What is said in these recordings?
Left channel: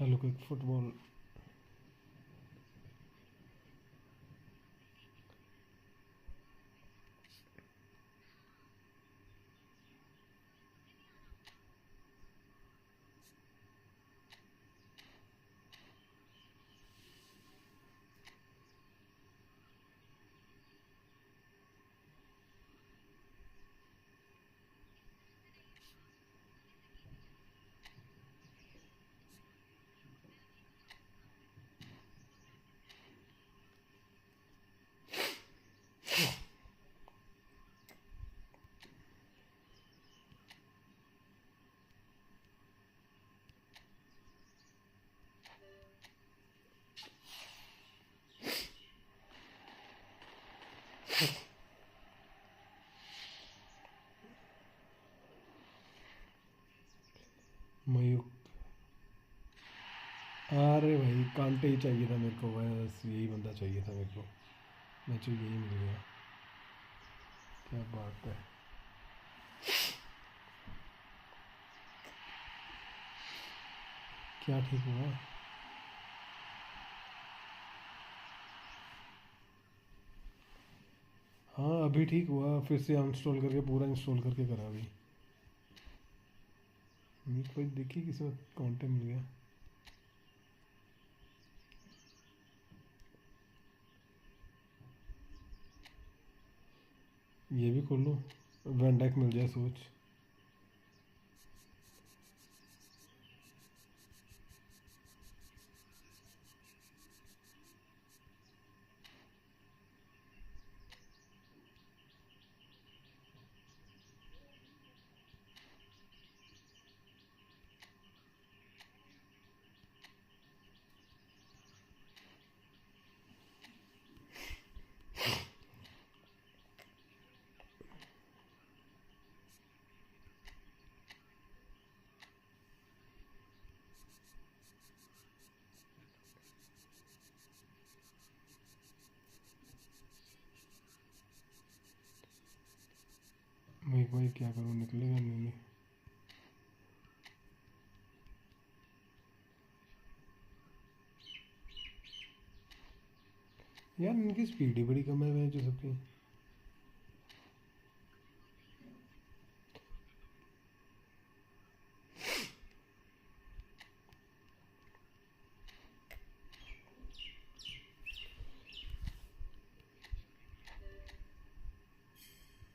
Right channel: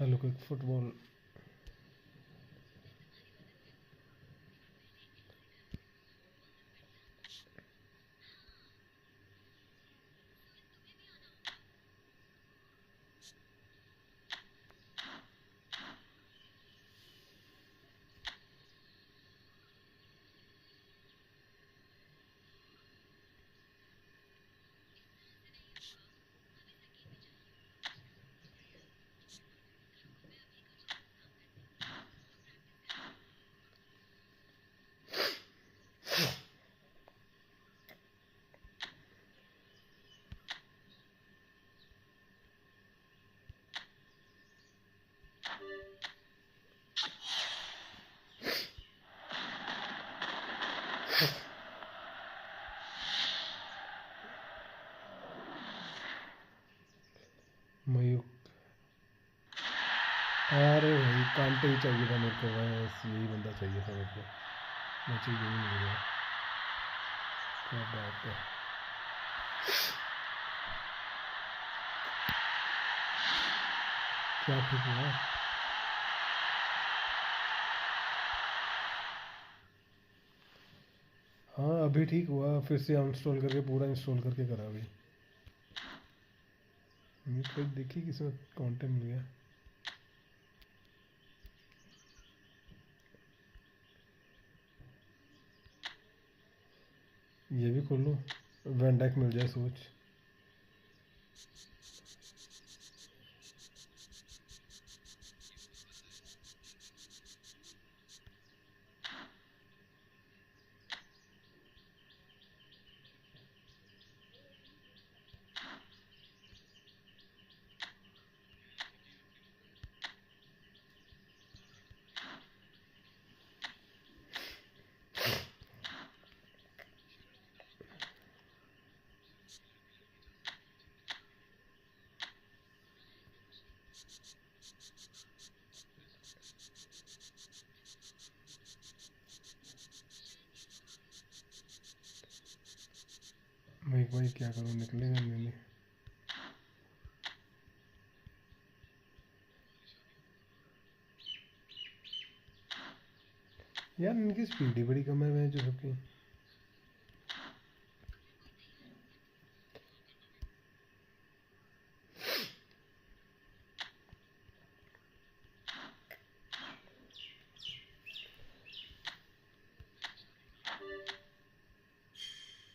Hello quick football. Mayukh, अरे भाई कांटे ही चाहिए था मेरे को, बस यही बंदा चाहिए था मेरे को। मुझे यही मिल गया, क्या बात है। क्या ठीक हुआ? हाँ अभी ठीक हुआ, फिर से अनस्टॉल करके पूरा इंस्टॉल करके करा अभी। मेरे को देखिए किसी कांटे मिल गया। ये भी खोल लो, वैन मिल जाए सोच। भाई क्या करूँ, निकलेगा नहीं। यार इनकी स्पीड ही बड़ी कम है जो सबकी।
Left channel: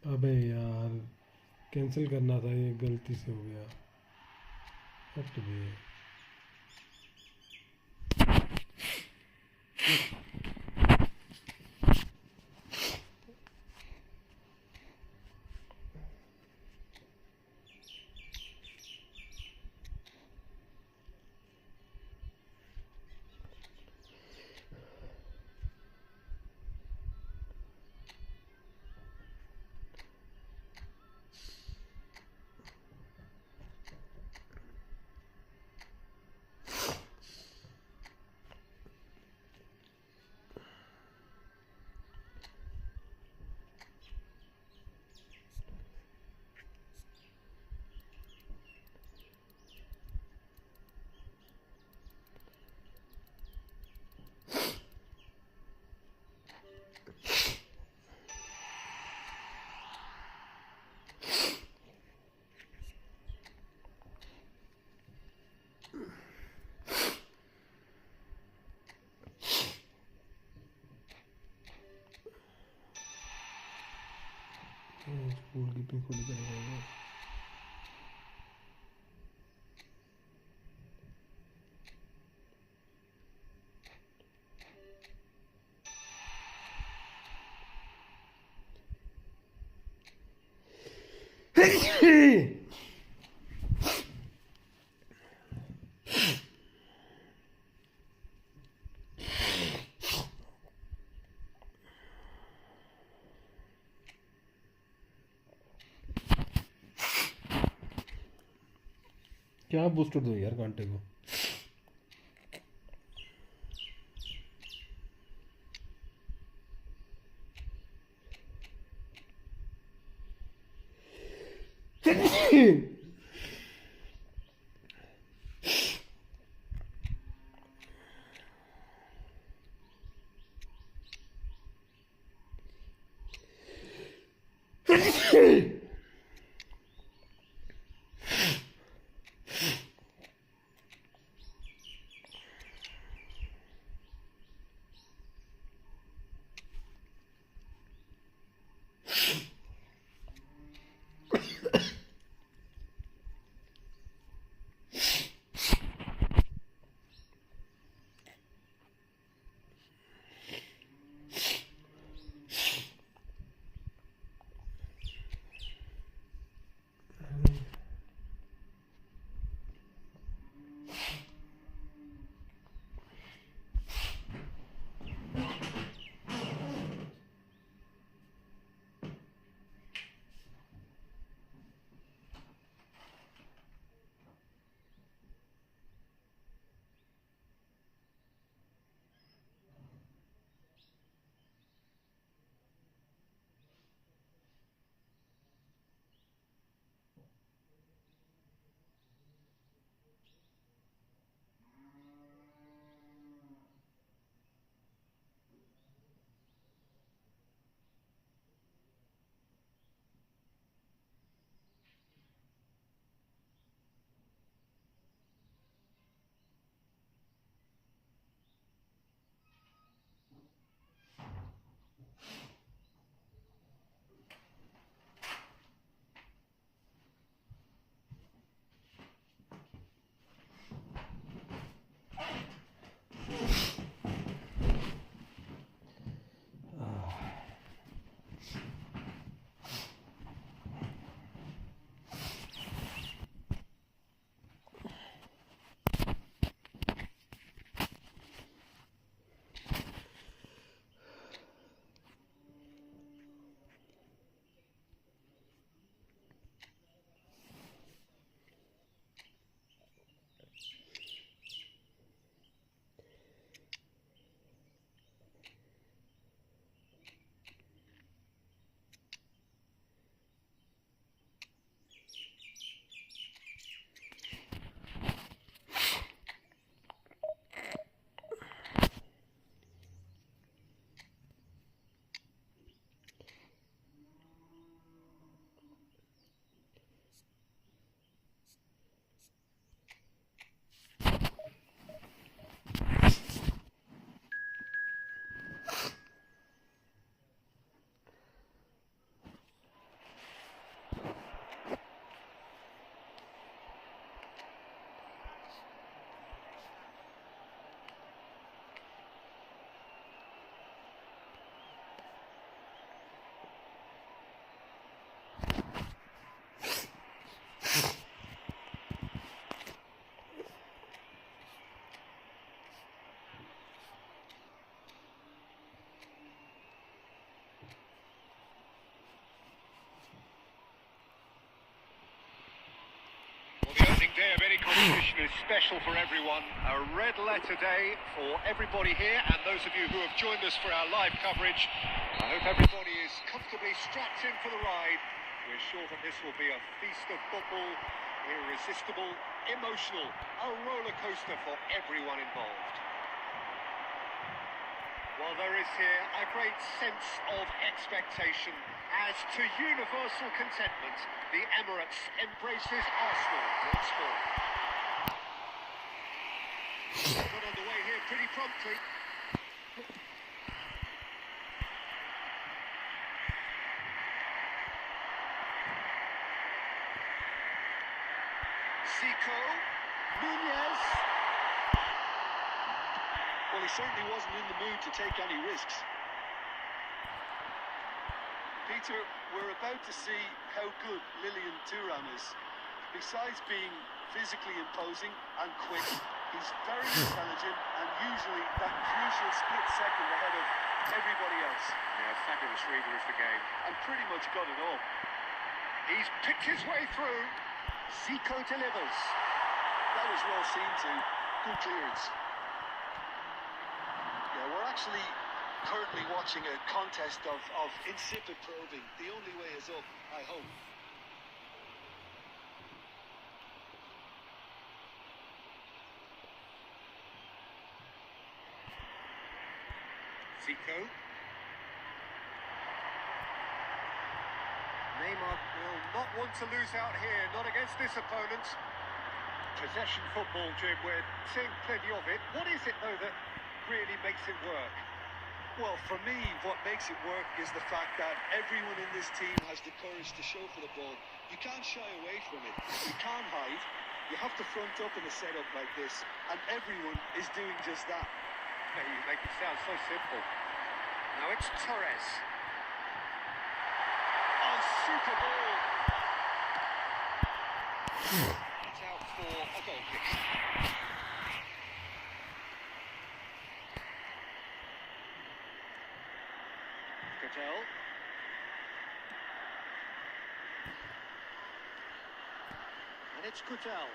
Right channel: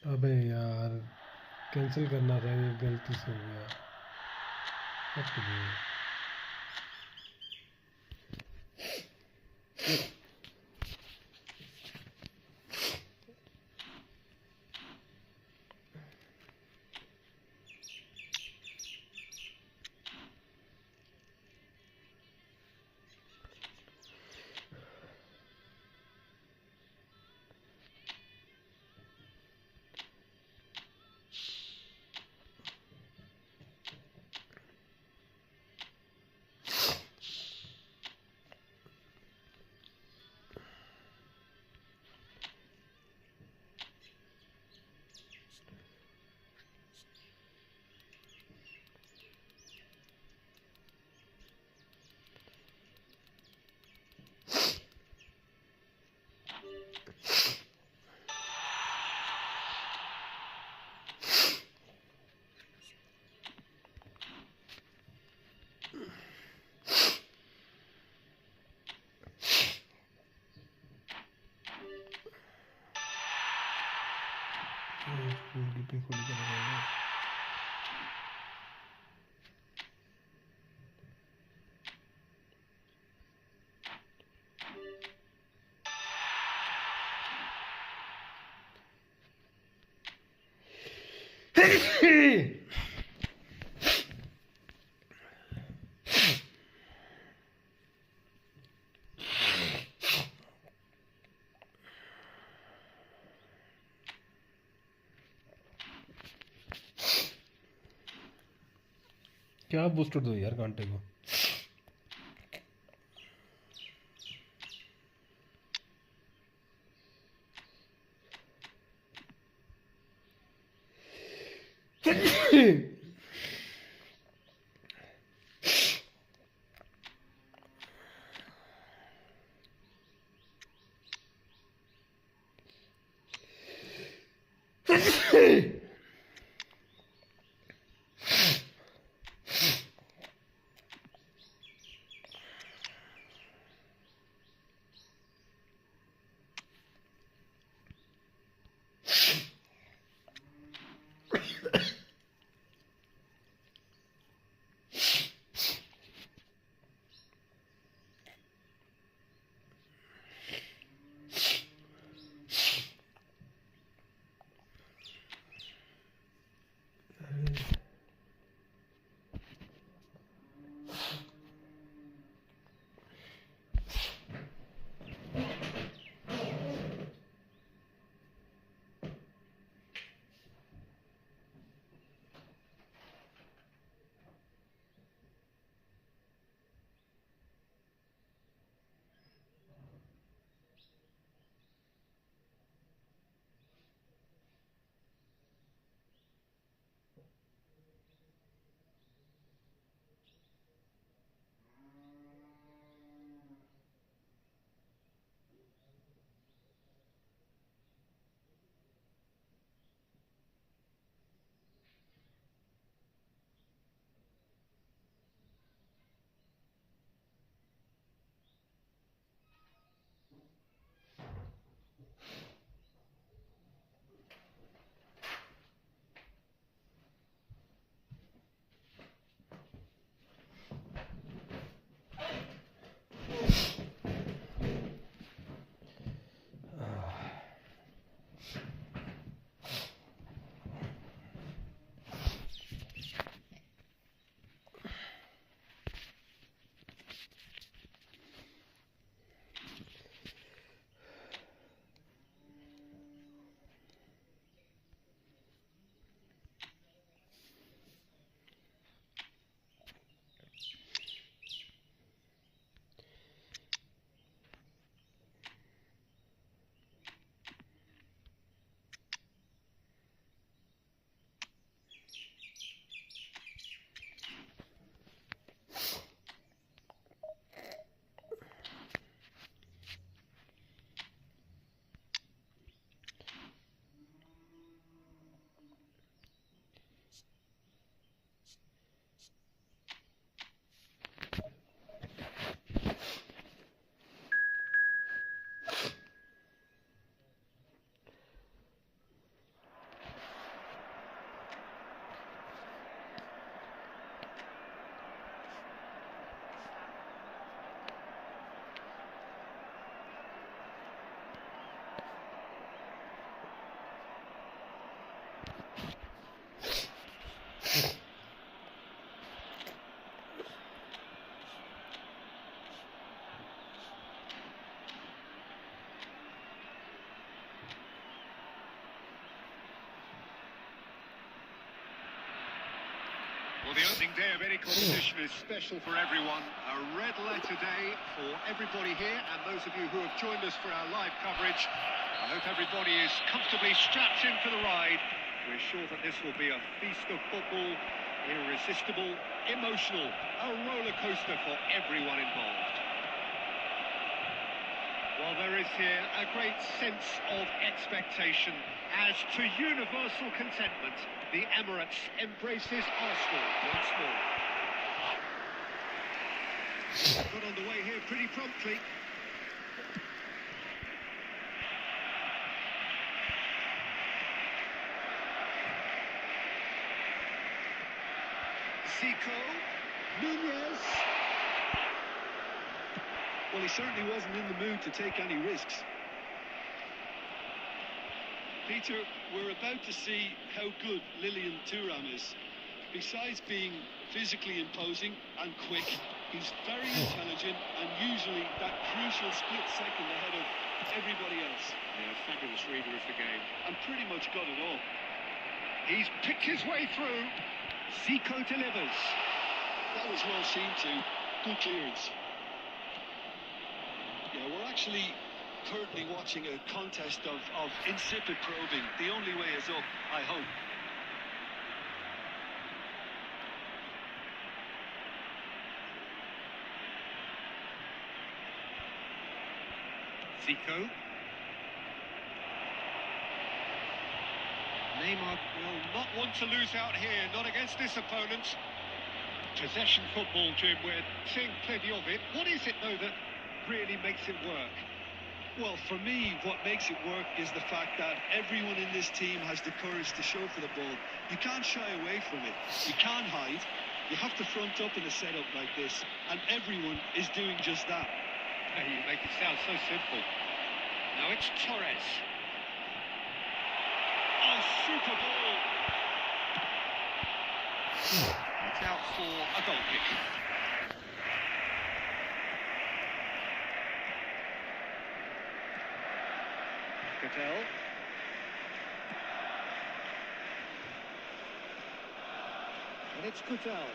अबे यार कैंसिल करना था, ये गलती से हो गया। हट गई। कीपिंग खुद करेगा। क्या बूस्टर दो यार कांटे को। The opening day of any competition is special for everyone. A red letter day for everybody here and those of you who have joined us for our live coverage. I hope everybody is comfortably strapped in for the ride. We're sure that this will be a feast of football, irresistible, emotional, a roller coaster for everyone involved. While there is here a great sense of expectation, as to universal contentment, the Emirates embraces Arsenal once more. Got on the way here pretty promptly. Zico, Nunez. Well, he certainly wasn't in the mood to take any risks. Peter, we're about to see how good Lilian Thuram is. Besides being physically imposing and quick, he's very intelligent and usually that crucial split second ahead of everybody else. Yeah, fabulous reader of the game. And pretty much got it all. He's picked his way through. Zico delivers. That was well seen too. Good clearance. Yeah, we're actually currently watching a contest of insipid probing. The only way is up, I hope. Zico. Neymar will not want to lose out here, not against this opponent. Possession football, Jim, we're seeing plenty of it. What is it, though, that really makes it work? Well, for me, what makes it work is the fact that everyone in this team has the courage to show for the ball. You can't shy away from it. You can't hide. You have to front up in a setup like this, and everyone is doing just that. Yeah, you make it sound so simple. Now it's Torres. Oh, super ball. It's out for a goal kick. Cattell. And it's Cattell.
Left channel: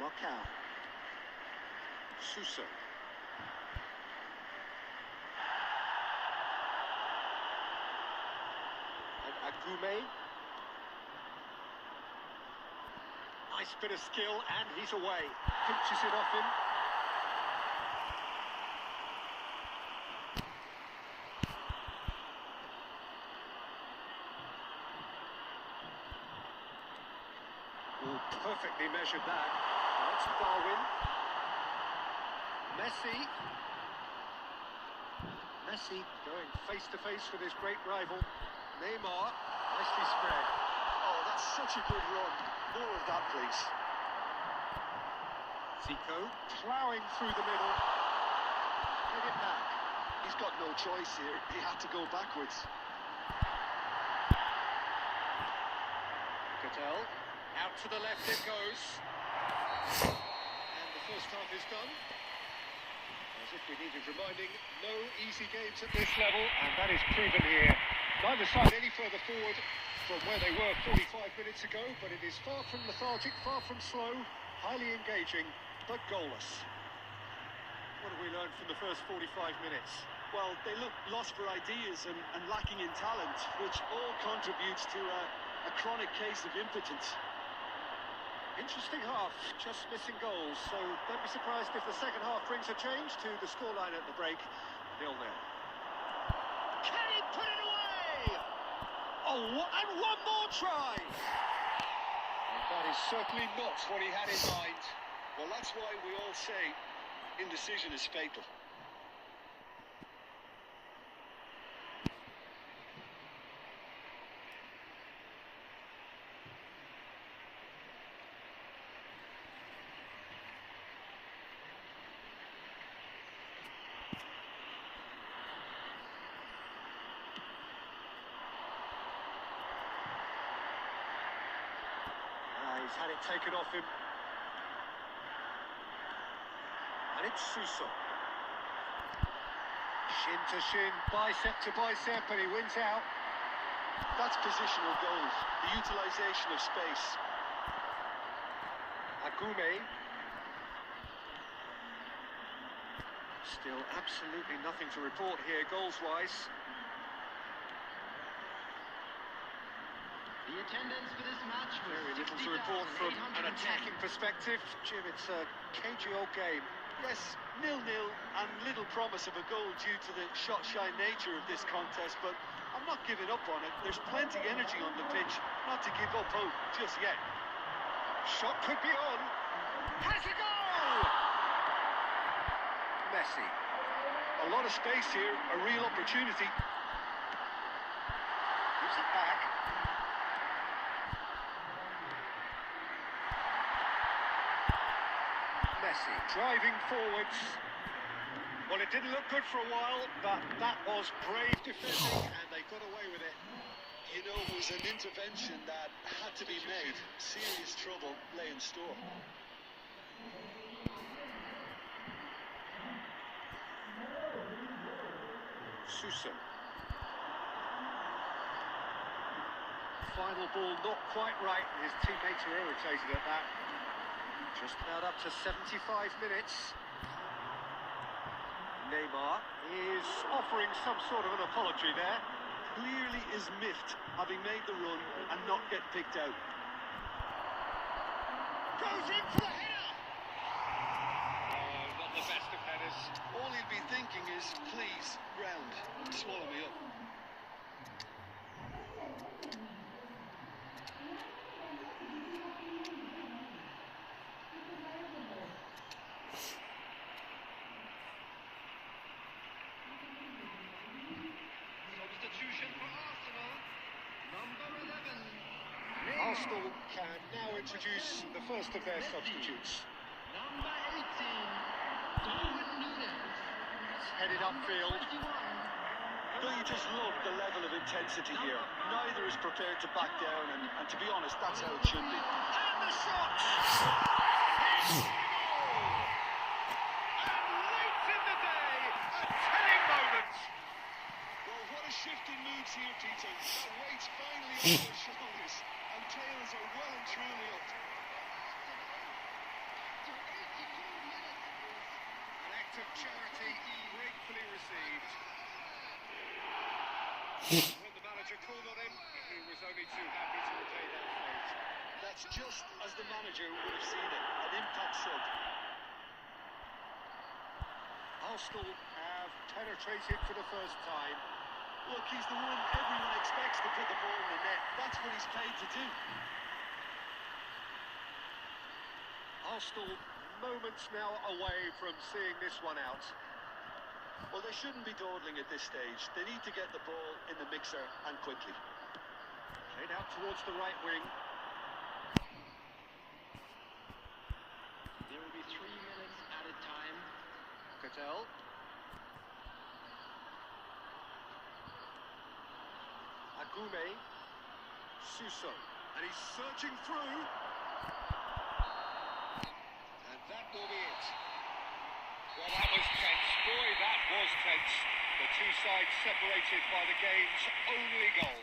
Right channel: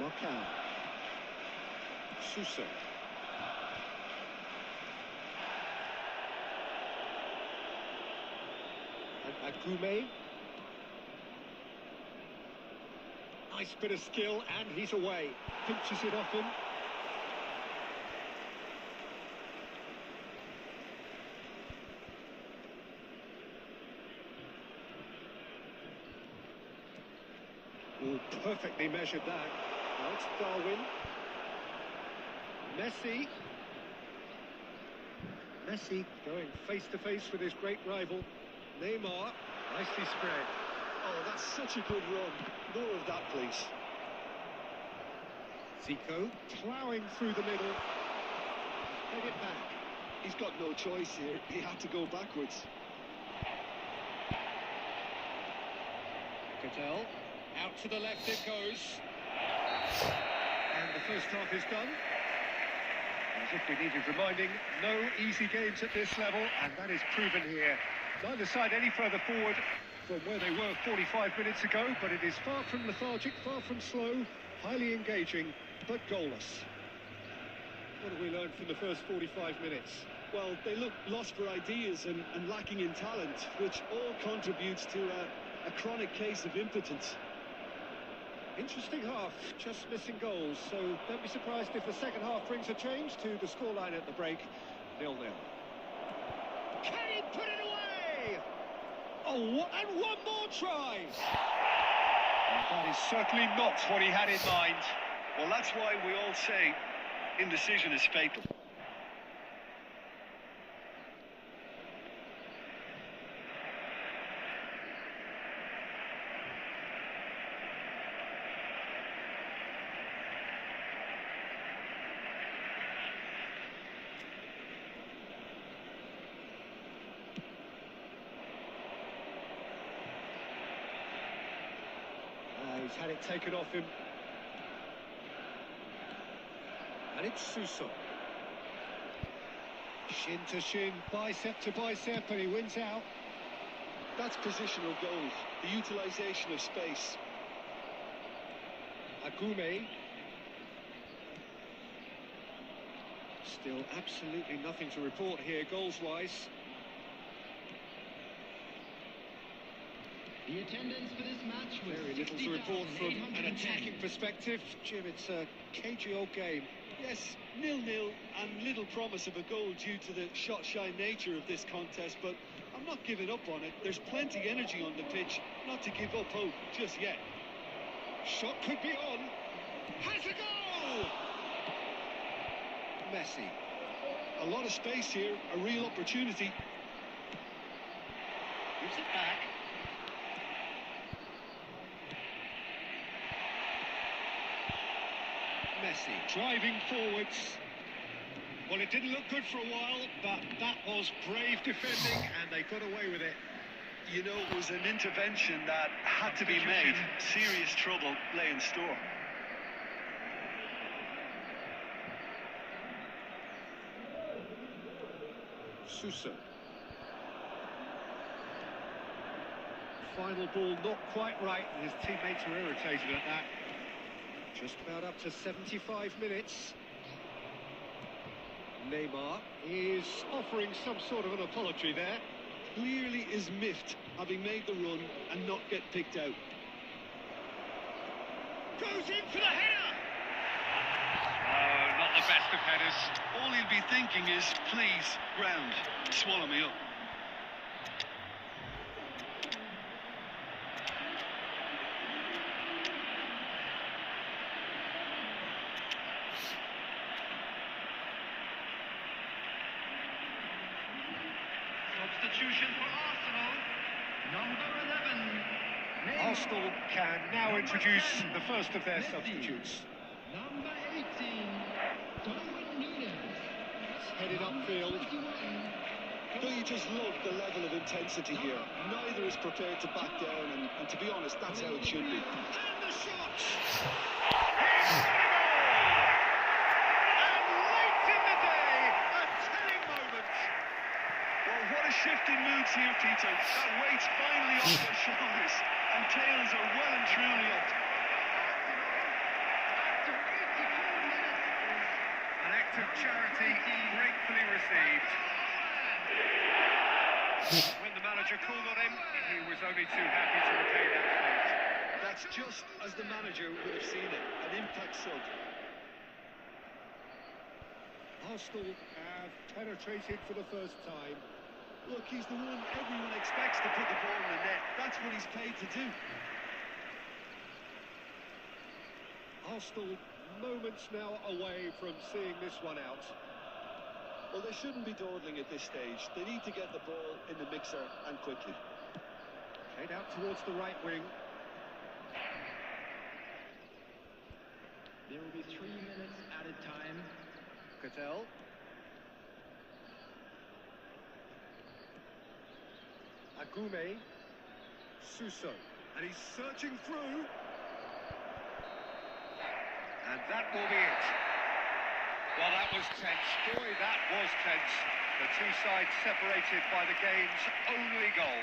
Marcao. Sousa. And Agume. Nice bit of skill, and he's away. Pinches it off him. Ooh, perfectly measured that. Now it's Darwin. Messi. Messi going face to face with his great rival. Neymar, nicely spread. Oh, that's such a good run. More of that, please. Zico ploughing through the middle. Get it back. He's got no choice here. He had to go backwards. Cattell, out to the left it goes. And the first half is done. As if we needed reminding, no easy games at this level, and that is proven here. Neither side any further forward from where they were 45 minutes ago, but it is far from lethargic, far from slow, highly engaging, but goalless. What have we learned from the first 45 minutes? Well, they look lost for ideas and lacking in talent, which all contributes to a chronic case of impotence. Interesting half, just missing goals, so don't be surprised if the second half brings a change to the scoreline at the break. 0-0. Can he put it away? Oh, and one more try! And that is certainly not what he had in mind. Well, that's why we all say indecision is fatal. He's had it taken off him. And it's Sousa. Shin to shin, bicep to bicep, and he wins out. That's positional goals, the utilisation of space. Agume. Still absolutely nothing to report here, goals-wise. The attendance for this match was Very little to report from an attacking perspective. Jim, it's a cagey old game. Yes, 0-0 and little promise of a goal due to the shot-shy nature of this contest, but I'm not giving up on it. There's plenty energy on the pitch, not to give up hope just yet. Shot could be on. Has a goal! Messi. A lot of space here, a real opportunity. Gives it back. Messi driving forwards. Well, it didn't look good for a while, but that was brave defending, and they got away with it. You know, it was an intervention that had to be made. Serious trouble lay in store. Sousa. Final ball not quite right, and his teammates were irritated at that. Just about up to 75 minutes. Neymar is offering some sort of an apology there. Clearly is miffed, having made the run and not get picked out. Goes in for the header! Oh, not the best of headers. All he'll be thinking is, please, ground, swallow me up. substitution for Arsenal. Number 11. Arsenal can now introduce the first of their substitutes. Number 18. Darwin Núñez. Headed upfield. 21. Don't you just love the level of intensity here? Neither is prepared to back down, and to be honest, that's how it should be. And the shot! Here's the goal! And late in the day, a telling moment. Well, what a shift in moods here, Peter. That weight's finally off their shoulders, and tails are well and truly up. After 84 minutes. An act of charity gratefully received. When the manager called on him, he was only too happy to repay that fate. That's just as the manager would have seen it, an impact sub. Arsenal have penetrated for the first time. Look, he's the one everyone expects to put the ball in the net. That's what he's paid to do. Arsenal moments now away from seeing this one out. Well, they shouldn't be dawdling at this stage. They need to get the ball in the mixer, and quickly. Played out towards the right wing. There will be 3 minutes at a time. Cattell. Agume. Suso. And he's searching through. And that will be it. Well, that was tense. Boy, that was tense. The two sides separated by the game's only goal.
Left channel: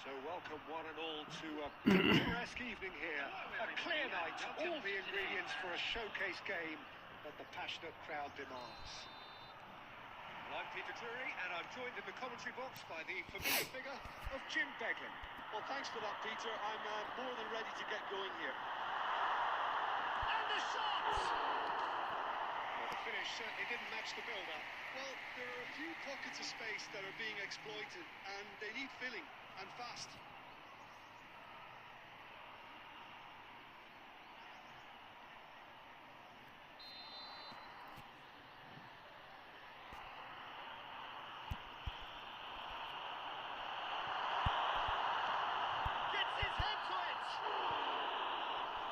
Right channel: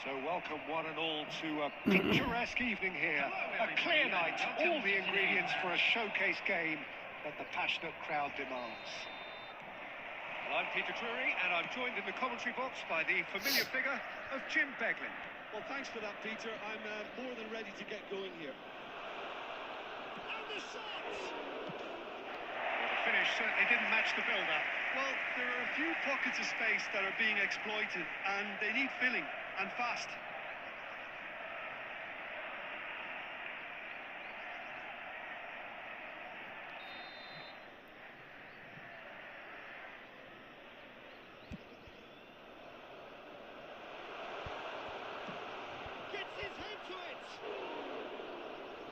So welcome one and all to a picturesque evening here. A clear night, all the ingredients for a showcase game that the passionate crowd demands. Well, I'm Peter Drury, and I'm joined in the commentary box by the familiar figure of Jim Beglin. Well, thanks for that, Peter. I'm more than ready to get going here. And the shots! Well, the finish certainly didn't match the build-up. Well, there are a few pockets of space that are being exploited, and they need filling, and fast. Gets his head to it!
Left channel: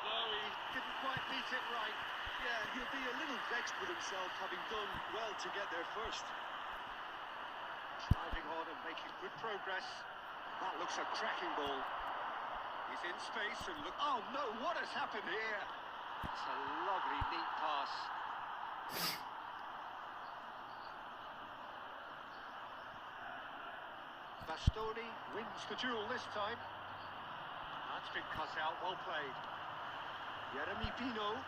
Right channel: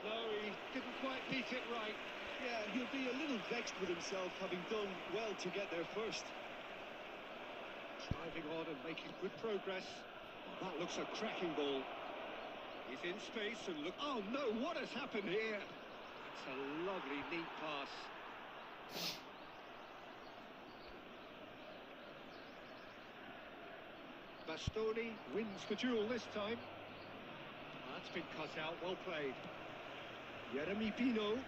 No, he didn't quite beat it right. Yeah, he'll be a little vexed with himself, having done well to get there first. Driving on and making good progress. That looks a cracking ball. He's in space and look... Oh no, what has happened here? It's a lovely, neat pass. Bastoni wins the duel this time. That's been cut out, well played. Jeremy Pino.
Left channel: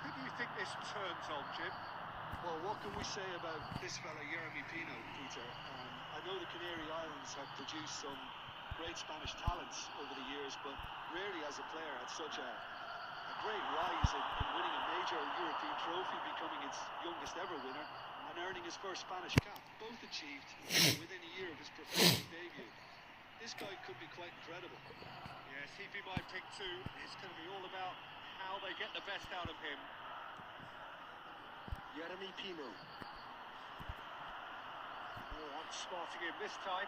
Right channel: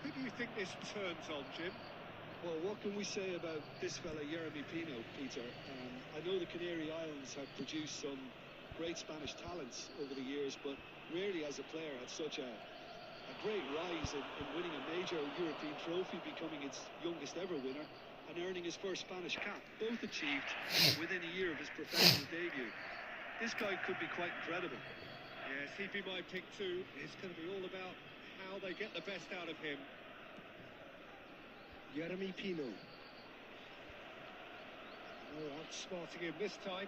Who do you think this turns on, Jim? Well, what can we say about this fella, Jeremy Pino, Peter? I know the Canary Islands have produced some great Spanish talents over the years, but rarely as a player had such a great rise in winning a major European trophy, becoming its youngest ever winner, and earning his first Spanish cap, both achieved within a year of his professional debut. This guy could be quite incredible. Yes, he'd be my pick too. It's going to be all about how they get the best out of him. Jeremy Pino. Oh, outsmarting him this time.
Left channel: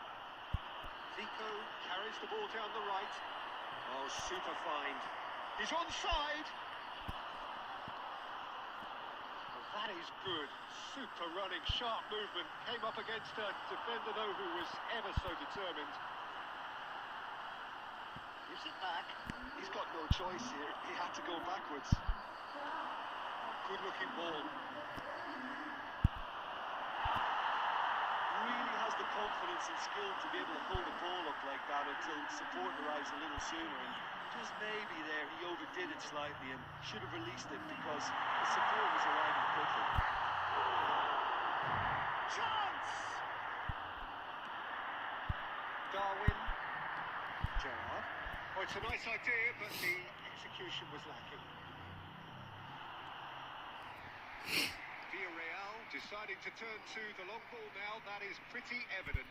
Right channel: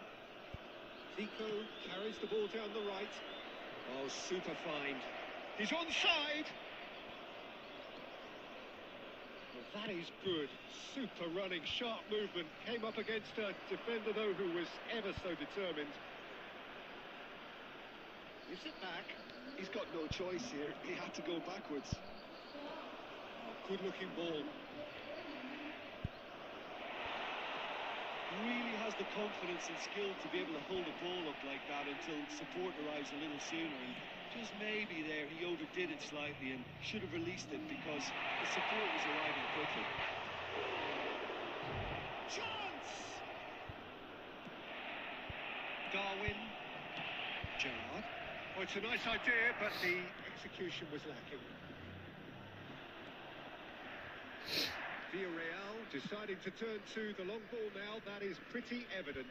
Zico carries the ball down the right. Oh, super fine. He's onside. Well, that is good. Super running, sharp movement. Came up against a defender, though, who was ever so determined. Gives it back. He's got no choice here. He had to go backwards. Oh, good-looking ball. Really has the confidence and skill to be able to hold the ball up like that until support arrives a little sooner. And Just maybe there he overdid it slightly and should have released it because the support was arriving quickly. Chance! Darwin. Gerrard. Oh, it's a nice idea, but the execution was lacking. Villarreal deciding to turn to the long ball now. That is pretty evident.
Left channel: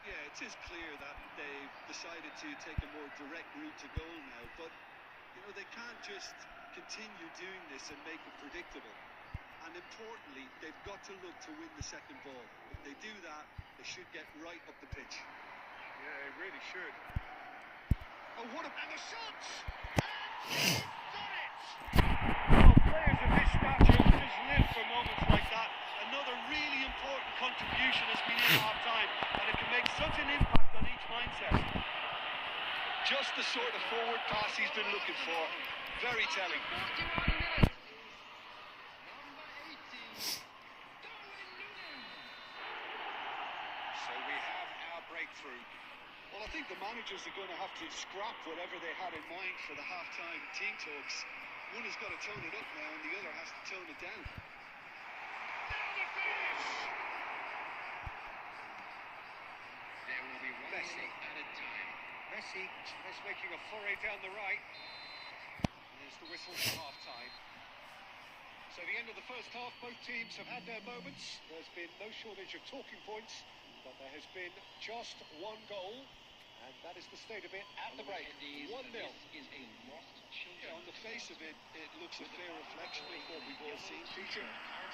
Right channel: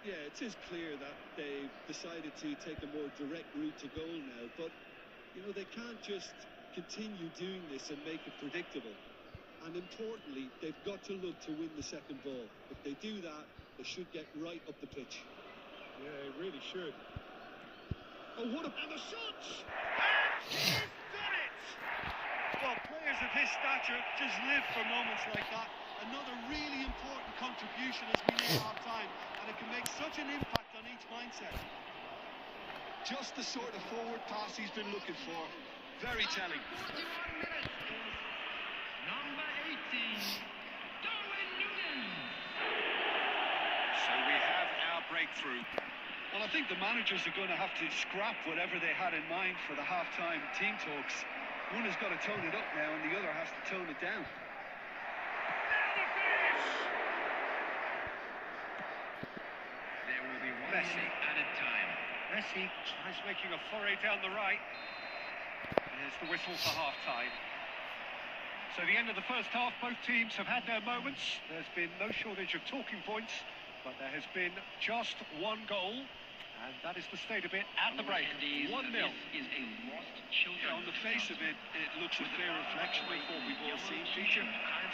Yeah, it is clear that they've decided to take a more direct route to goal now, but, you know, they can't just continue doing this and make it predictable. And importantly, they've got to look to win the second ball. If they do that, they should get right up the pitch. Yeah, they really should. Oh, what a... And the shots! And he's done it! Well, players of his stature just live for moments like that. Another really important contribution as we near half-time, and it can make such an impact on each mindset. Just the sort of forward pass he's been looking for. Very telling. 41 minutes is number 18, Darwin Núñez. So we have our breakthrough. Well, I think the managers are going to have to scrap whatever they had in mind for the half-time team talks. One has got to tone it up now, and the other has to tone it down. There will be 1 Messi. minute added time. Messi tries making a foray down the right. There's the whistle for half-time. So the end of the first half, both teams have had their moments. There's been no shortage of talking points, but there has been just one goal, and that is the state of it at the break. 1-0. This is a lost children. Yeah, on the face of it, it looks a fair reflection of what we've all seen feature.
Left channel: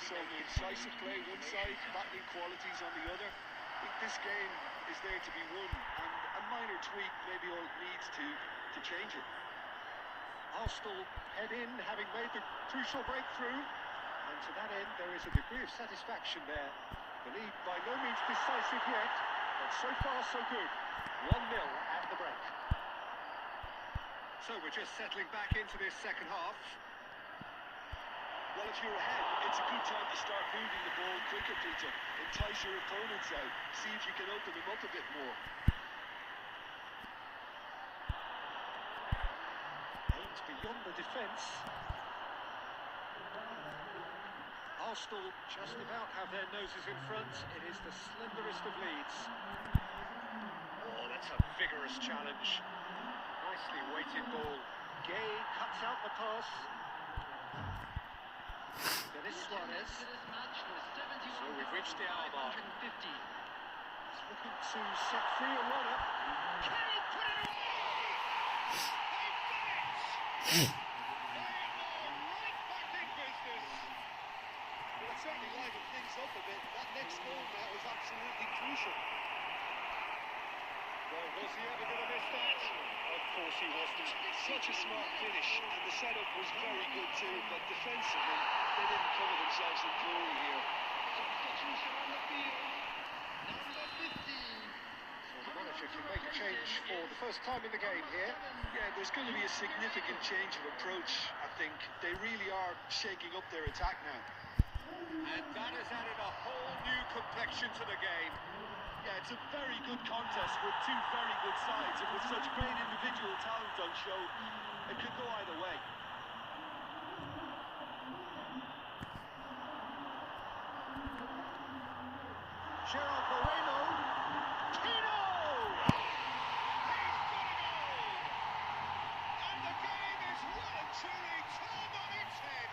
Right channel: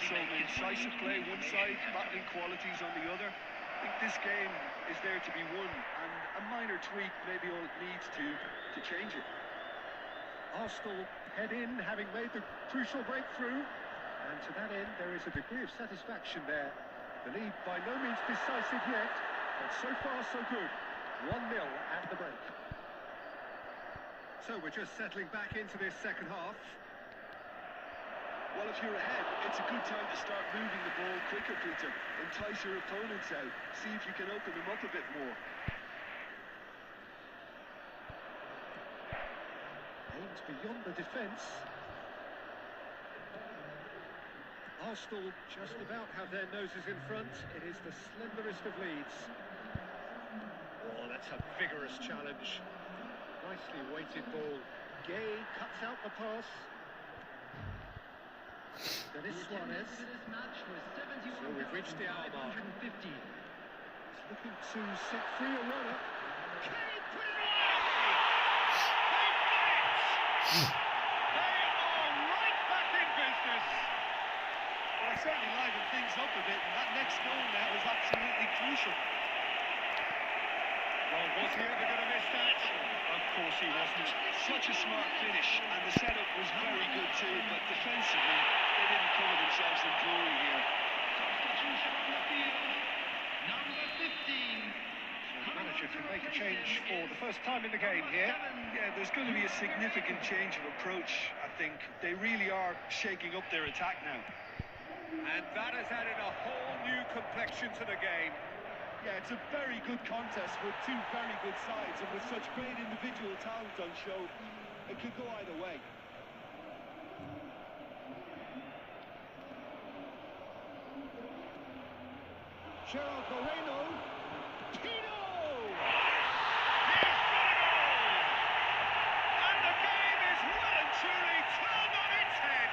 Some incisive play one side, battling qualities on the other. I think this game is there to be won, and a minor tweak may be all it needs to change it. Arsenal head in, having made the crucial breakthrough, and to that end there is a degree of satisfaction there. The lead by no means decisive yet, but so far so good. 1-0 at the break. So we're just settling back into this second half. Well, if you're ahead, it's a good time to start moving the ball quicker, Peter. Entice your opponents out. See if you can open them up a bit more. Aims beyond the defence. Arsenal just about have their noses in front. It is the slenderest of leads. Oh, that's a vigorous challenge. Nicely weighted ball. Gay cuts out the pass. Denis Suarez. For this match was So we've reached the hour mark. 71,550. He's looking to set free a runner. Can he put it away? Hmm. They are right back in business. Well, I certainly livened things up a bit, and that next goal now is absolutely crucial. Well, was he ever going to miss that? Of course he wasn't. Such a smart finish, and the setup was very good too, but defensively, they didn't cover themselves in glory here. Substitution on the field. Number 15. So the manager can make a change for the first time in the game here. Yeah, there's going to be a significant change of approach, I think. They really are shaking up their attack now. And that has added a whole new complexion to the game. Yeah, it's a very good contest with two very good sides, and with such great individual talent on show, it could go either way. Gerard Moreno. Tino! He's got a goal! And the game is well and truly turned on its head.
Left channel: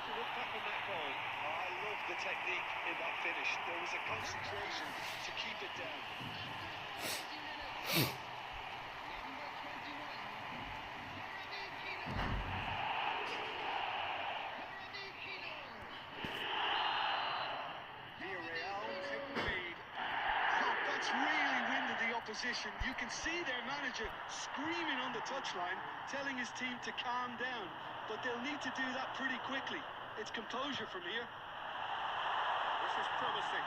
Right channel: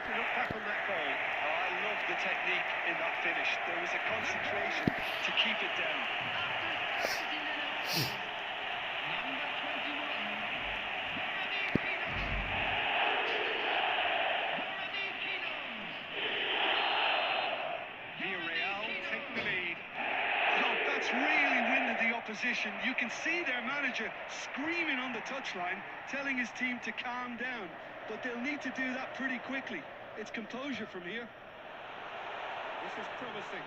To look back on that goal. Oh, I love the technique in that finish. There was a concentration to keep it down. After 70 minutes. Number 21. Moramikino. Villarreal take the lead. Oh, that's really winded the opposition. You can see their manager screaming on the touchline, telling his team to calm down. But they'll need to do that pretty quickly. It's composure from here. This is promising.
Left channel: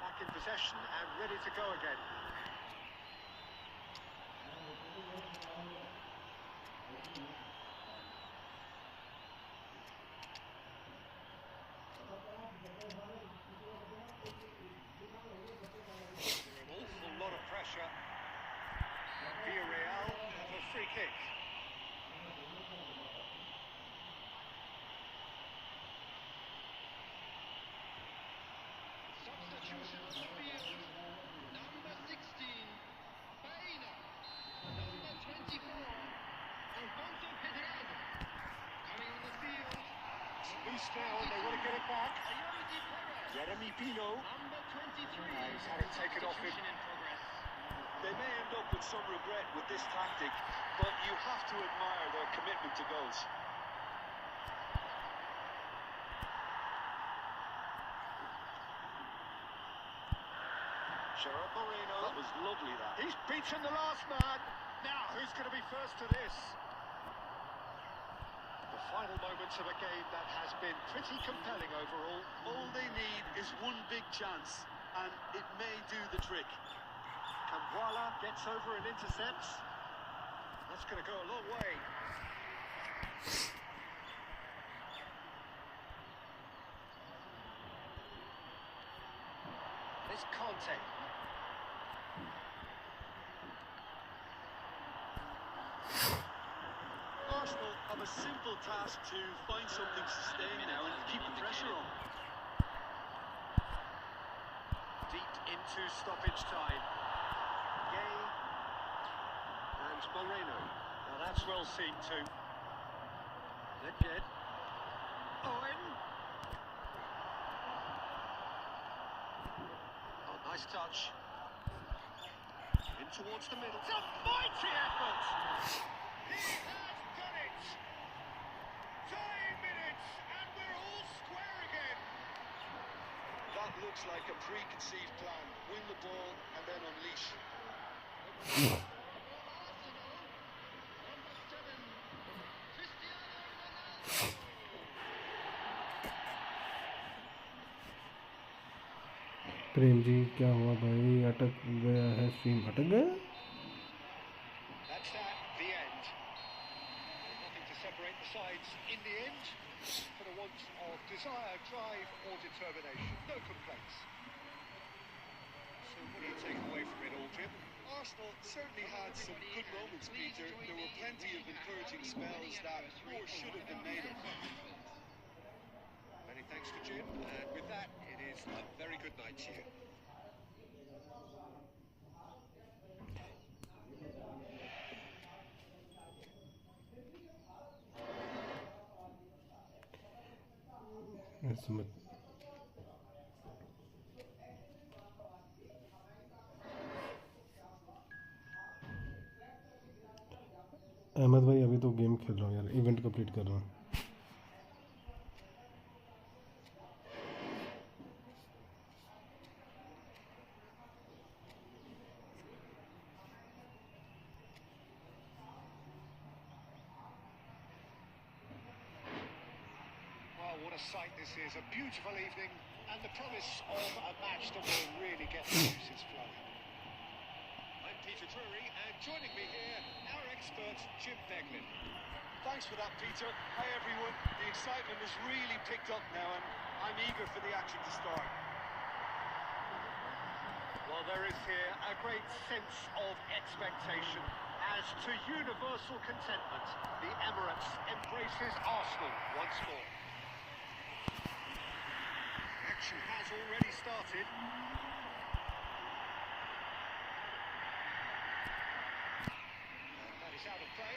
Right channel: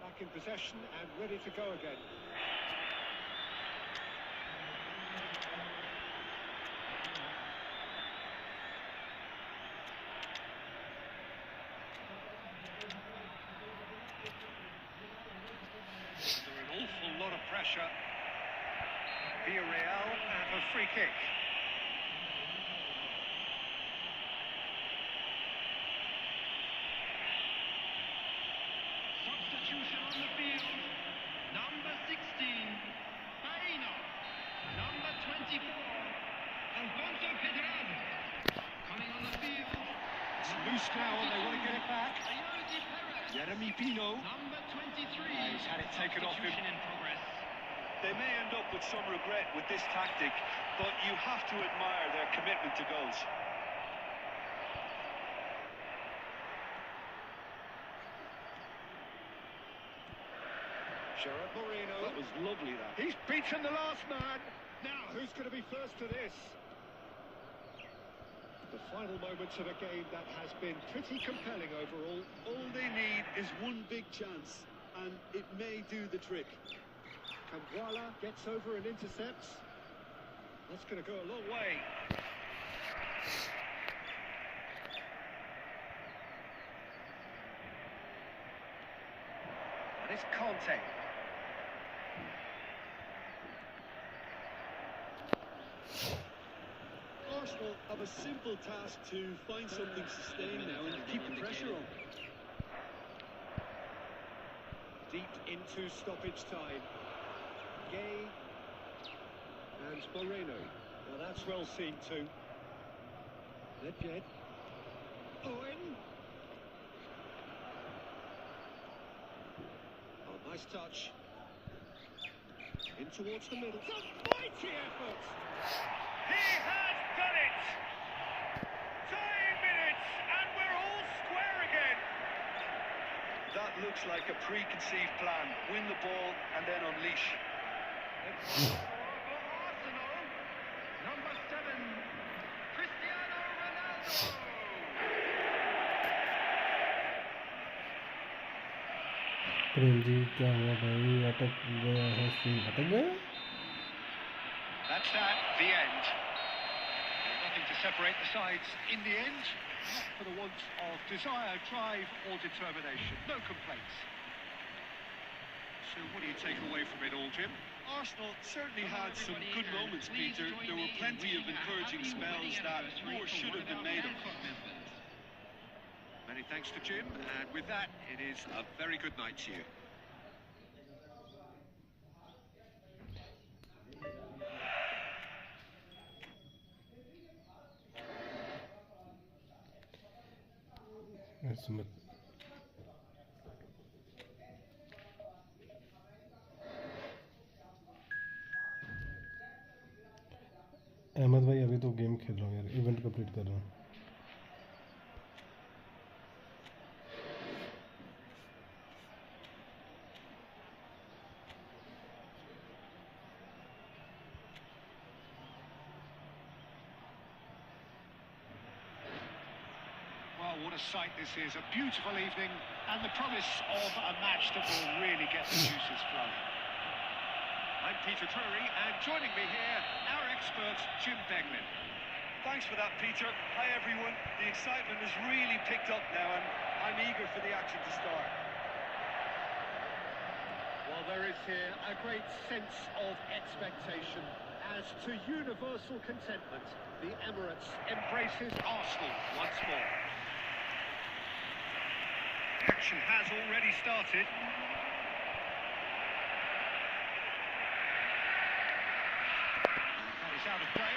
Back in possession and ready to go again. Alfonso Pedraza coming on the field. It's loose now and they want to get it back. Ayodi Perez. Jeremy Pino. Number 23. He's had it taken off him. Substitution in progress. They may end up with some regret with this tactic, but you have to admire their commitment to goals. Gerard Moreno. That was lovely, that. He's beaten the last man. Now, who's going to be first to this? The final moments of a game that has been pretty compelling overall. All they need is one big chance, and it may do the trick. Kamwala gets over and intercepts. That's going to go a long way. And it's Conte. Arsenal have a simple task to find something sustained now and keep the pressure on. Deep into stoppage time. Gay and Moreno. Now that's well seen too. Nedved. Owen. Oh, nice touch. In towards the middle. It's a mighty effort. He has done it! 5 minutes and we're all square again. That looks like a preconceived plan. Win the ball and then unleash. For Arsenal, number 7, Cristiano Ronaldo. Prem ji क्या हुआ भाई? अटक गया है stream, अटक गया? That's that, the end. Well, nothing to separate the sides in the end. For the want of desire, drive or determination. No complaints. So what do you take away from it all, Jim? Arsenal certainly had some good moments, Peter. There were plenty of encouraging spells that more should have been made of. Many thanks to Jim, and with that, it is a very good night to you. समझ अहमद भाई अभी तो game खेल रहा हूँ यार, event complete कर रहा हूँ. What a sight this is, a beautiful evening and the promise of a match that will really get the juices flowing. I'm Peter Drury and joining me here, our expert Jim Beglin. Thanks for that, Peter. Hi, everyone. The excitement has really picked up now, and I'm eager for the action to start. Well, there is here a great sense of expectation. As to universal contentment, the Emirates embraces Arsenal once more. Action has already started. That is out of play.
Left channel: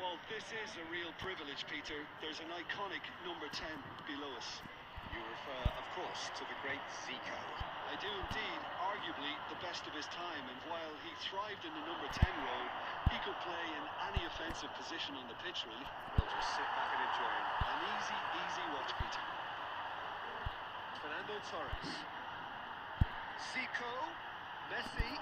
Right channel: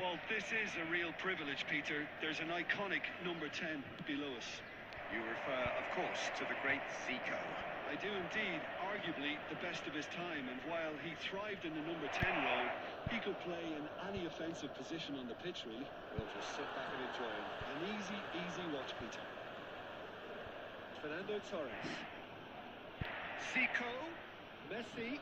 Well, this is a real privilege, Peter. There's an iconic number 10 below us. You refer, of course, to the great Zico. I do indeed, arguably the best of his time, and while he thrived in the number 10 role, he could play in any offensive position on the pitch, really. We'll just sit back and enjoy him. An easy watch, Peter. Fernando Torres. Zico. Messi.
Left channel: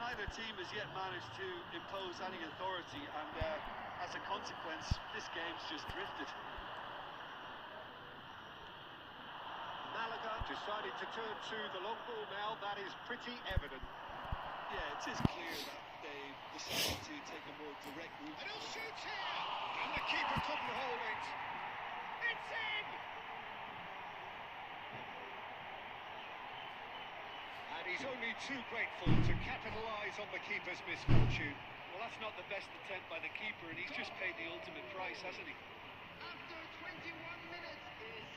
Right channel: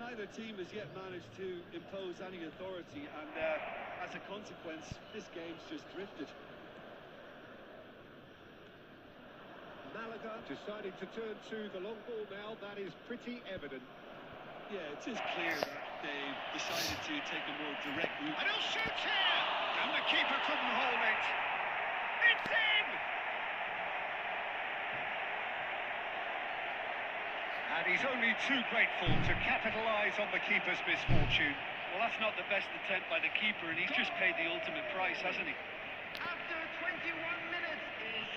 Neither team has yet managed to impose any authority, and as a consequence, this game's just drifted. Malaga decided to turn to the long ball now. That is pretty evident. Yeah, it is clear that they've decided to take a more direct route. And he'll shoot here! And the keeper couldn't hold it. It's in! And he's only too grateful to capitalise on the keeper's misfortune. Well, that's not the best attempt by the keeper, and he's just paid the ultimate price, hasn't he? After 21 minutes is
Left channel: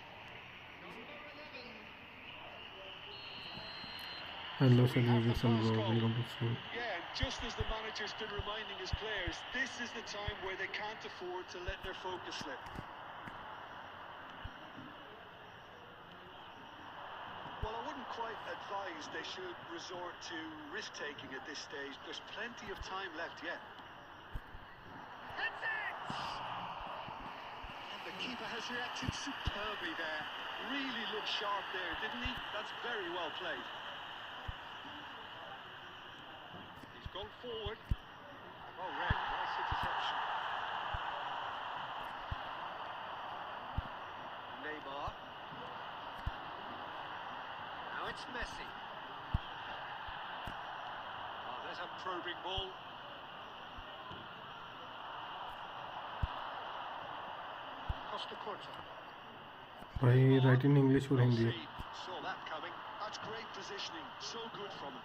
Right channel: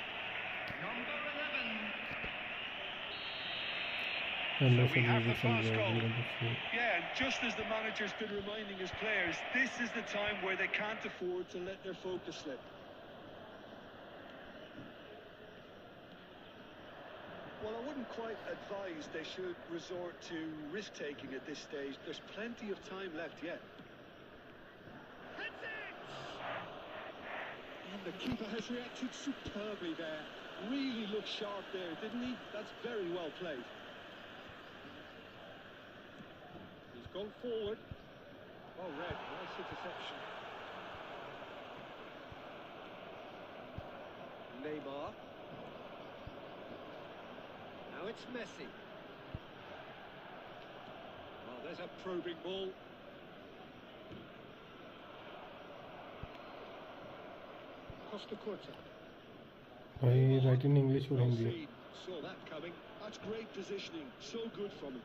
number 11. Unless we it have is the some first goal, goal. we're going to see. Yeah, and just as the manager's been reminding his players, this is the time where they can't afford to let their focus slip. Well, I wouldn't quite advise they should resort to risk-taking at this stage. There's plenty of time left yet. That's it! And the keeper has reacted superbly there. Really looked sharp there, didn't he? That's very well played. He's gone forward. Oh, Red, nice interception. Neymar. Now it's Messi. Oh, there's a probing ball. Costa Curta. भाई right in English और Hindi Saw that coming. That's great positioning. So good from him.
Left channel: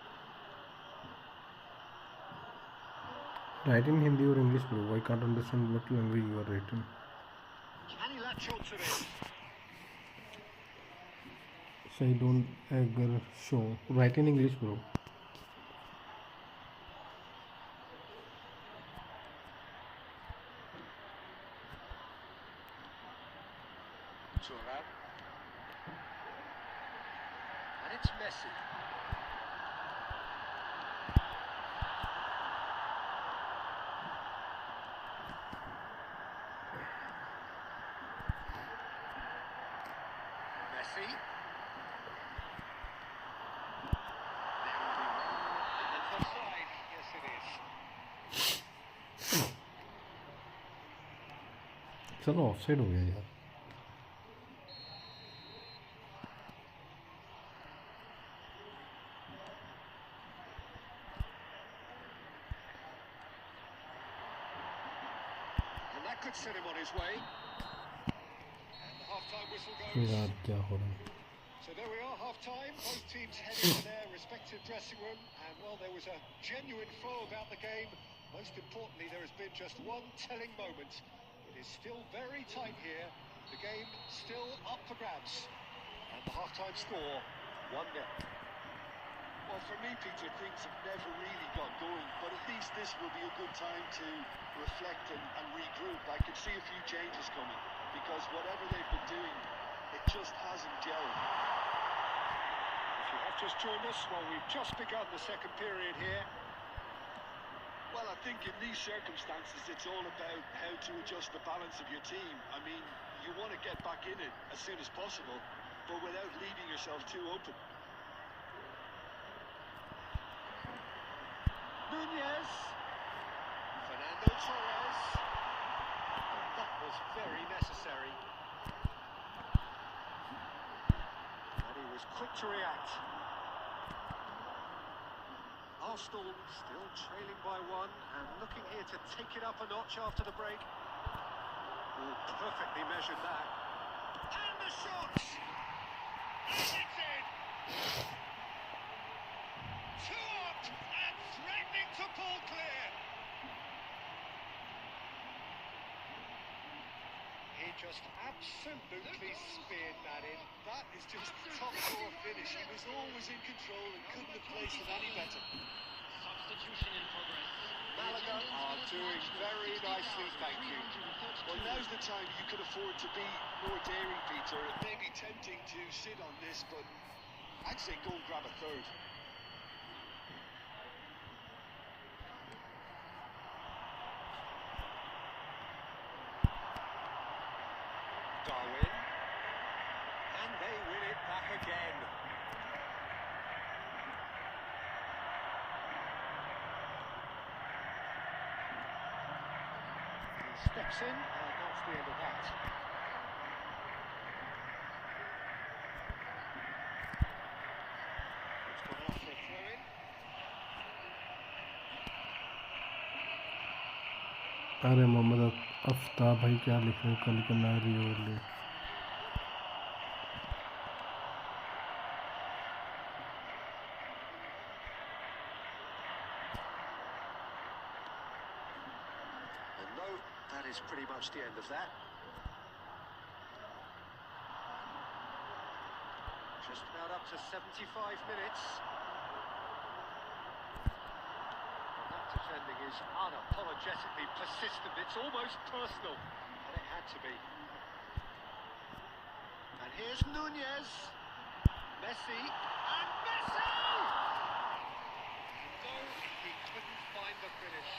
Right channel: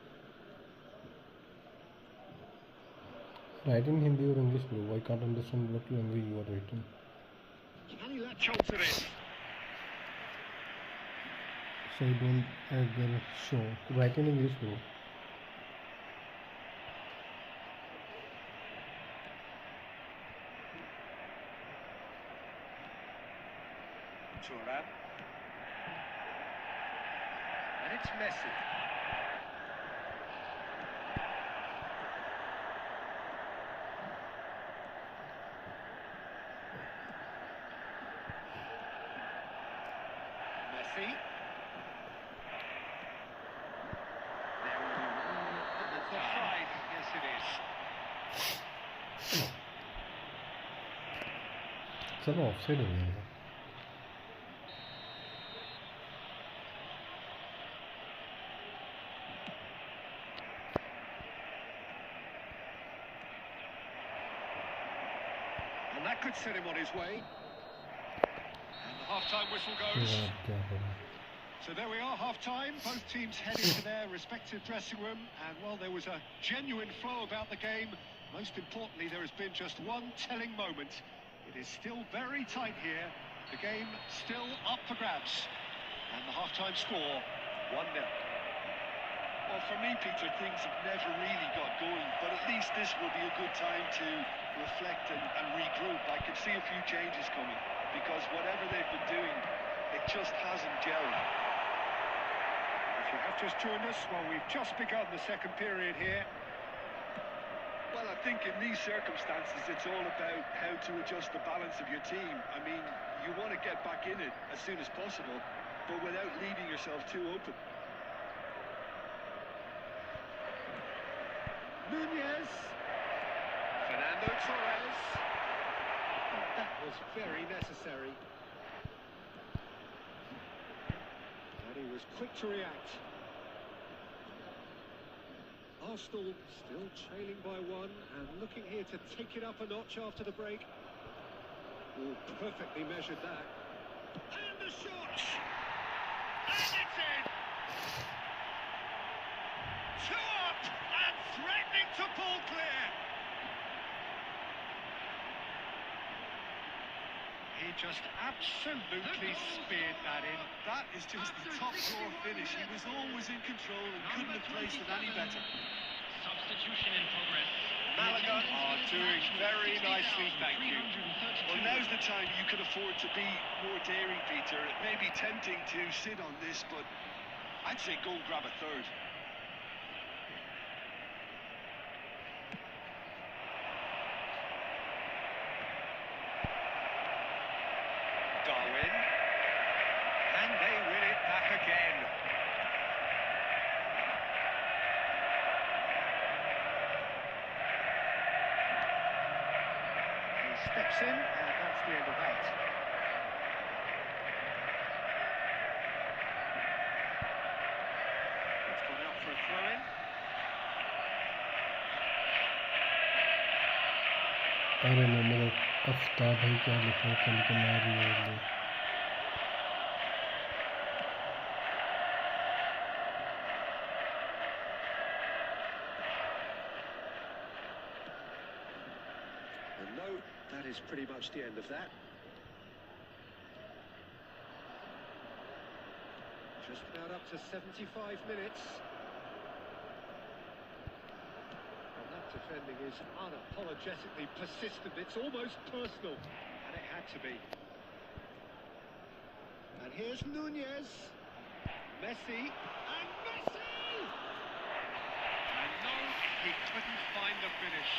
Write in Hindi और English bro I can't understand what language you are writing Can he latch on to this? so I don't ever show write in English bro Turnip. And it's Messi. Messi. It's offside. Yes, it is. चलो offside हो गया यार And that could set him on his way. And the half-time whistle goes. यार क्या हो रहा है So there we are, half-time. Both teams heading to their respective dressing room. And, well, there was a genuine flow about the game. Most importantly, there has been just one telling moment. It is still very tight here. The game still up for grabs. And the half-time score, 1-0. Well, for me, Peter, things have never really got going, but at least this will be a good time to reflect and regroup. I could see a few changes coming, because whatever they've been doing, it just hasn't gelled. If you have just joined us, well, we've just begun the second period here. Well, I think in these circumstances, it's all about how to adjust the balance of your team. I mean, you want to get back in it as soon as possible, but without leaving yourself too open. Nunez. Fernando Torres. Oh, that was very necessary. And he was quick to react. Arsenal still trailing by one and looking here to take it up a notch after the break. Oh, perfectly measured that. And the shot! And it's in! Two up and threatening to pull clear. He just absolutely speared that in. That is just the top drawer finish. He was always in control and couldn't have placed it any better. Substitution in progress. Malaga are doing very nicely, thank you. Well, now's the time you can afford to be more daring, Peter. It may be tempting to sit on this, but I'd say go and grab a third. Darwin. And they win it back again. He steps in, and that's the end of that. It's gone out for a throw-in. अरे मोहम्मद आफ्ताब भाई क्या लिख रहे हैं कल के नारी और ले No, that is pretty much the end of that. Just about up to 75 minutes. Well, that defending is unapologetically persistent. It's almost personal, and it had to be. And here's Nunez. Messi. And Messi! And no, he couldn't find the finish.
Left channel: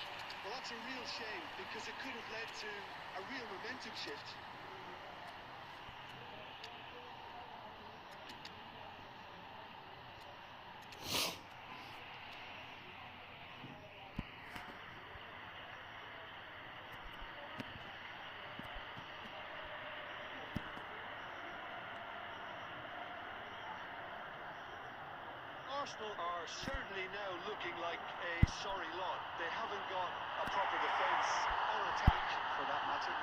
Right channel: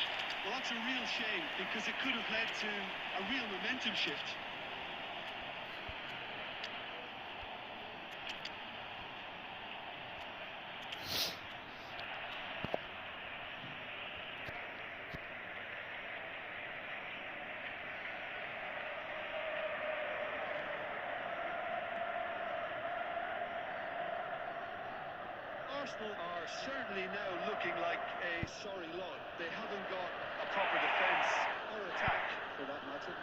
Well, that's a real shame, because it could have led to a real momentum shift. Arsenal are certainly now looking like a sorry lot. They haven't got a proper defence or attack, for that matter.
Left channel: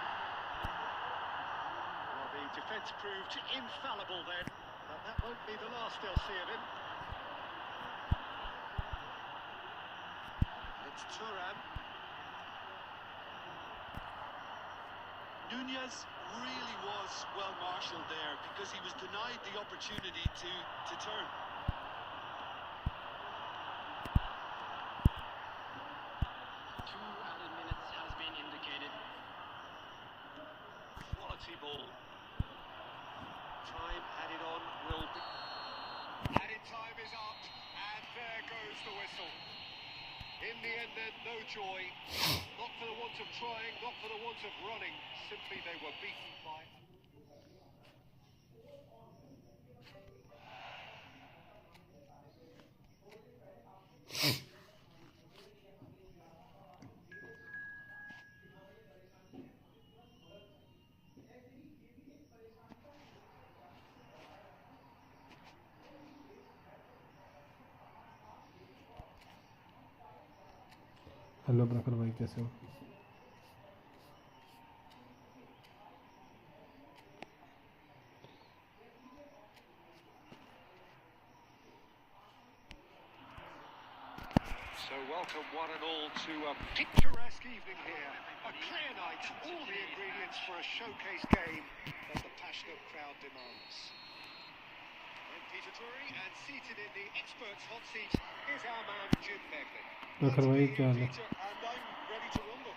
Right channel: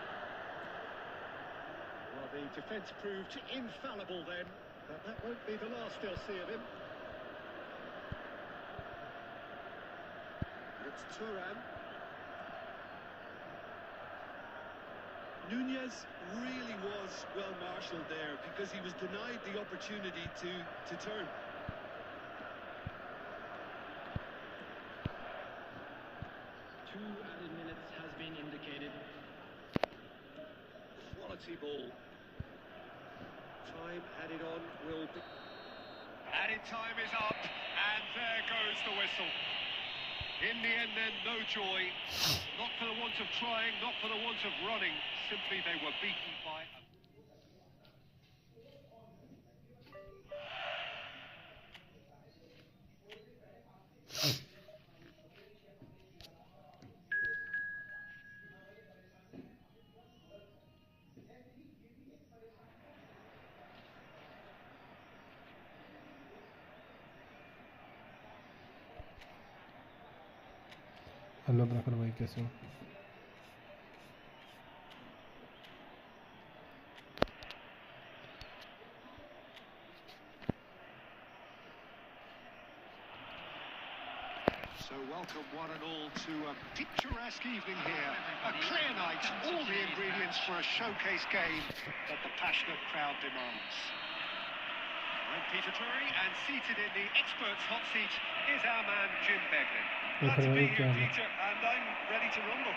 Well, the defence proved infallible then, but that won't be the last they'll see of him. It's Turam. Nunez really was well marshalled there, because he was denied the opportunity to turn. Has been indicated. Quality ball. Time added on will be... Added time is up, and there goes the whistle. In the end then, no joy. Not for the want of trying, not for the want of running. Simply they were beaten by... hello प्रखर भाई, कैसे हो? So welcome one and all to a picturesque evening here. A clear night, all the ingredients for a showcase game that the passionate crowd demands. I'm Peter Drury, and seated in the experts' hot seat is our man Jim Beglin. Glad to be here, Peter, and I'm ready to rumble.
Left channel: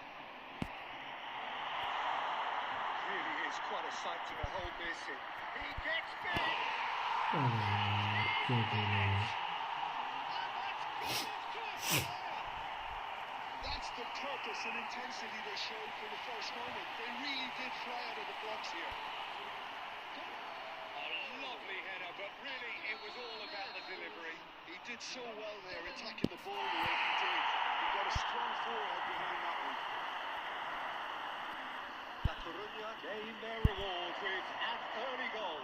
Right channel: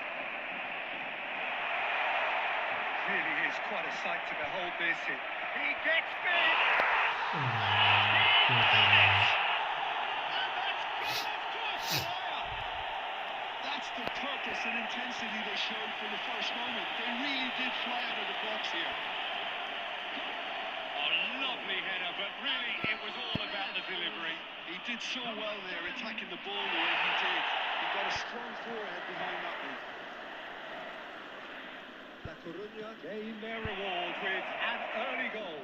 Really is quite a sight to behold this. He gets big! That's the purpose and intensity they showed from the first moment. They really did fly out of the blocks here. A lovely header, but really it was all about the delivery. He did so well there, attacking the ball the way he did. He got a strong forehead behind that one. La Coruña gain their reward with an early goal.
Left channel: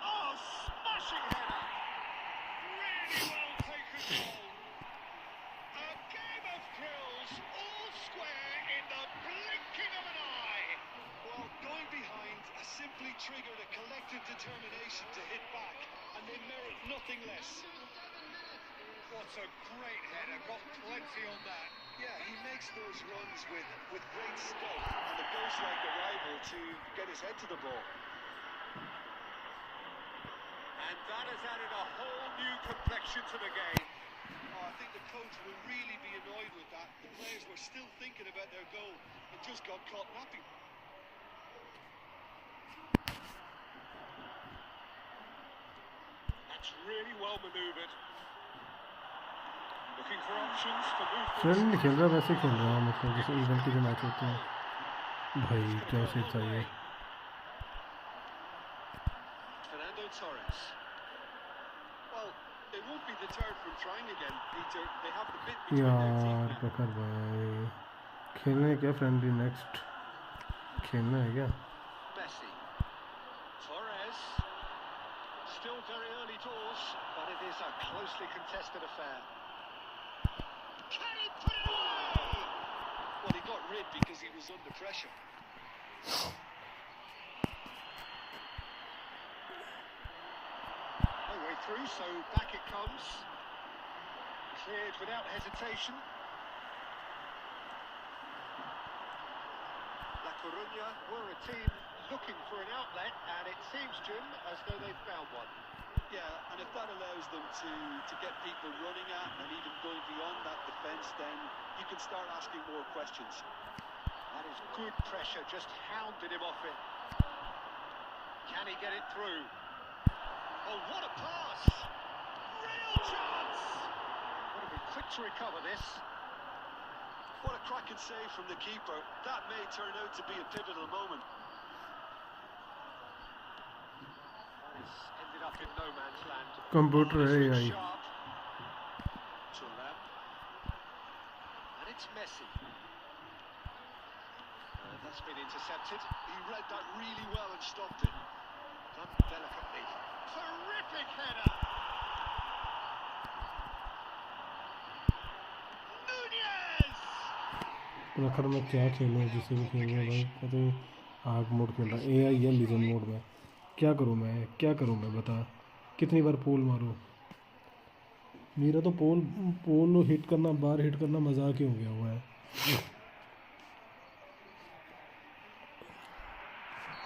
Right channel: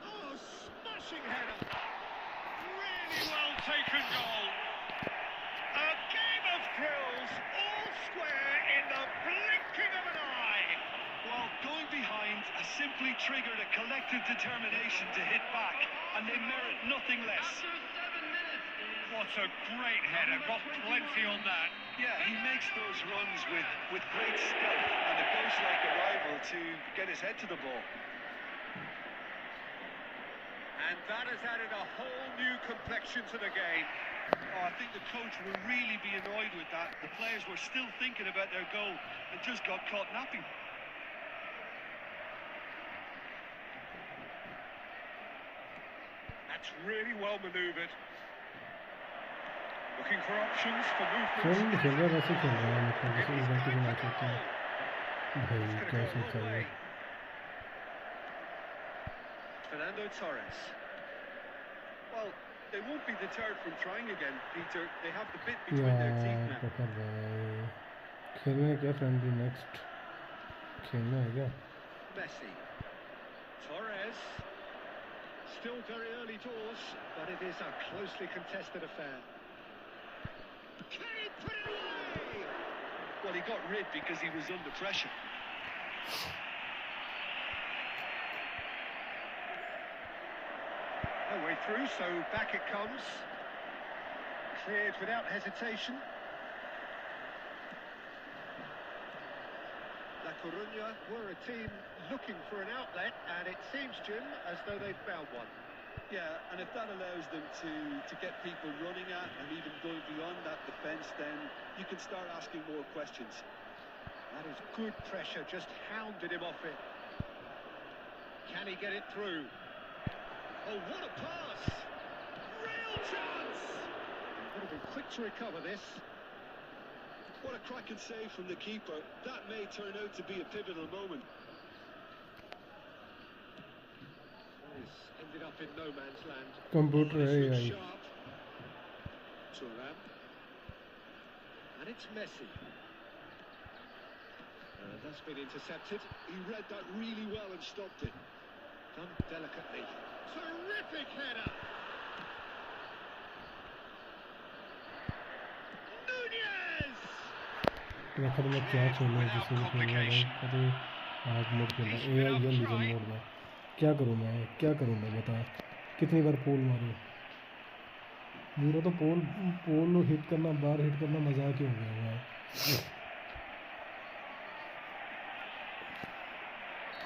Oh, smashing header! Really well taken goal. A game of thrills, all square in the blinking of an eye. Well, going behind has simply triggered a collective determination to hit back, and they merit nothing less. What a great header, got plenty on that. Yeah, he makes those runs with great stealth and a ghost-like arrival to get his head to the ball. And that has added a whole new complexion to the game. Oh, I think the coach will really be annoyed with that. The players were still thinking about their goal and just got caught napping. That's really well manoeuvred. Looking for options for movement. Friend खेल रहा है वैसे खेल रहा है, मतलब जैसे event के जो मैच होते हैं भाई, क्या उसे चाहिए? Fernando Torres. Well, they won't be deterred from trying again, Peter. They have the bit between their teeth यार now. प्रखर भाई, खेलने क्या फ्रेंडली नेक्स्ट खेलना है क्या? Messi. Torres. Still very early doors, but it is a closely contested affair. Can he put it away? Well, he got rid because he was under pressure. No way through, so back it comes. Cleared without hesitation. Coruña were a team looking for an outlet, and it seems, Jim, as though they've found one. Yeah, and if that allows them to get people running at and even going beyond that defence, then you can start asking more questions. That is good pressure, just hounded him off it. Can he get it through? Oh, what a pass! Real chance! Would have been quick to recover this. What a cracking save from the keeper. That may turn out to be a pivotal moment. He's ended up in no man's land. Computer है This looks यार sharp. Turnip. And it's Messi. That's been intercepted. He read that really well and stopped it. Done delicately. Terrific header! Nunez! मैं खत्म में क्या खेलना है जिससे भी खेलना है भाई पता नहीं हार्ड मोड खेलना है एआई या लीजेंड मोड में क्या करूँ मैं बता कितनी बार पोल मारूँ मेरा तो पोल हिट करना बार हिट करना मजाक ही हो गया हुआ है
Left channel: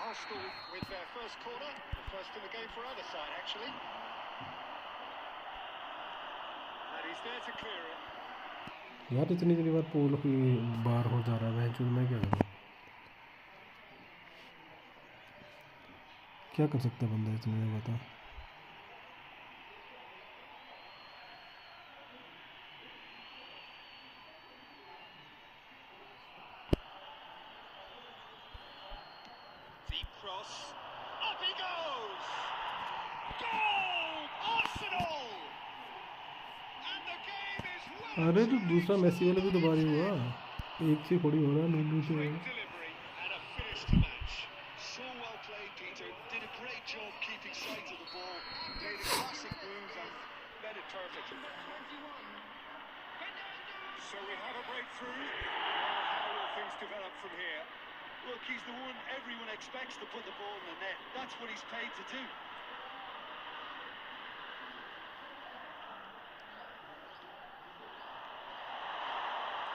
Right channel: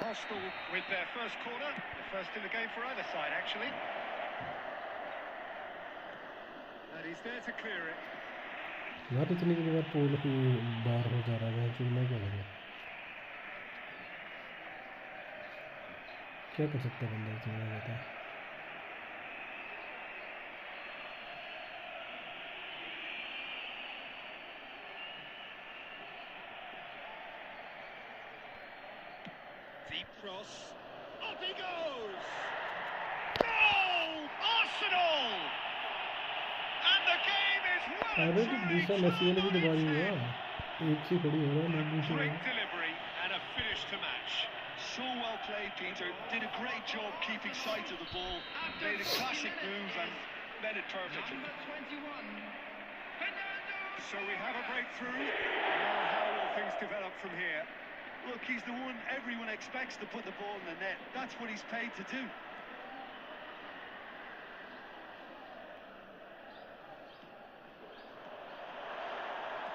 Arsenal with their first corner, the first in the game for either side, actually. And he's there to clear it. यार इतनी बार पोल ही बार हो जा रहा है मैं क्या करूँ क्या कर सकते हैं बंदा इसमें बता Deep cross. Up he goes! Goal! Arsenal! And the game is well अरे and तो truly दूसरा मैसी वाला भी तो बार ही हुआ एक से थोड़ी हो रहा है नहीं से great delivery and a finish to match. So well played, Peter. Did a great job keeping sight of the ball. Made a classic move and met it perfectly. Number 21, Fernando. So we have a breakthrough. Now how will things develop from here? Look, he's the one everyone expects to put the ball in the net. That's what he's paid to do.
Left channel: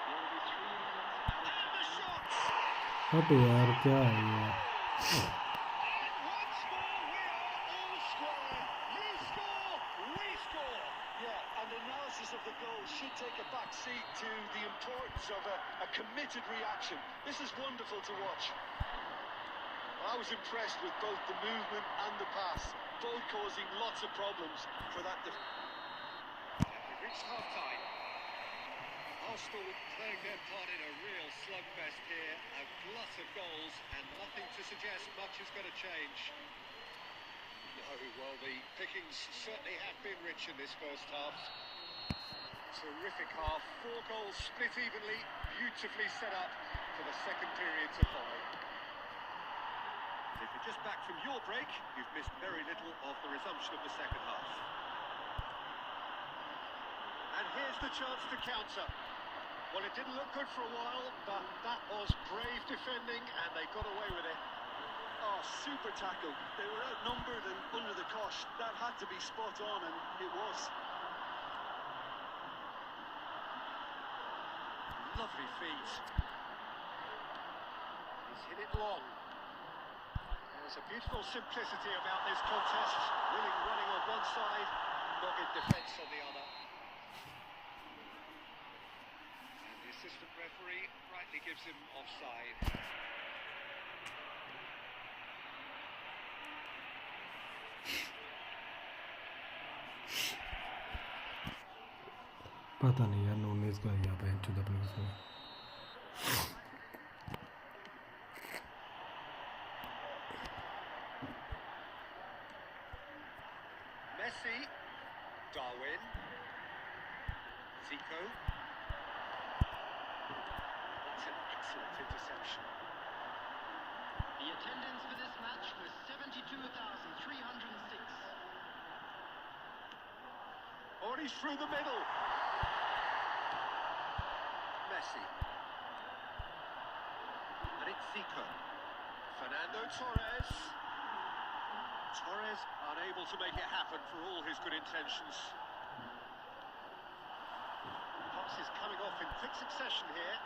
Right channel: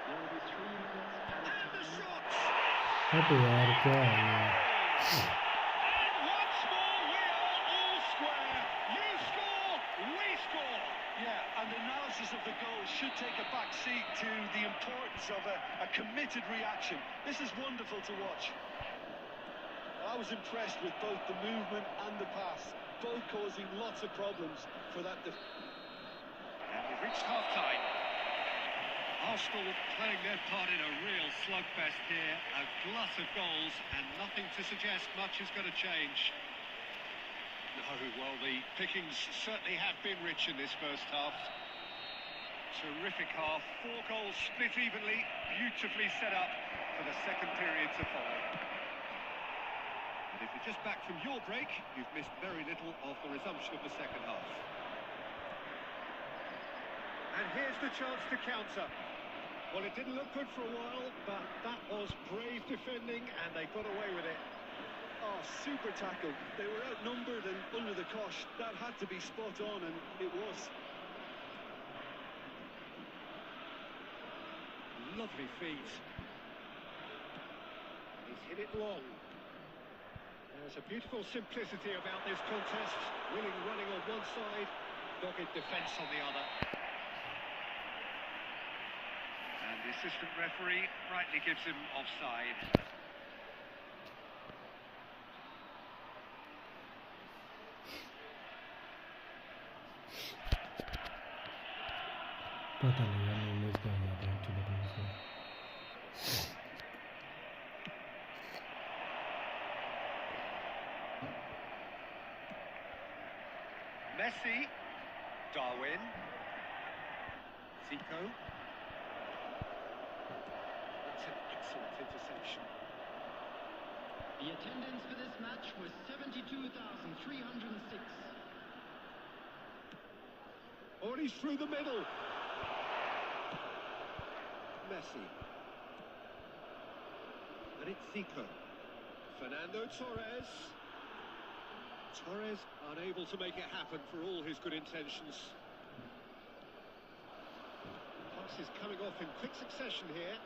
There will be 3 minutes added And the time. shots! हट यार क्या है ये And once more we are all square. You score, we score. Yeah, and analysis of the goal should take a back seat to the importance of a committed reaction. This is wonderful to watch. I was impressed with both the movement and the pass, both causing lots of problems for that And we've reached half-time. Arsenal playing their part in a real slugfest here. A glut of goals and nothing to suggest much is going to change. No, well, the pickings certainly have been rich in this first half. Terrific half. 4 goals split evenly. Beautifully set up for the second period to follow. If you're just back from your break, you've missed very little of the resumption of the second half. And here's the chance to counter. Well, it didn't look good for a while, but that was brave defending, and they got away with it. Oh, super tackle. They were outnumbered and under the cosh. That had to be spot on, and it was. Lovely feet. He's hit it long. There's a beautiful simplicity about this contest. Willing running on one side, dogged defence on the other. And the assistant referee rightly gives him offside. पता नहीं यार नूनेज़ का गया bank चुदा अपने इसमें Messi, Darwin, Zico. That's an excellent interception. The attendance for this match was 72,306. Oh, and he's through the middle. Messi. And it's Zico. Fernando Torres. Torres unable to make it happen for all his good intentions. Pass is coming off in quick succession here.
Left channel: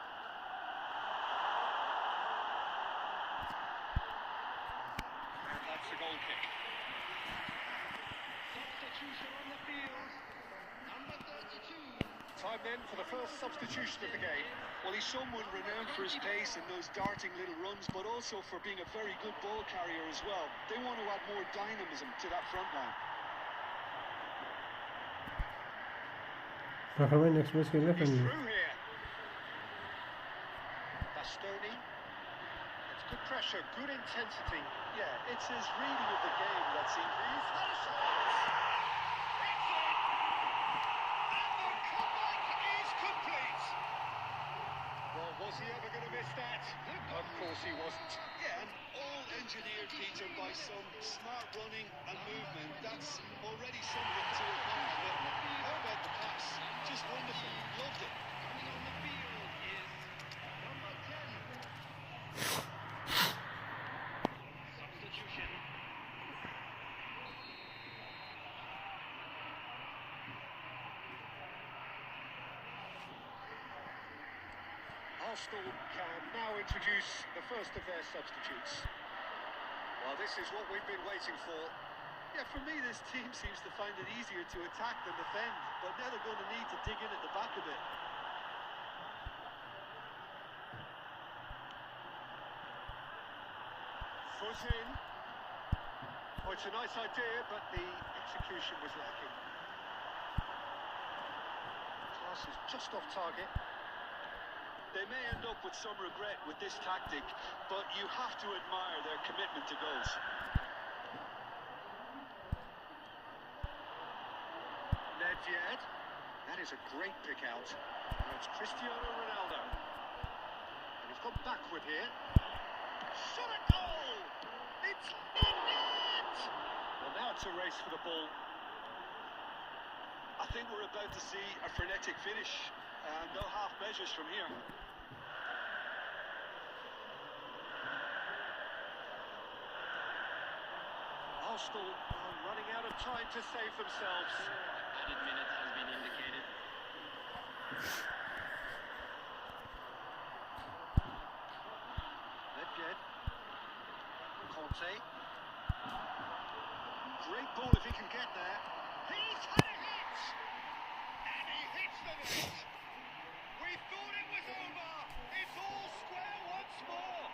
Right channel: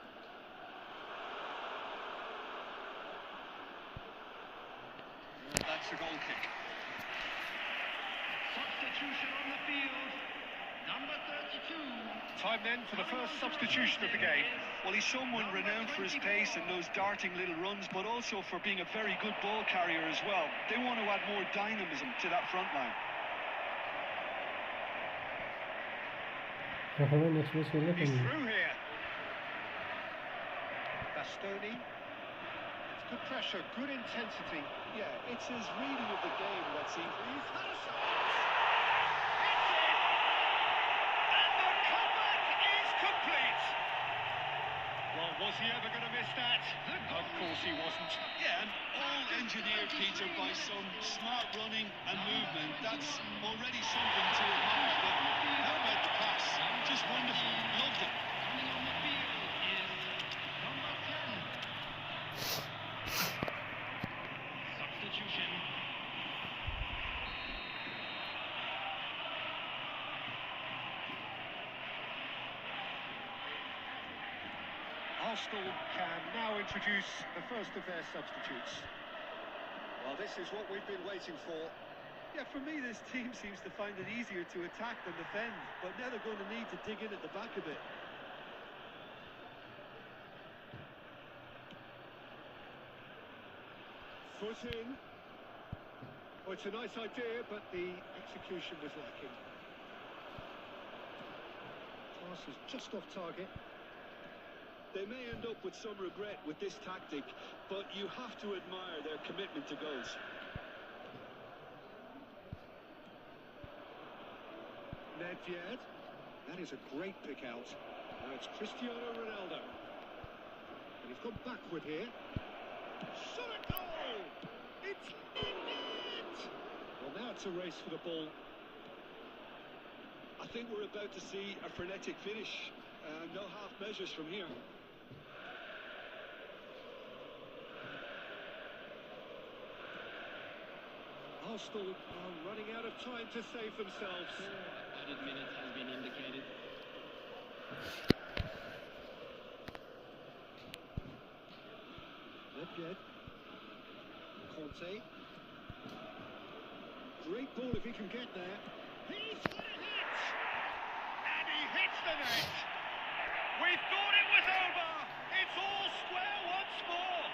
takes the goal kick. Substitution on the field. Number 32. Time then for the first substitution of the game. Well, he's someone renowned for his pace and those darting little runs, but also for being a very good ball carrier as well. They want to add more dynamism to that front line. next match खेलने He's फिर through here. Bastoni. It's good pressure, good intensity. Yeah, it's his reading of the game that seems... He's had a shot. It's in. And the comeback is complete. Well, was he ever going to miss that? Of course he wasn't. Yeah, and all engineered, Peter, by some smart running and movement. That's already something to admire. But how about the pass? Just wonderful. Loved it. Coming on the field is number 10. Substitution. Arsenal can now introduce the first of their substitutes. Well, this is what we've been waiting for. Yeah, for me, this team seems to find it easier to attack than defend, but now they're going to need to dig in at the back a bit. Foot in. Oh, it's a nice idea, but the execution was lacking. Pass is just off target. They may end up with some regret with this tactic, but you have to admire their commitment to goals. Nedved. That is a great pick out. Now it's Cristiano Ronaldo. And he's gone backward here. Shot a goal! It's in it! Well, now it's a race for the ball. I think we're about to see a frenetic finish. No half measures from here. Arsenal are running out of time to save themselves. Added minute has been indicated. Nedved. Conte. Great ball if he can get there. He's had a hit! And he hits the net! We thought it was over! It's all square once more!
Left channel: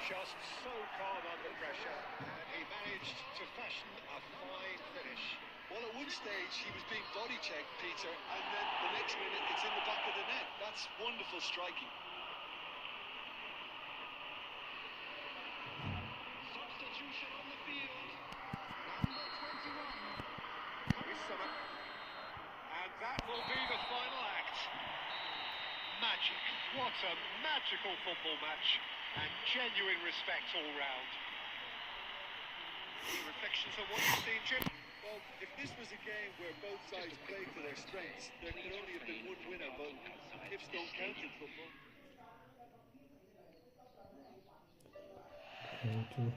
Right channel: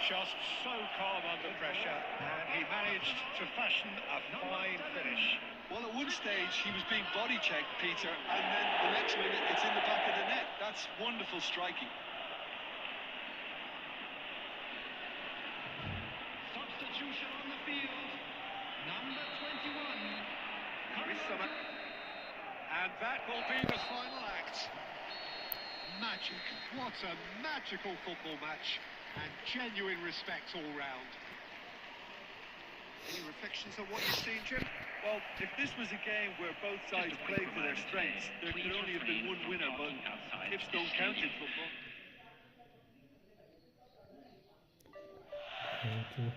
Just so calm under pressure, and he managed to fashion a fine finish. Well, at one stage, he was being body checked, Peter, and then the next minute, it's in the back of the net. That's wonderful striking. Substitution on the field. Number 21. Coming Chris on. Summer. And that will be the final act. Magic. What a magical football match. And genuine respect all round. Any reflections on what you've seen, Jim? Well, if this was a game where both sides played to their strengths, there could only have been one winner, but ifs don't count in football. Thank you.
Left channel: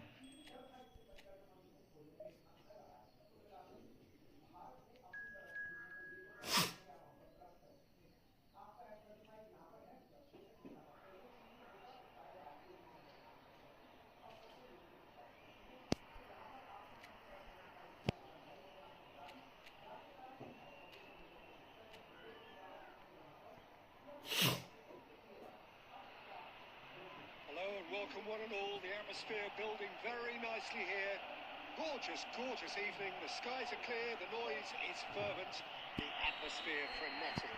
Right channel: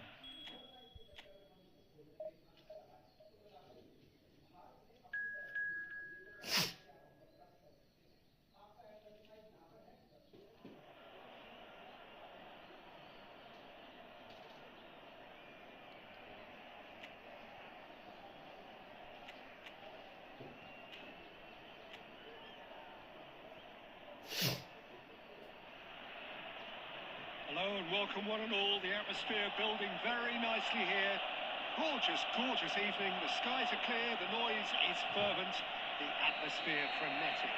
Hello and welcome one and all. The atmosphere building very nicely here. Gorgeous, gorgeous evening. The skies are clear, the noise is fervent, the atmosphere frenetic.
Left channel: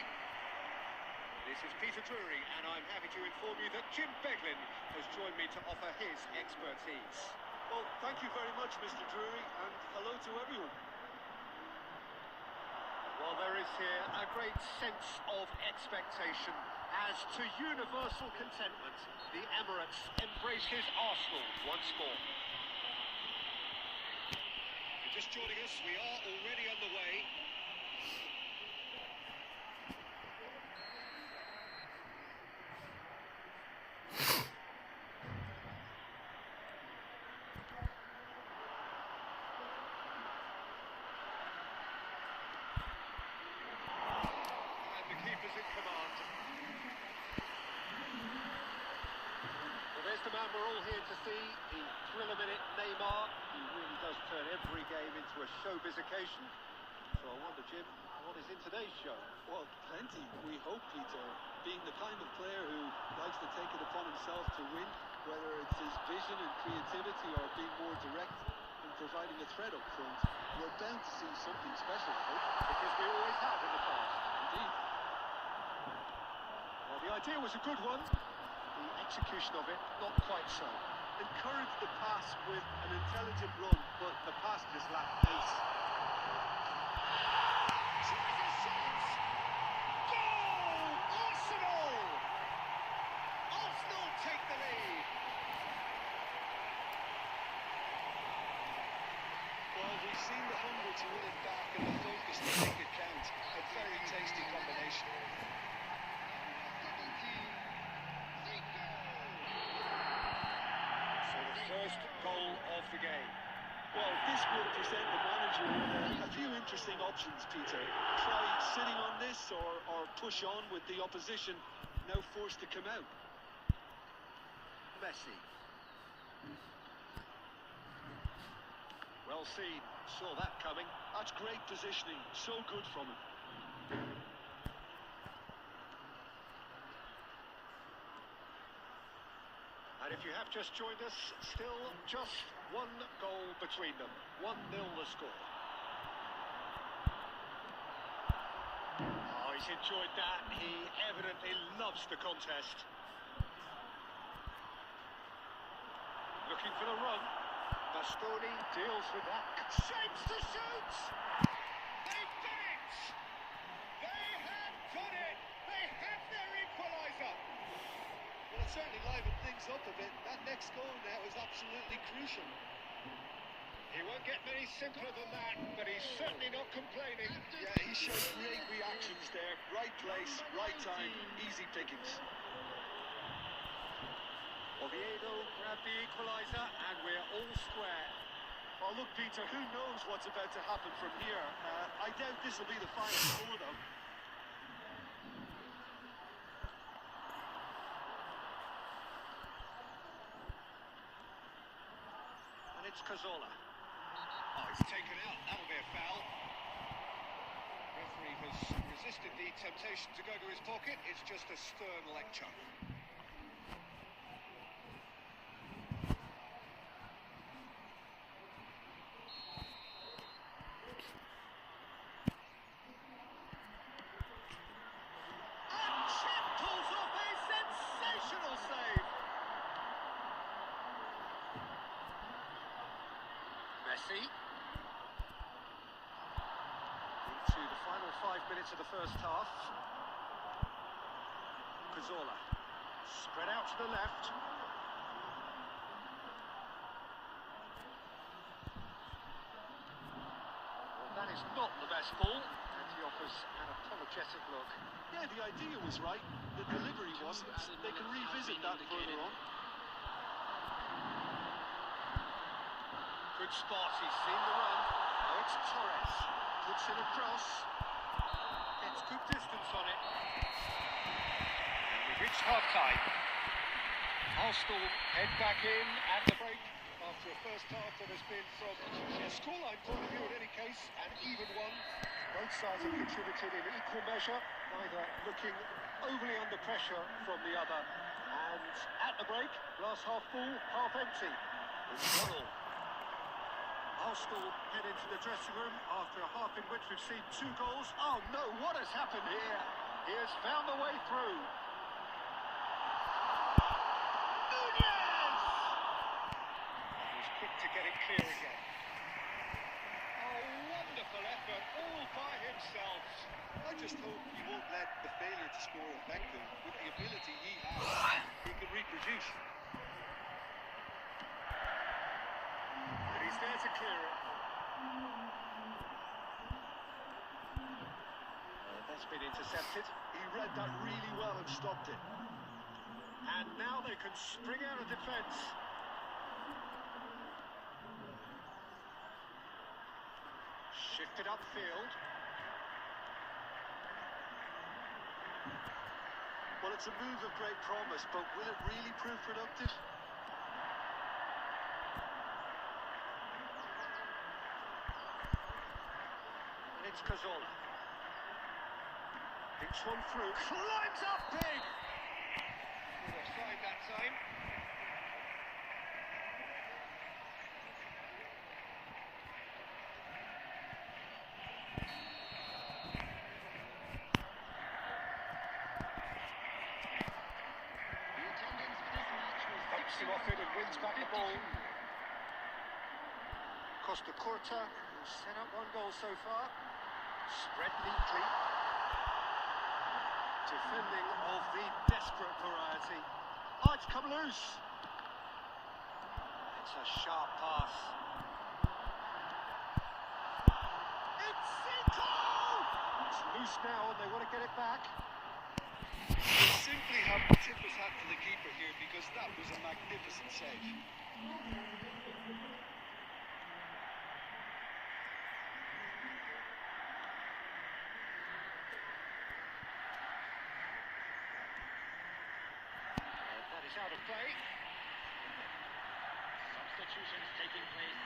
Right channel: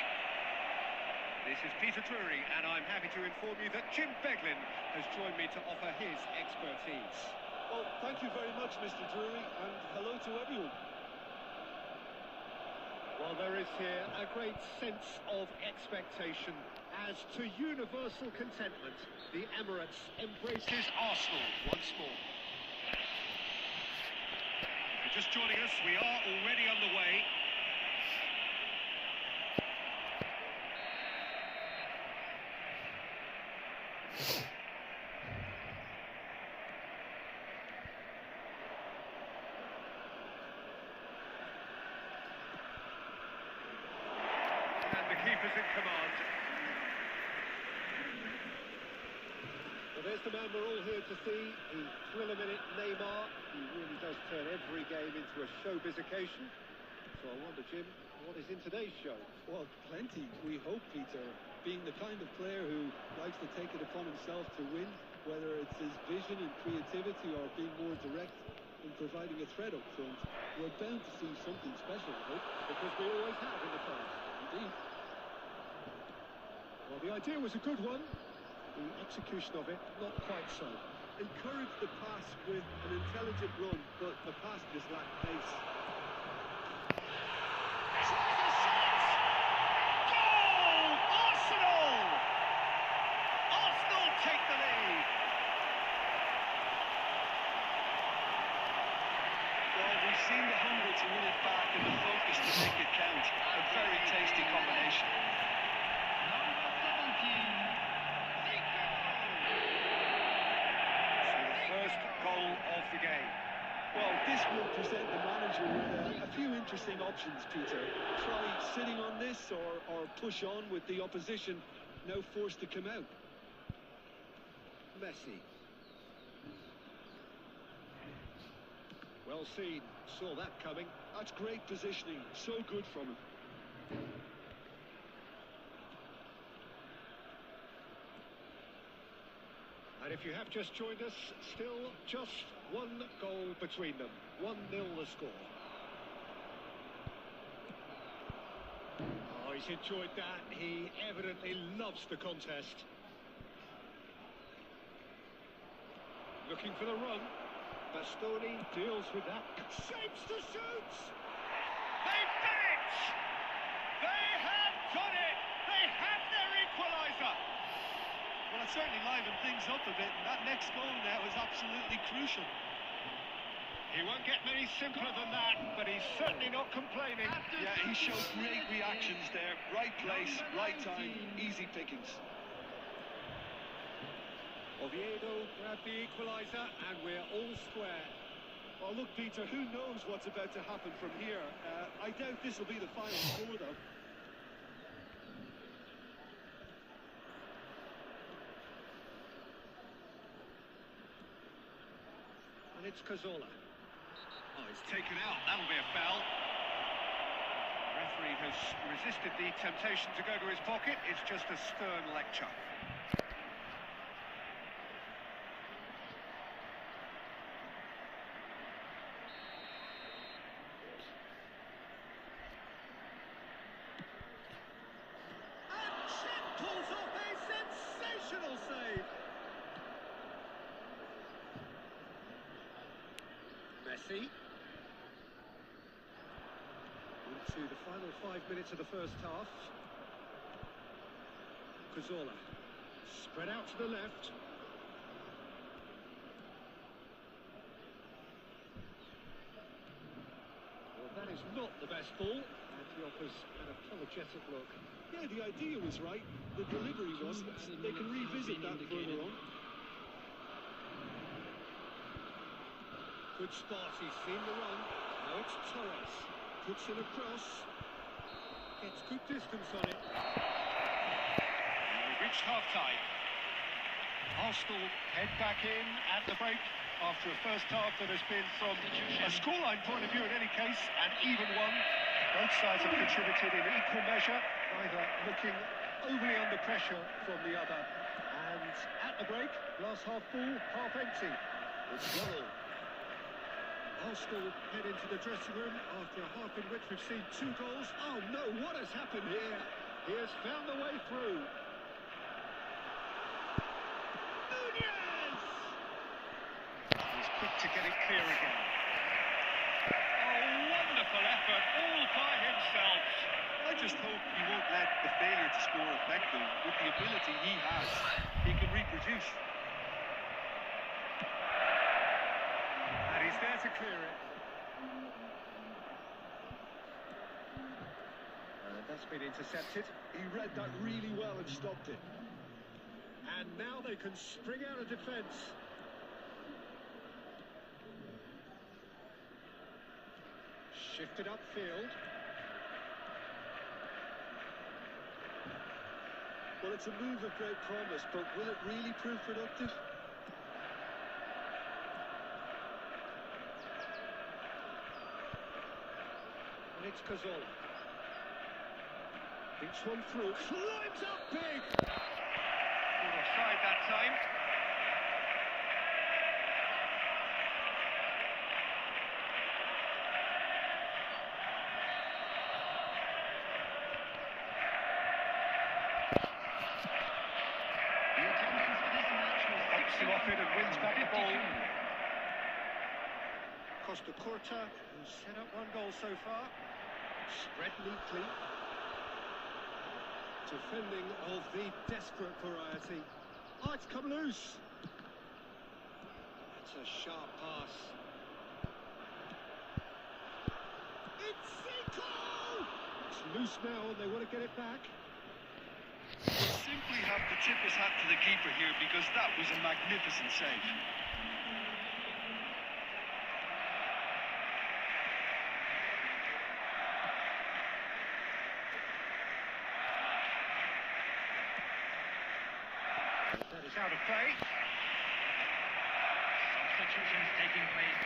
This is Peter Drury, and I'm happy to inform you that Jim Beglin has joined me to offer his expertise. Well, thank you very much, Mr. Drury, and hello to everyone. Well, there is here a great sense of expectation. As to universal contentment, the Emirates embraces Arsenal once more. If you're just joining us, we are already underway. And the keeper's in command. There's the man we're all here to see. The thrill-a-minute Neymar. He really does turn every game into a showbiz occasion. So I wonder, Jim, what is in today's show? Well, plenty, we hope, Peter. Being the kind of player who likes to take it upon himself to win, whether it's his vision and creativity or being more direct in providing a threat up front, we're bound to see something special, I hope. Because we always have in the past. Indeed. Well, the idea was a good one. The execution of it, not quite so. Encourage the pass with an intelligent run, but the pass just lacked pace. Tries a shot! Goal! Arsenal! Arsenal take the lead. Well, we've seen the hunger to win it back and the focus to make it count. A very tasty combination. Number 17, Zico! So the first goal of the game. Well, this will present the manager with a few interesting options, Peter. Try sitting on this or push on with the opposition, now forced to come out. Messi. Well seen. Saw that coming. That's great positioning. So good from him. And if you have just joined us, still just one goal between them. 1-0 the score. Oh, he's enjoyed that. He evidently loves the contest. Looking for the run. Bastoni deals with that. Shapes to shoot! They've done it! They have done it! They have their equaliser! Well, it certainly livened things up a bit, and that next goal now is absolutely crucial. He won't get many simpler than that, but he's certainly not complaining. Yeah, he showed great reactions there. Right place, right time, easy pickings. Oviedo grabbed the equaliser, and we're all square. Oh, look, Peter, who knows what's about to happen from here? I doubt this will be the final score, though. And it's Cazorla. Oh, he's taken out. That'll be a foul. Referee has resisted the temptation to go to his pocket. It's just a stern lecture. And Chip pulls off a sensational save. Messi. Into the final 5 minutes of the first half. Cazorla. Spread out to the left. Well, that is not the best ball. And he offers an apologetic look. Yeah, the idea was right. The delivery wasn't. They can revisit that further on. Good spot, he's seen the run. Now it's Torres. Puts in a cross. Gets good distance on it. And we've reached half-time. Arsenal head back in at the break after a first half that has been, from a scoreline point of view in any case, an even one. Both sides have contributed in equal measure, neither looking overly under pressure from the other. And at the break, glass half full, half empty. It's 1-1. Arsenal head into the dressing room after a half in which we've seen 2 goals. Oh no, what has happened here? He has found the way through. Nunez! He's quick to get it clear again. A wonderful effort, all by himself. I just hope he won't let the failure to score affect him. With the ability he has, he can reproduce. And he's there to clear it. That's been intercepted. He read that really well and stopped it. And now they can spring out of defence. Shifted upfield. Well, it's a move of great promise, but will it really prove productive? It's Cazorla. Thinks one through. Climbs up big! Good offside that time. The attendance for this match was Hops him off it and wins back the ball. 52. Costa Curta, who's set up one goal so far. Spread neatly. Defending of the desperate variety. Oh, it's come loose. It's a sharp pass. It's Zico! It's loose now and they want to get it back. They simply have to tip his hat to the keeper here because that was a magnificent save. That is out of play. Substitutions taking place.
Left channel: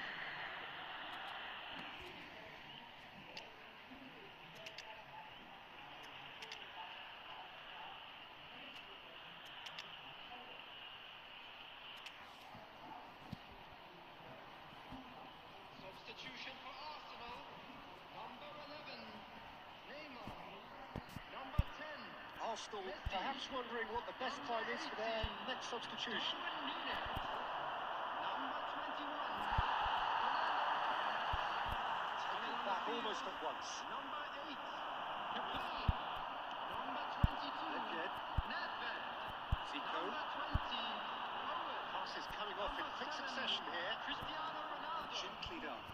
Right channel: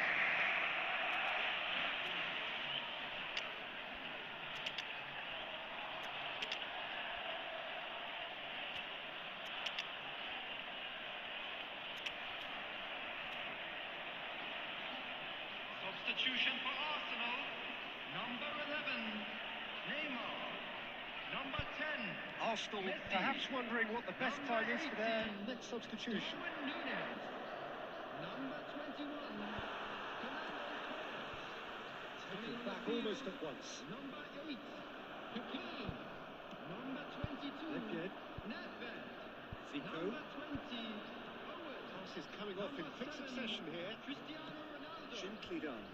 Substitution for Arsenal. Number 11, Neymar. Number 10, Arsenal Messi. perhaps wondering what the best time is for their next substitution. Darwin Núñez. Number 21, Fernando Torres. Taken back almost at once. Number 8, Pepe. Number 22, Again. Nedved. Zico. Number 20, Owen. Passes coming off in quick succession here. Cristiano Ronaldo. Gently done.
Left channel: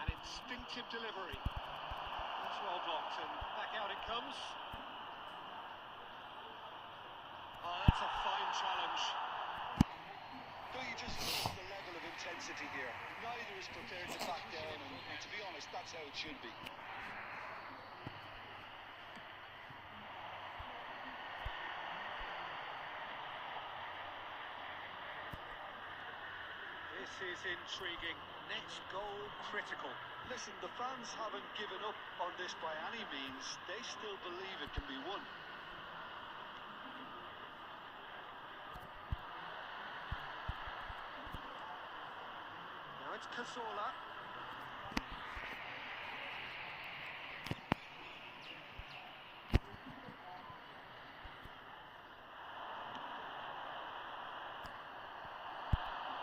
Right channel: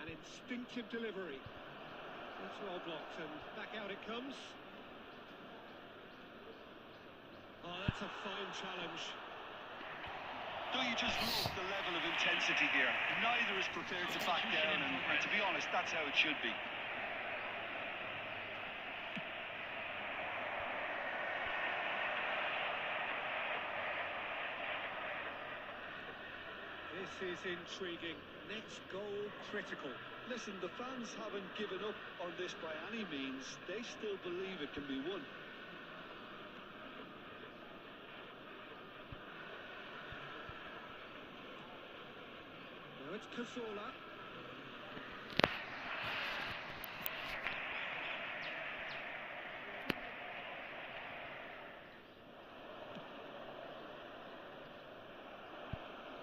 An instinctive delivery. That's well blocked and back out it comes. Oh, that's a fine challenge. Don't you just love the level of intensity here? Neither is prepared to back down, and to be honest, that's how it should be. This is intriguing. Next goal critical. Listen, the fans haven't given up on this by any means. They still believe it can be won. Now it's Cazorla.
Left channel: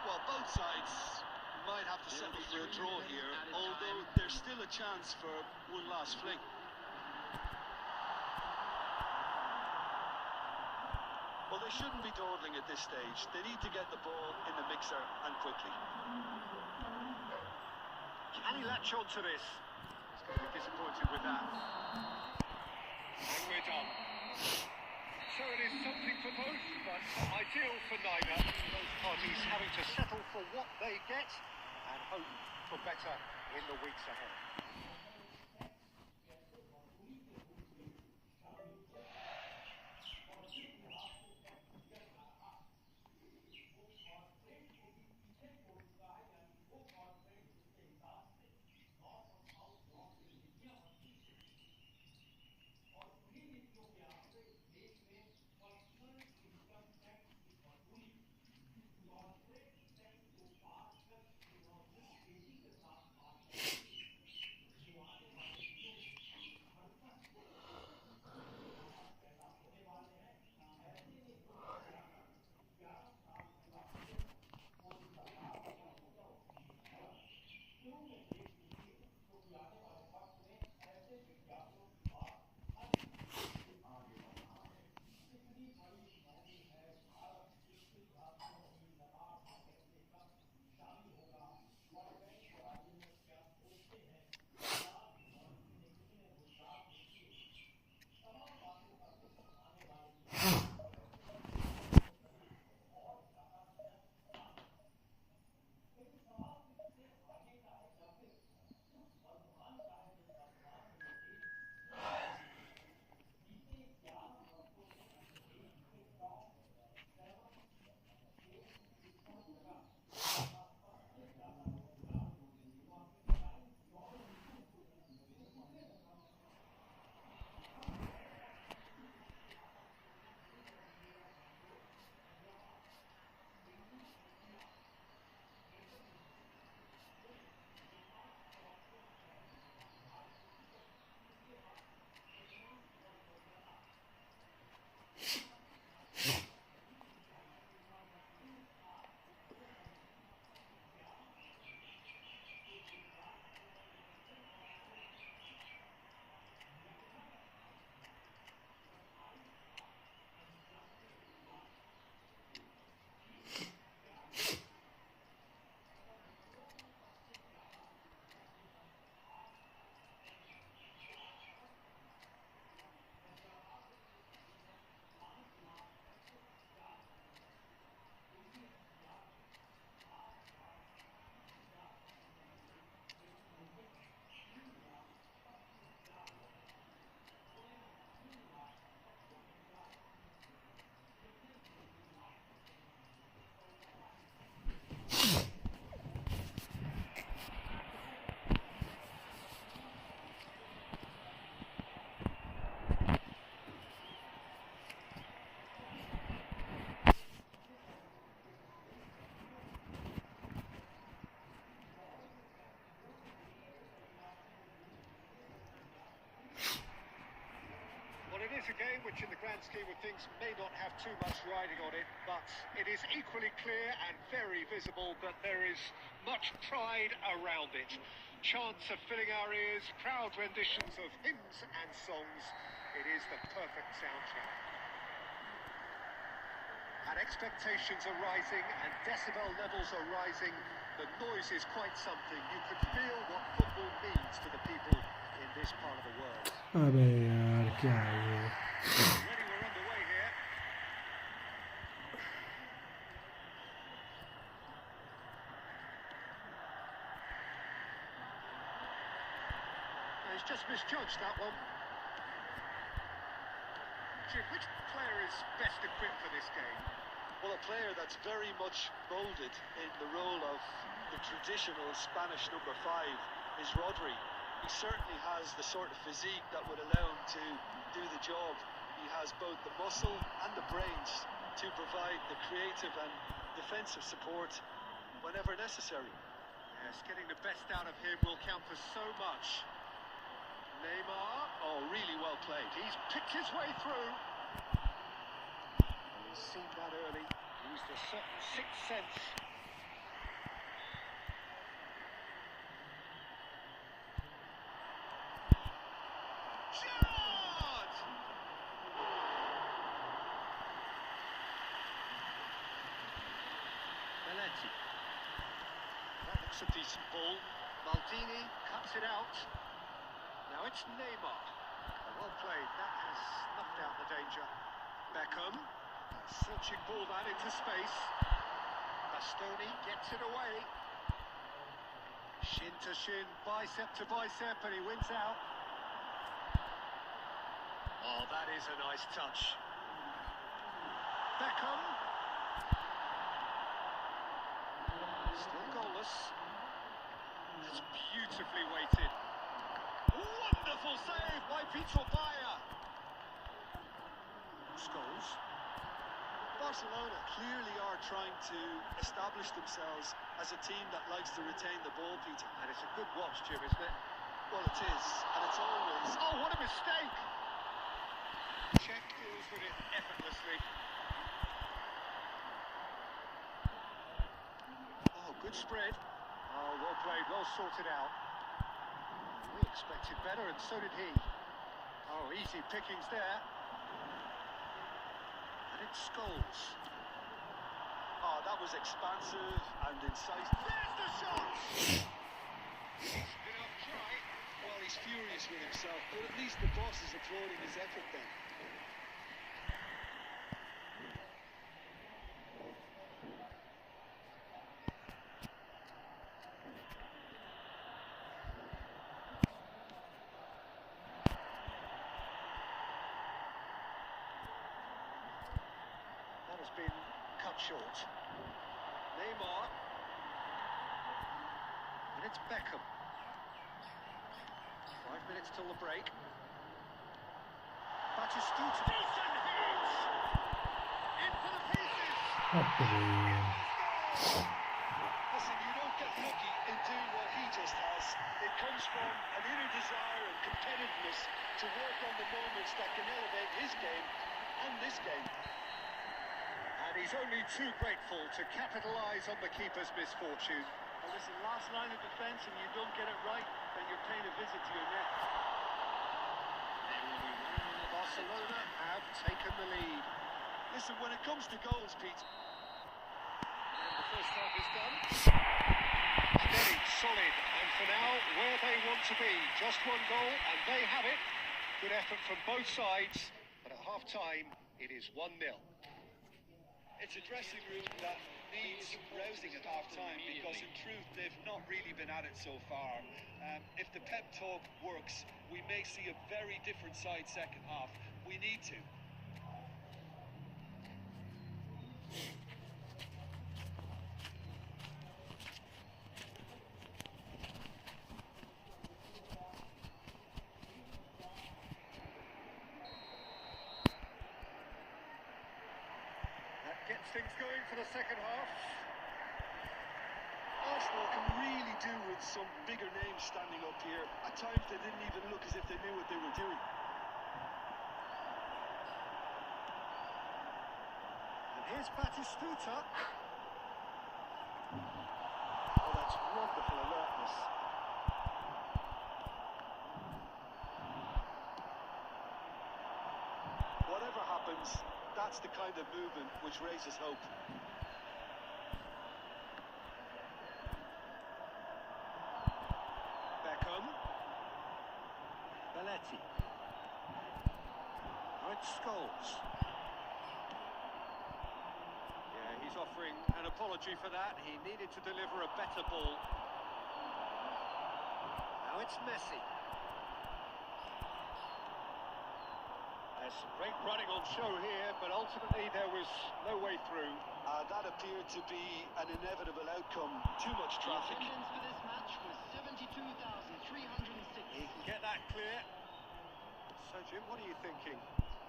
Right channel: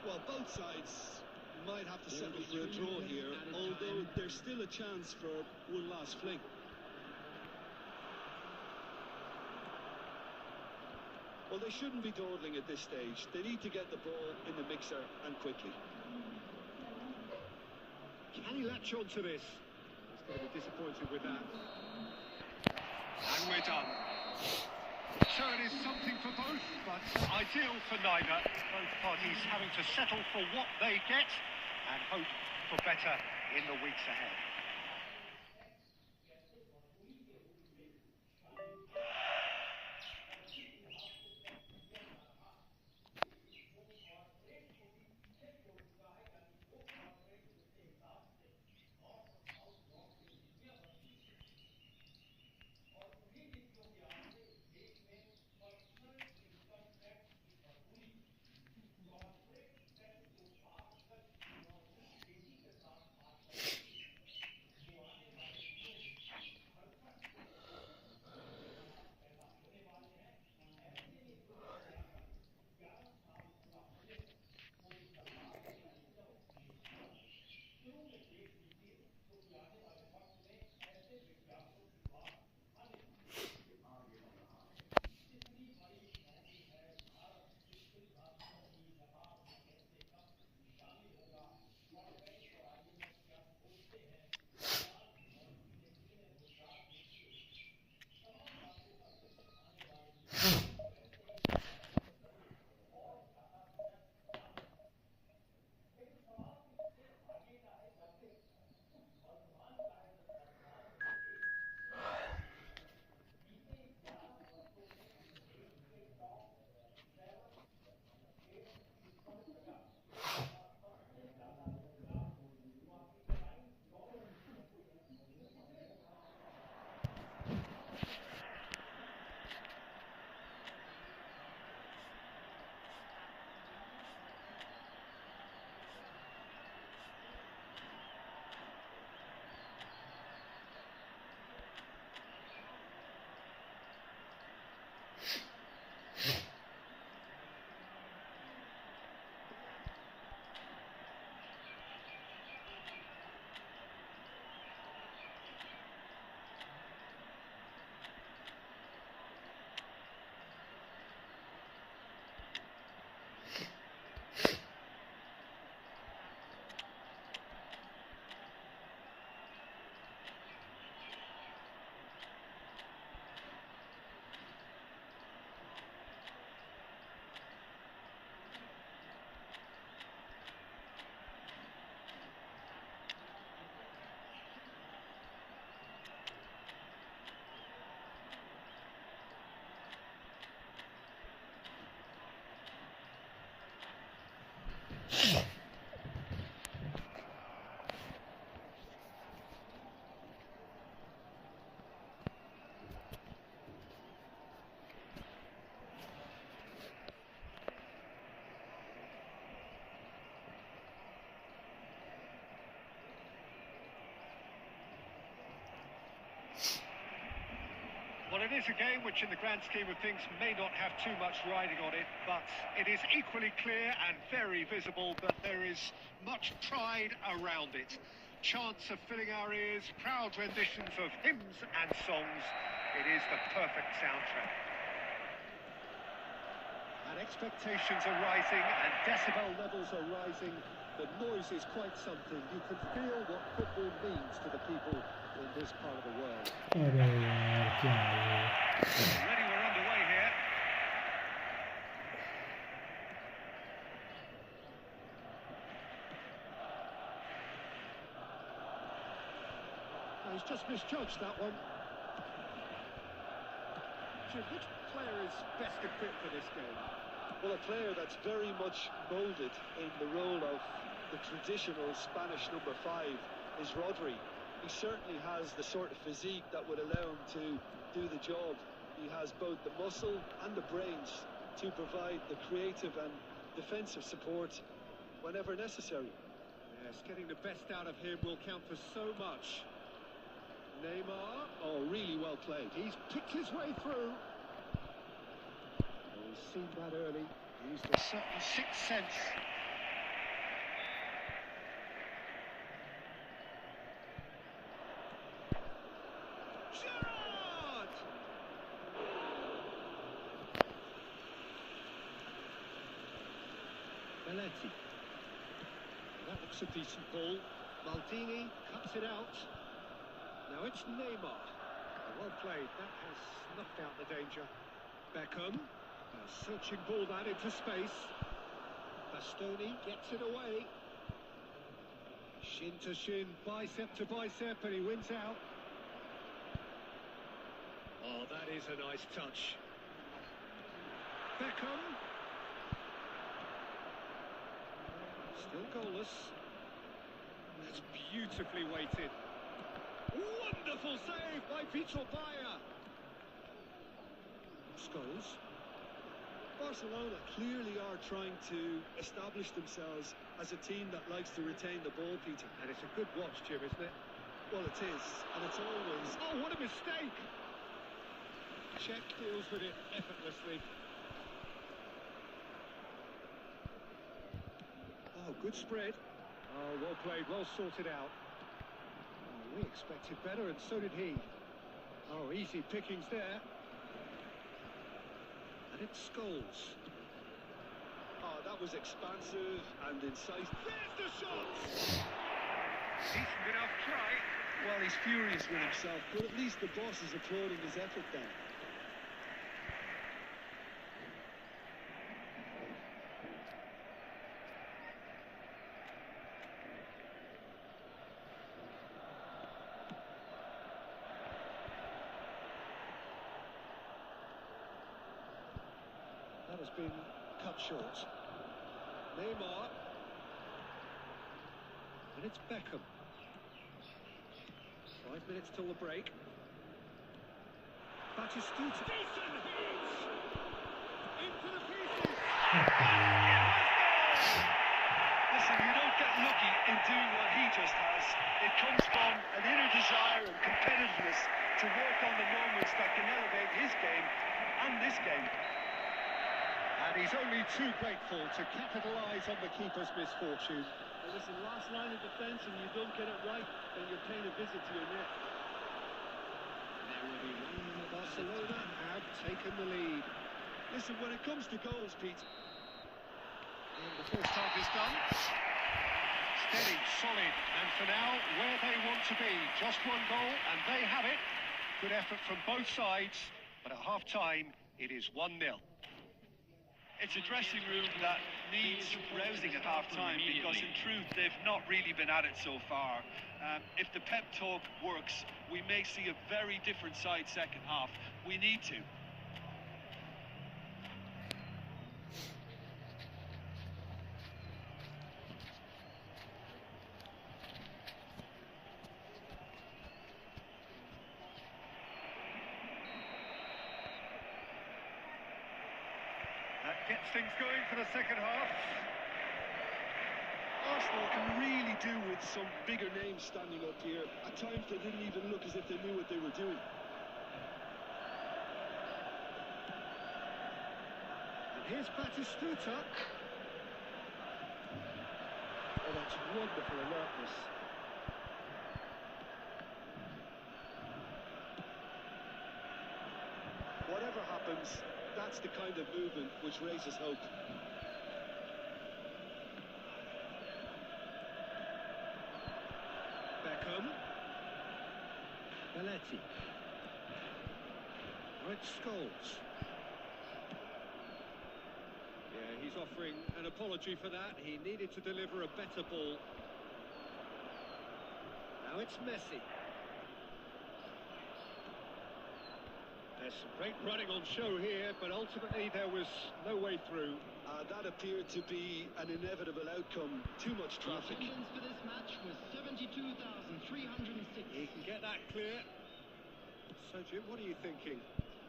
Well, both sides might have to settle for a draw here, although there's still a chance for one last fling. Well, they shouldn't be dawdling at this stage. They need to get the ball in the mixer and quickly. Can he latch on to this? He's going to be disappointed with that. And we're done. So it is something for both, but ideal for neither. Both parties having to settle for what they get and hope for better in the weeks ahead. it is a game which in the grand scheme of things may not have too much riding on it, but it is equally clear and very visible that there is much pride around it. Chants are filling our ears, proud renditions of hymns and songs. It is the perfect soundtrack. And expectations are rising and decibel levels are rising. The noise is quite something. You can feel what football means to the people in this part of the world. अबे यार क्या है ये? Already we're underway here. He's just misjudged that one. Jim, which player is best equipped for this game? Well, a player that's very much moulded in the role of the traditional Spanish number 5 is Rodri. He certainly has the sort of physique that would allow him to do the job. He has both the muscle and the brains to provide the creative and defensive support whenever necessary. Yes, getting the best out of him will count for so much. Neymar, oh, really well played. He's picked his way through. Oh, he's seen that early. Used a certain sixth sense. Shot! Belletti. That looks a decent ball. Maldini cuts it out. Now it's Neymar. Well played. That has snuffed out the danger. Beckham. A searching ball that into space. Bastoni gets it away. Shin to shin, bicep to bicep, and he wins out. Oh, that is a nice touch. Beckham. Still goalless. It's beautifully weighted. Wonderful save by Peter Bayer. Scholes. Barcelona clearly are trying to establish themselves as a team that likes to retain the ball, Peter. And it's a good watch, Jim, isn't it? Well, it is, and it's always... Oh, what a mistake! Czech deals with it effortlessly. Oh, good spread. Oh, well played, well sorted out. Oh, we expected better, and so did he. Oh, easy pickings there. And it's Scholes. Oh, that was expansive and incisive. There's the shot! Decent enough try. Well, he's furious with himself, but at least the boss is applauding his effort then. That has been cut short. Neymar. And it's Beckham. 5 minutes till the break. Batistuta. Decent hits! In for the pieces! Listen, you don't get lucky in doing what he just has. It comes from an inner desire and competitiveness to work on the moments that can elevate his game and this game. And he's only too grateful to capitalise on the keeper's misfortune. And listen, last line of defence and you don't get it right, then you're paying a visit to your net. Barcelona have taken the lead. Listen, when it comes to goals, Pete... And the first half is done. Steady, solid, and for now, where they want to be. Just one goal, and they have it. Good effort from both sides, but at half-time, it is 1-0. It's a dressing room that needs rousing at half-time because in truth they've not really been at it so far. If the pep talk works, we may see a very different side second half. We need to. That gets things going for the second half. Arsenal can really do with some bigger names standing up here. At times they didn't even look as if they knew what they were doing. Here's Batistuta. Oh, that's wonderful alertness. Whatever happens, that's the kind of movement which raises hope. Beckham. Belletti. Now it's Scholes. Yeah, he's offering an apology for that. He needed to deliver a better ball. Now it's Messi. There's some great running on show here, but ultimately there was no way through. That appeared to be an inevitable outcome. Too much The traffic. attendance for this match was 72,306. He can get that clear. So, Jim, what are you thinking?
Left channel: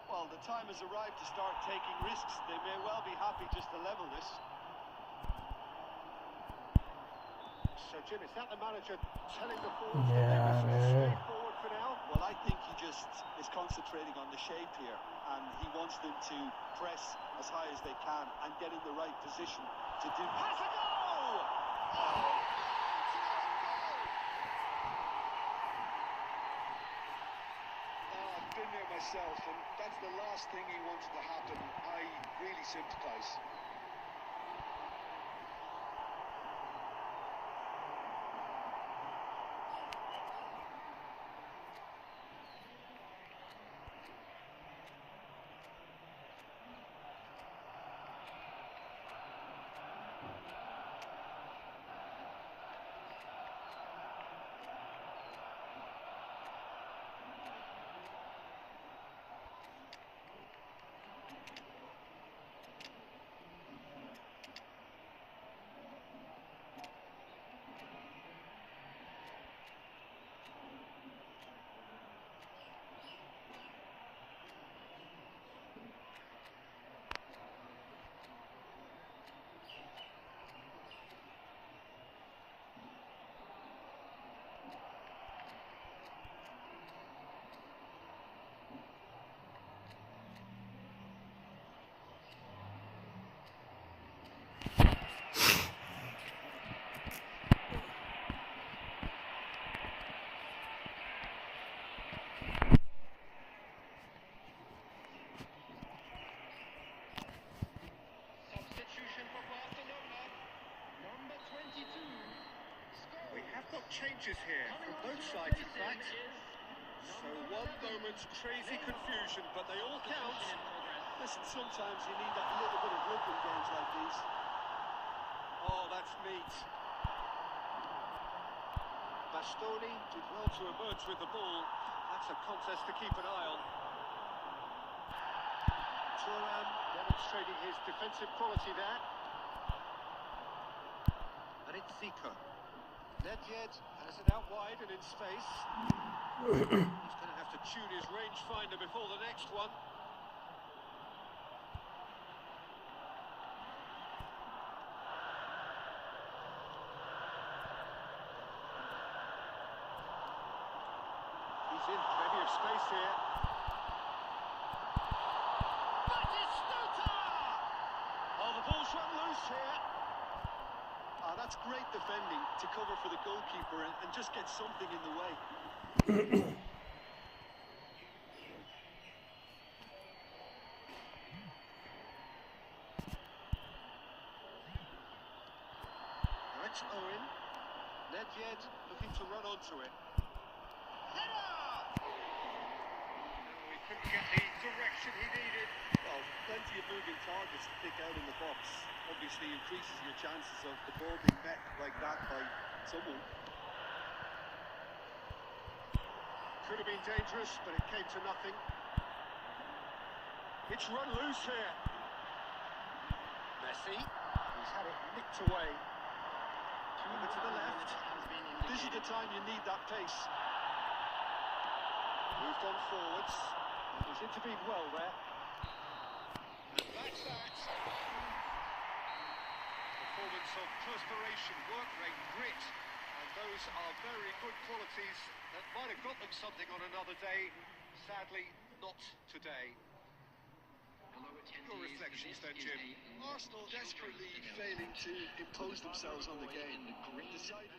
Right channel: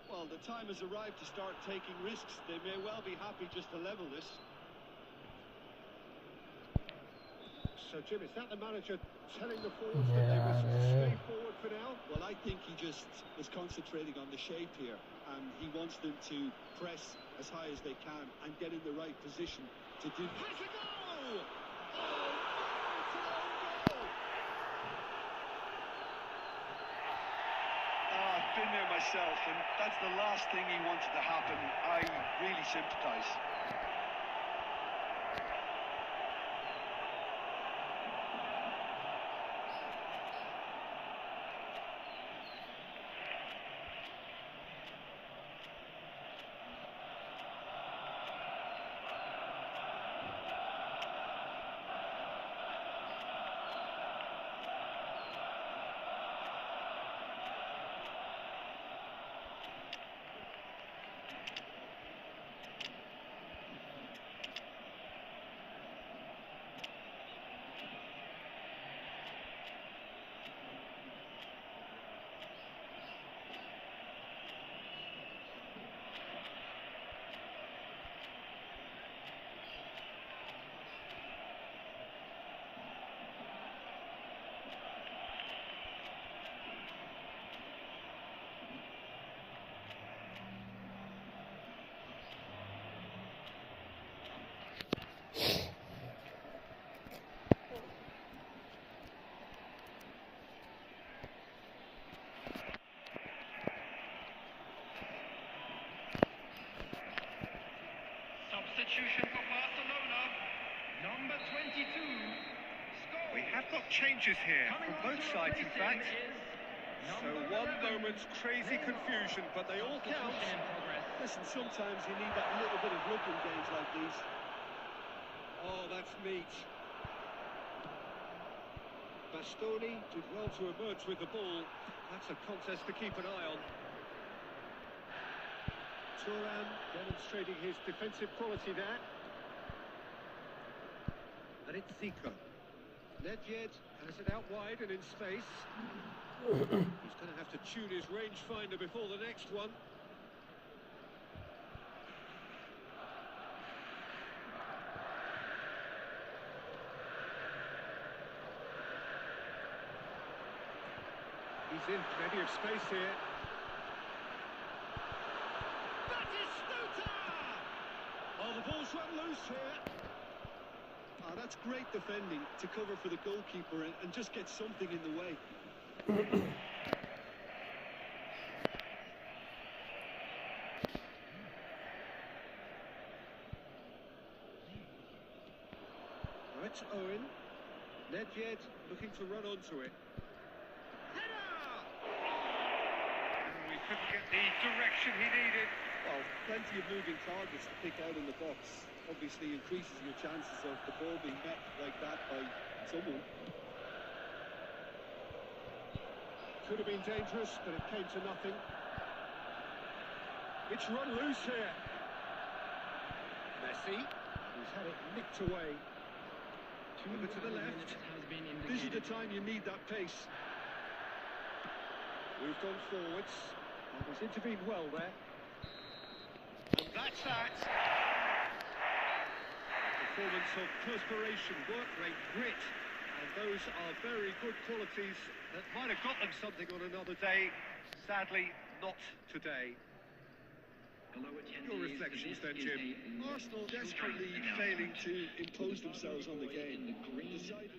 Well, the time has arrived to start taking risks. They may well be happy just to level this. So, Jim, is that the manager telling the forwards that they Yeah, must man. stay forward for now? Well, I think he just is concentrating on the shape here, and he wants them to press as high as they can and get in the right position to do. Has a goal! I've been there myself, and that's the last thing he wanted to happen. I really sympathise. Substitution for Barcelona. Number 22. Scholes. We have got changes here Coming from on both to sides, in replace him fact. is So number one 11, moment's crazy confusion, but they all count. Substitution in progress. Listen, sometimes you need that little bit of luck in games like these. Oh, that's neat. Bastoni did well to emerge with the ball. That's a contest to keep an eye on. Thuram demonstrating his defensive quality there. And it's Zico. Nedved has it out wide and in space. He's going to have to tune his rangefinder before the next one. He's in plenty of space here. Batistuta! Oh, the ball's run loose here. That's great defending to cover for the goalkeeper and just get something in the way. Now it's Owen. Nedved looking to run onto it. Header! Oh, he couldn't get the direction he needed. Well, plenty of moving targets to pick out in the box. Obviously increases your chances of the ball being met like that by someone. Could have been dangerous, but it came to nothing. It's run loose here. Messi. He's had it nicked away. Over to the left. This is the time you need that pace. Moved on forwards. And he's intervened well there. And that's that. Performance of perspiration, work rate, grit. And those are very good qualities that might have got them something on another day. Sadly, not today. Your reflections then, Jim. Arsenal desperately failing to impose themselves on the game. Decided.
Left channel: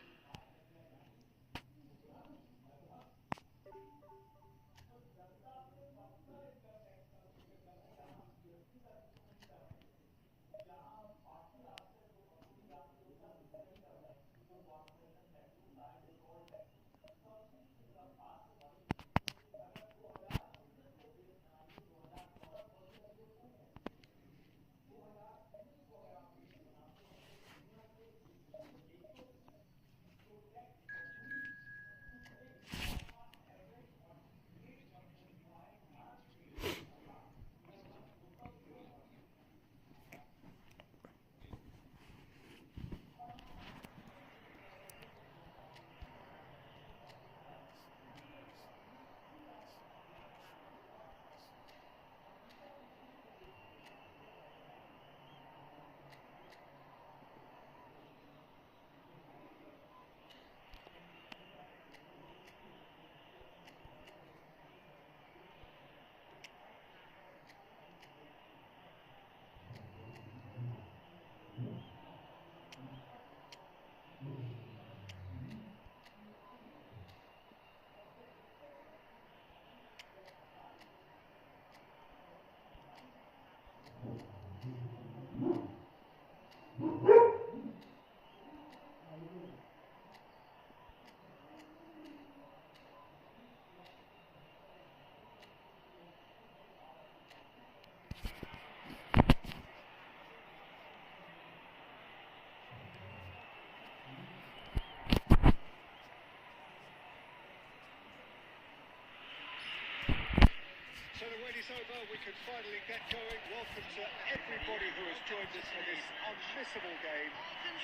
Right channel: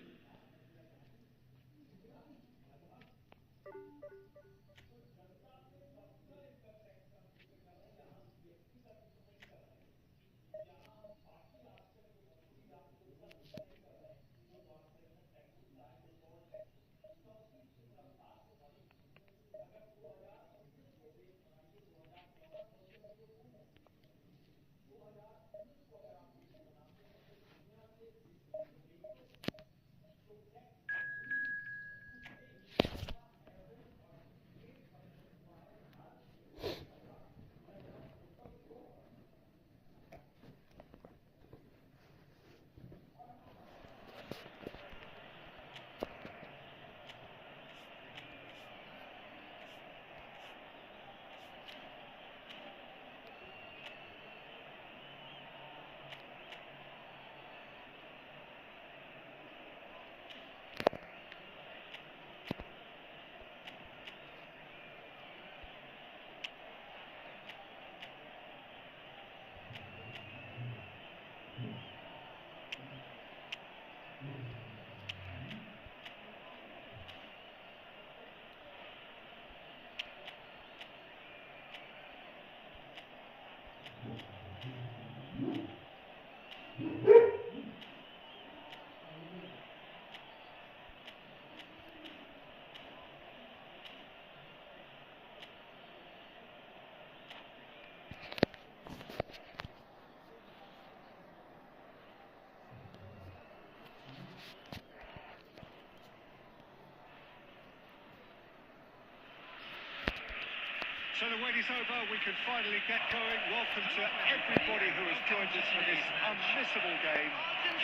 So the wait is over, we can finally get going. Welcome to everybody who has joined us for this unmissable game.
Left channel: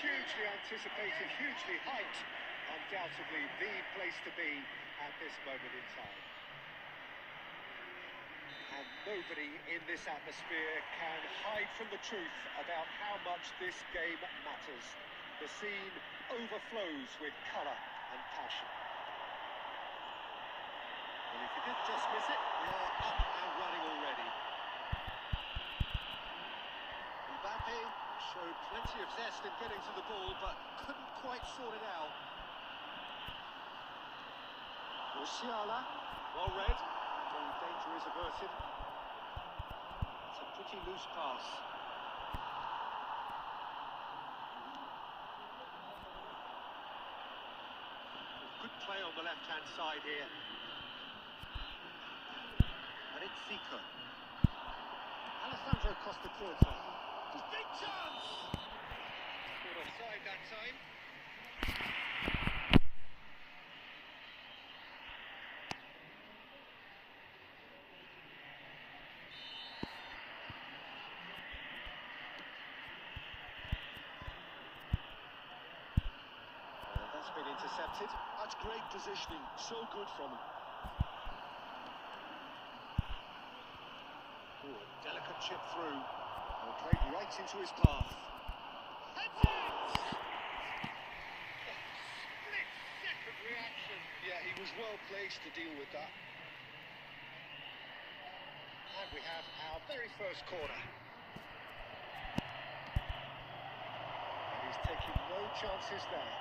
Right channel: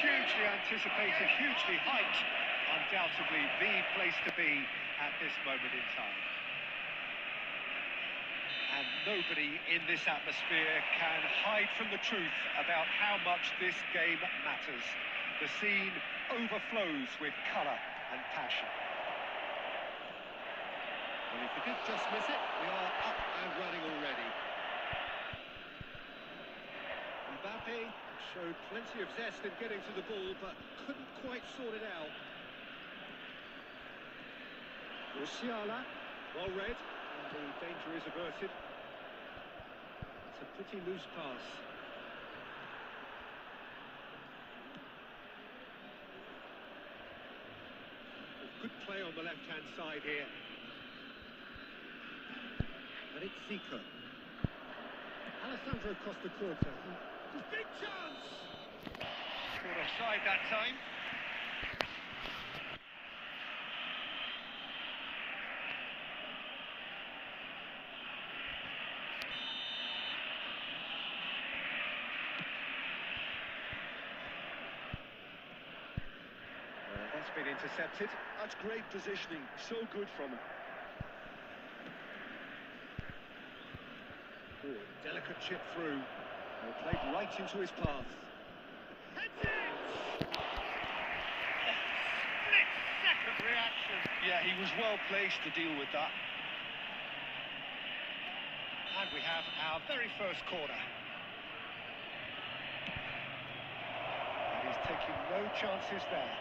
Hugely anticipated, hugely hyped. Undoubtedly the place to be at this moment in time. And nobody in this atmosphere can hide from the truth about how much this game matters. The scene overflows with colour and passion. Well, if you did just miss it, we are up and running already. Mbappe showed plenty of zest in getting to the ball, but couldn't quite sort it out. Musiala, well read, the danger is averted. It's a pretty loose pass. Good play on the left-hand side here. And it's Zico. Alessandro Costa-Curta. Big chance! Caught offside that time. That's been intercepted. That's great positioning. So good from him. Oh, a delicate chip through. And played right into his path. Heads it! Split-second reaction. Yeah, he was well placed to deal with that. And we have our very first corner. And he's taking no chances there.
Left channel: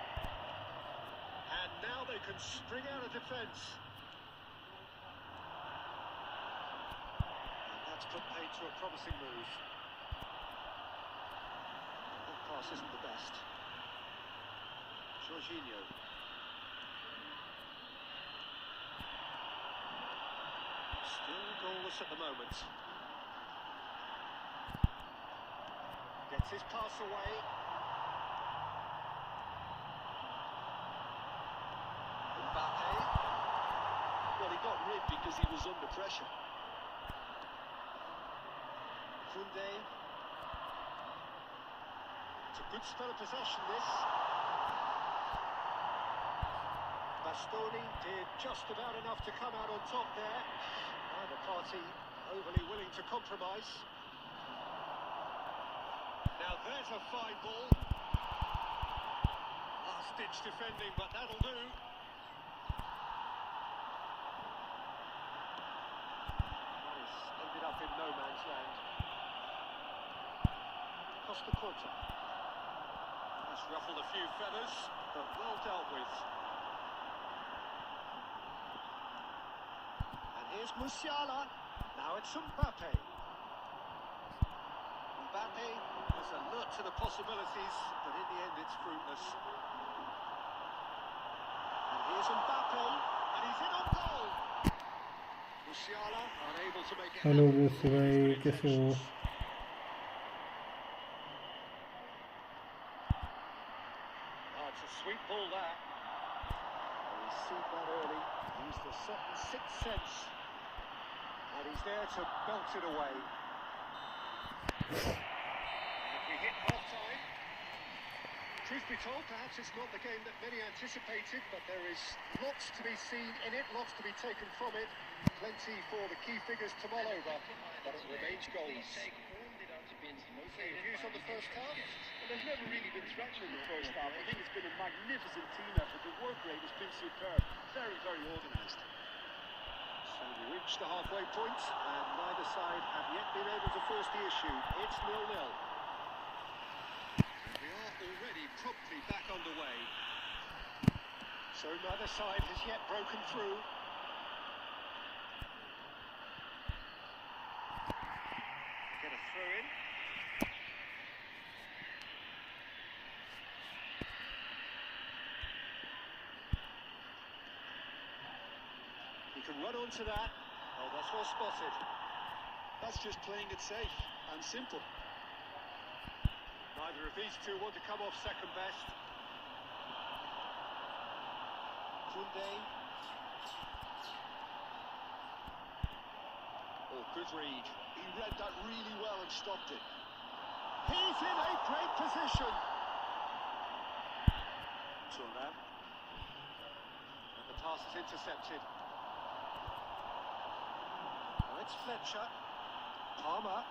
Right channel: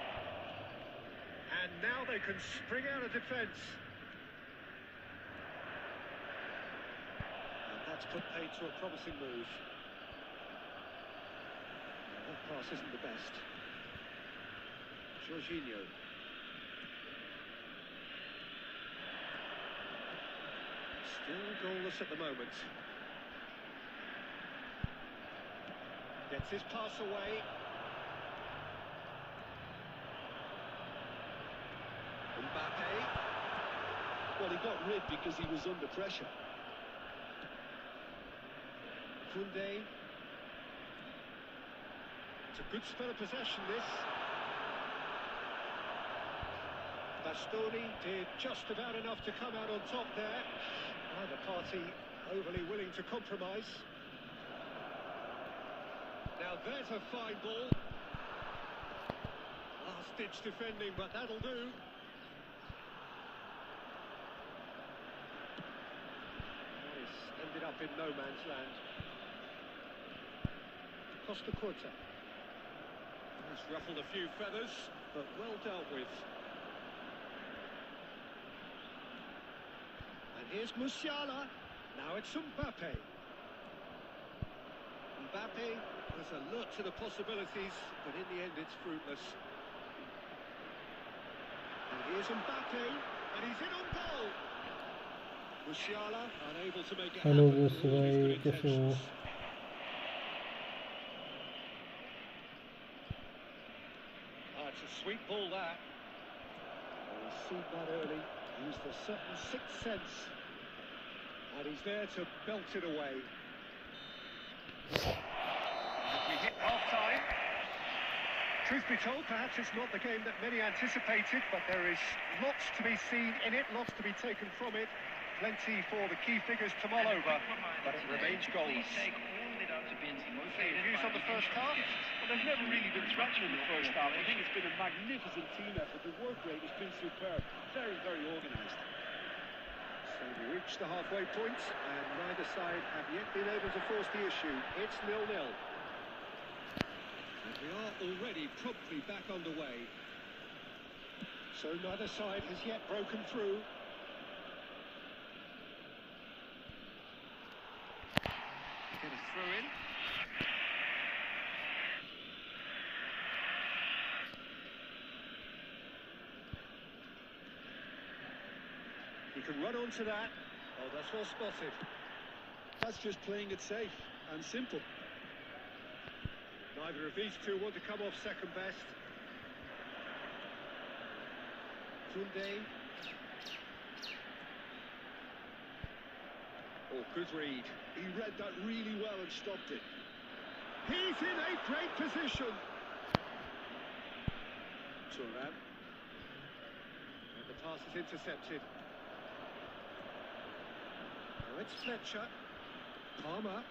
And now they can spring out of defence. That's put paid to a promising move. That pass isn't the best. Jorginho. Still goalless at the moment. Gets his pass away. Mbappe. Well, he got rid because he was under pressure. Koundé. It's a good spell of possession, this. Bastoni did just about enough to come out on top there. Neither party overly willing to compromise. Now there's a fine ball. Last-ditch defending, but that'll do. That has ended up in no man's land. Costa Curta. Has ruffled a few feathers, but well dealt with. And here's Musiala. Now it's Mbappe. Mbappe has alert to the possibilities, but in the end it's fruitless. And here's Mbappe, and he's in on goal. Musiala unable to make it hello happen with दोस्तों all his भाई, good कैसे हो? intentions. It's a sweet ball that. Oh, he's seen that early, used the certain sixth sense, and he's there to belt it away. And we hit half-time. Truth be told, perhaps it's not the game that many anticipated, but there is lots to be seen in it, lots to be taken from it. Plenty for the key figures to mull over, but it remains goalless. Views on the first half? Well, they've never really been threatened in the first half. I think it's been a magnificent team effort. The work rate has been superb. Very, very organised. So we reach the halfway point, and neither side have yet been able to force the issue. It's 0-0. And we are already promptly back underway. So neither side has yet broken through. Get a throw in. He can run onto that. Oh, that's well spotted. That's just playing it safe and simple. Neither of these two want to come off second best. Koundé. Oh, good read. He read that really well and stopped it. He's in a great position. Turnip. And the pass is intercepted. Now it's Fletcher. Palmer.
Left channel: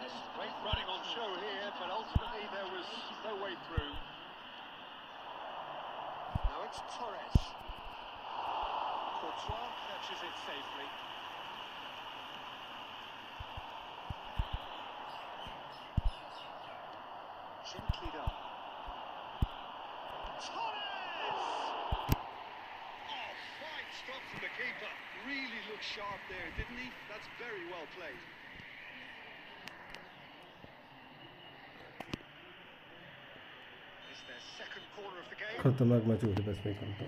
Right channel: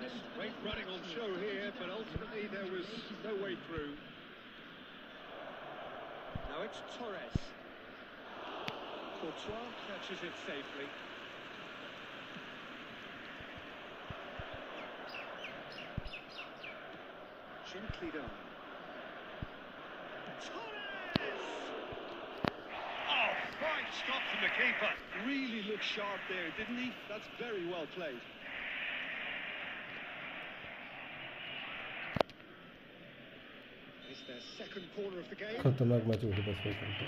There's great running on show here, but ultimately there was no way through. Now it's Torres. Courtois catches it safely. Gently done. Torres! Oh, fine stop from the keeper. Really looked sharp there, didn't he? That's very well played. It's their second corner of the game. खतरनाक match हुए थे बस में कल तो.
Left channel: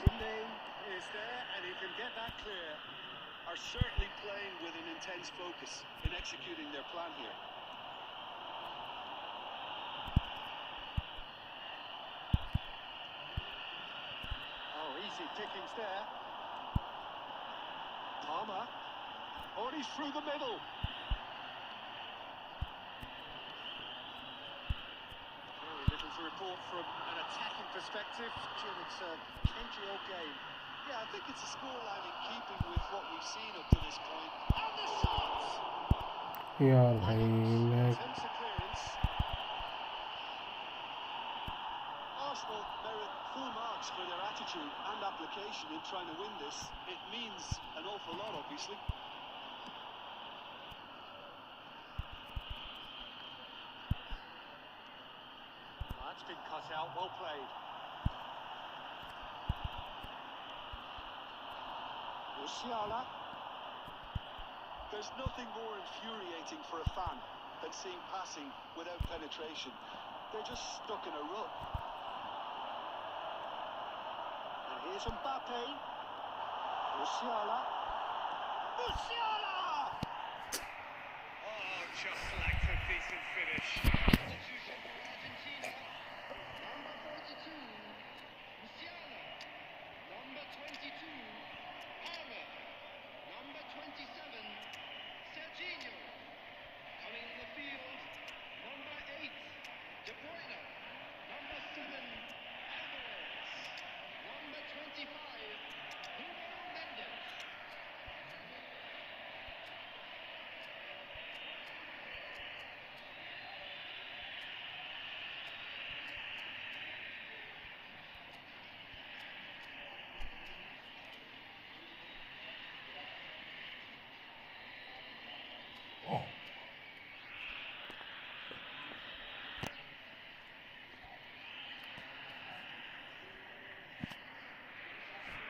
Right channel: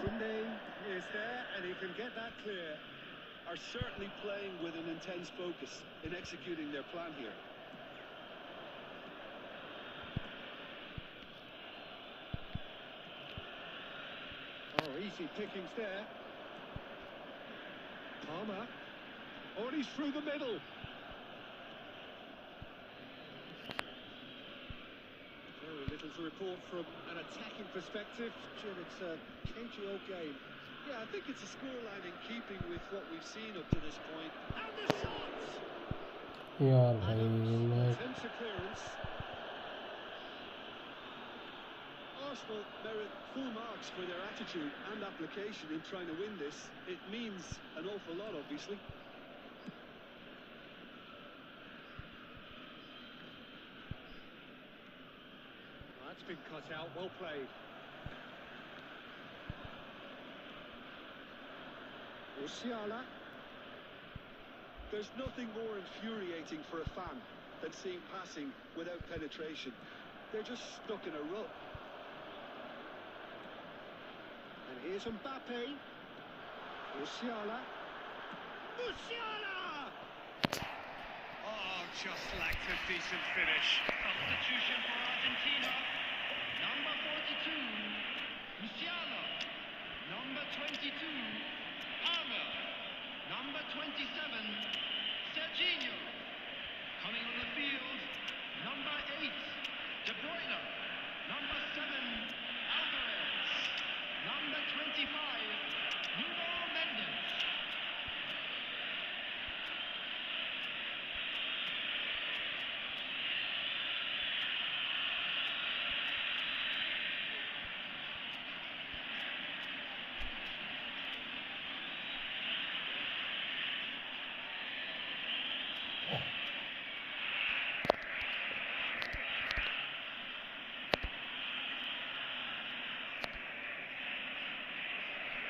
Koundé is there, and he can get that clear. Are certainly playing with an intense focus in executing their plan here. Oh, easy pickings there. Palmer. Oh, and he's through the middle. Very little to report from an attacking perspective. Jim, it's a cagey old game. Yeah, I think it's a scoreline in keeping with what we've seen up to this point. And the shots! यार भाई मैं Attempts a clearance. Arsenal merit full marks for their attitude and application in trying to win this. It means an awful lot, obviously. That's been cut out, well played. Musiala. There's nothing more infuriating for a fan than seeing passing without penetration. They're just stuck in a rut. And here's Mbappe. Musiala. Musiala! Oh, just lacked a decent finish. Substitution for Argentina. Number 42, Musiala. Number 22, Palmer. Number 27, Serginho. Coming on the field, number 8, De Bruyne. Number 7, Alvarez. Number 25, Nuno Mendes.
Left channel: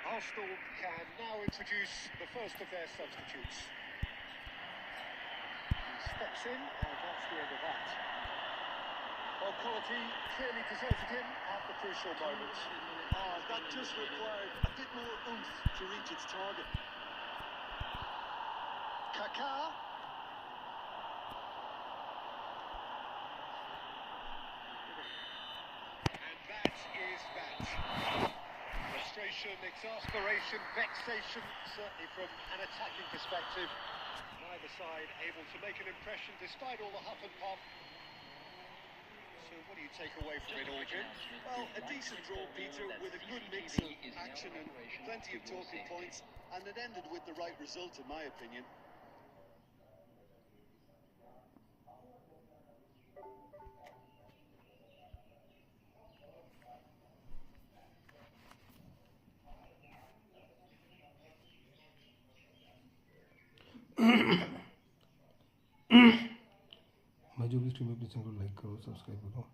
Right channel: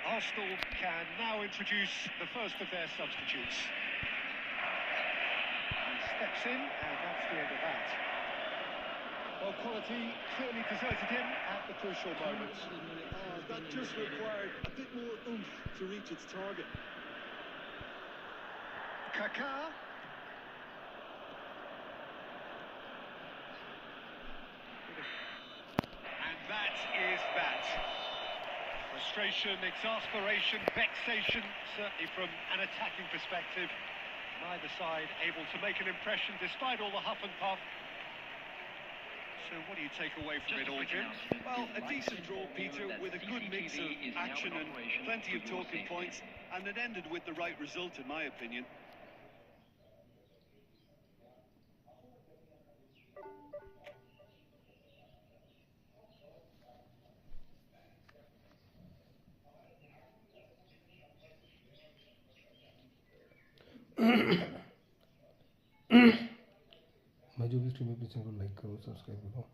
Arsenal can now introduce the first of their substitutes. He steps in, and that's the end of that. Well, quality clearly deserted him at the crucial moment. That just required a bit more oomph to reach its target. Kaká. And that is that. Frustration, exasperation, vexation, certainly from an attacking perspective. Neither side able to make an impression despite all the huff and puff. So what do you take away from it all, Jim? Well, a decent draw, Peter, with a good mix of action and plenty of talking points, and it ended with the right result, in my opinion. मैं जो भी stream है please को like करो, subscribe करो।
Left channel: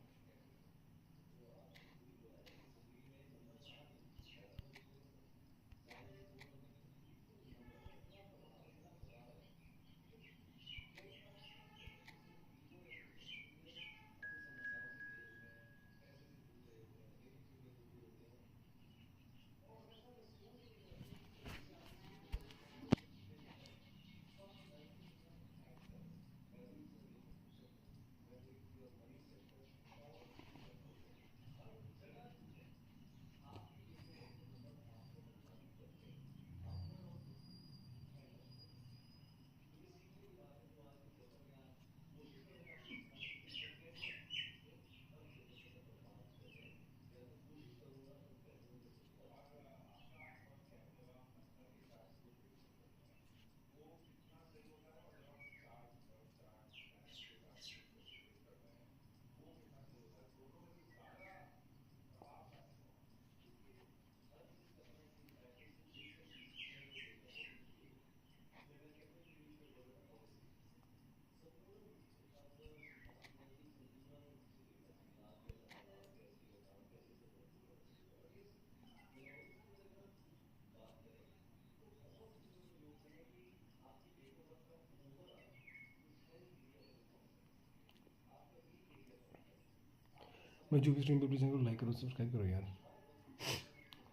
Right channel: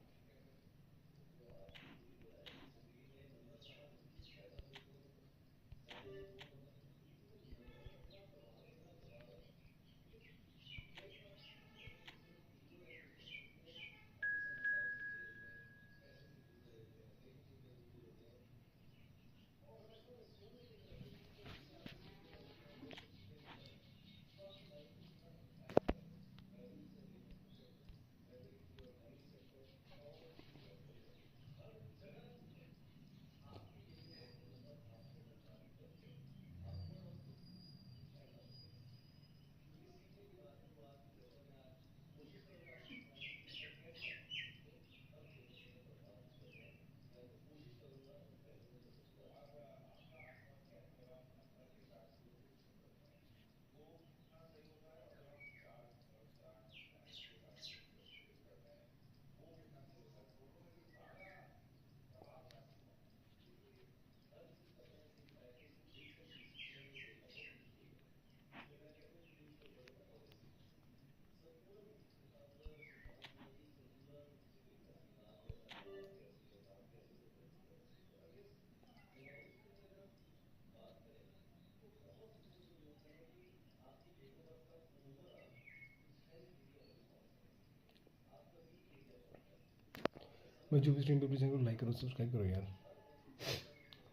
मैं जो भी स्ट्रीम पे प्लीज को लाइक करो, सब्सक्राइब करो यार।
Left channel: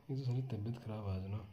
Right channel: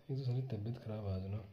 ये तो सारी तबीयत खराब आज ना।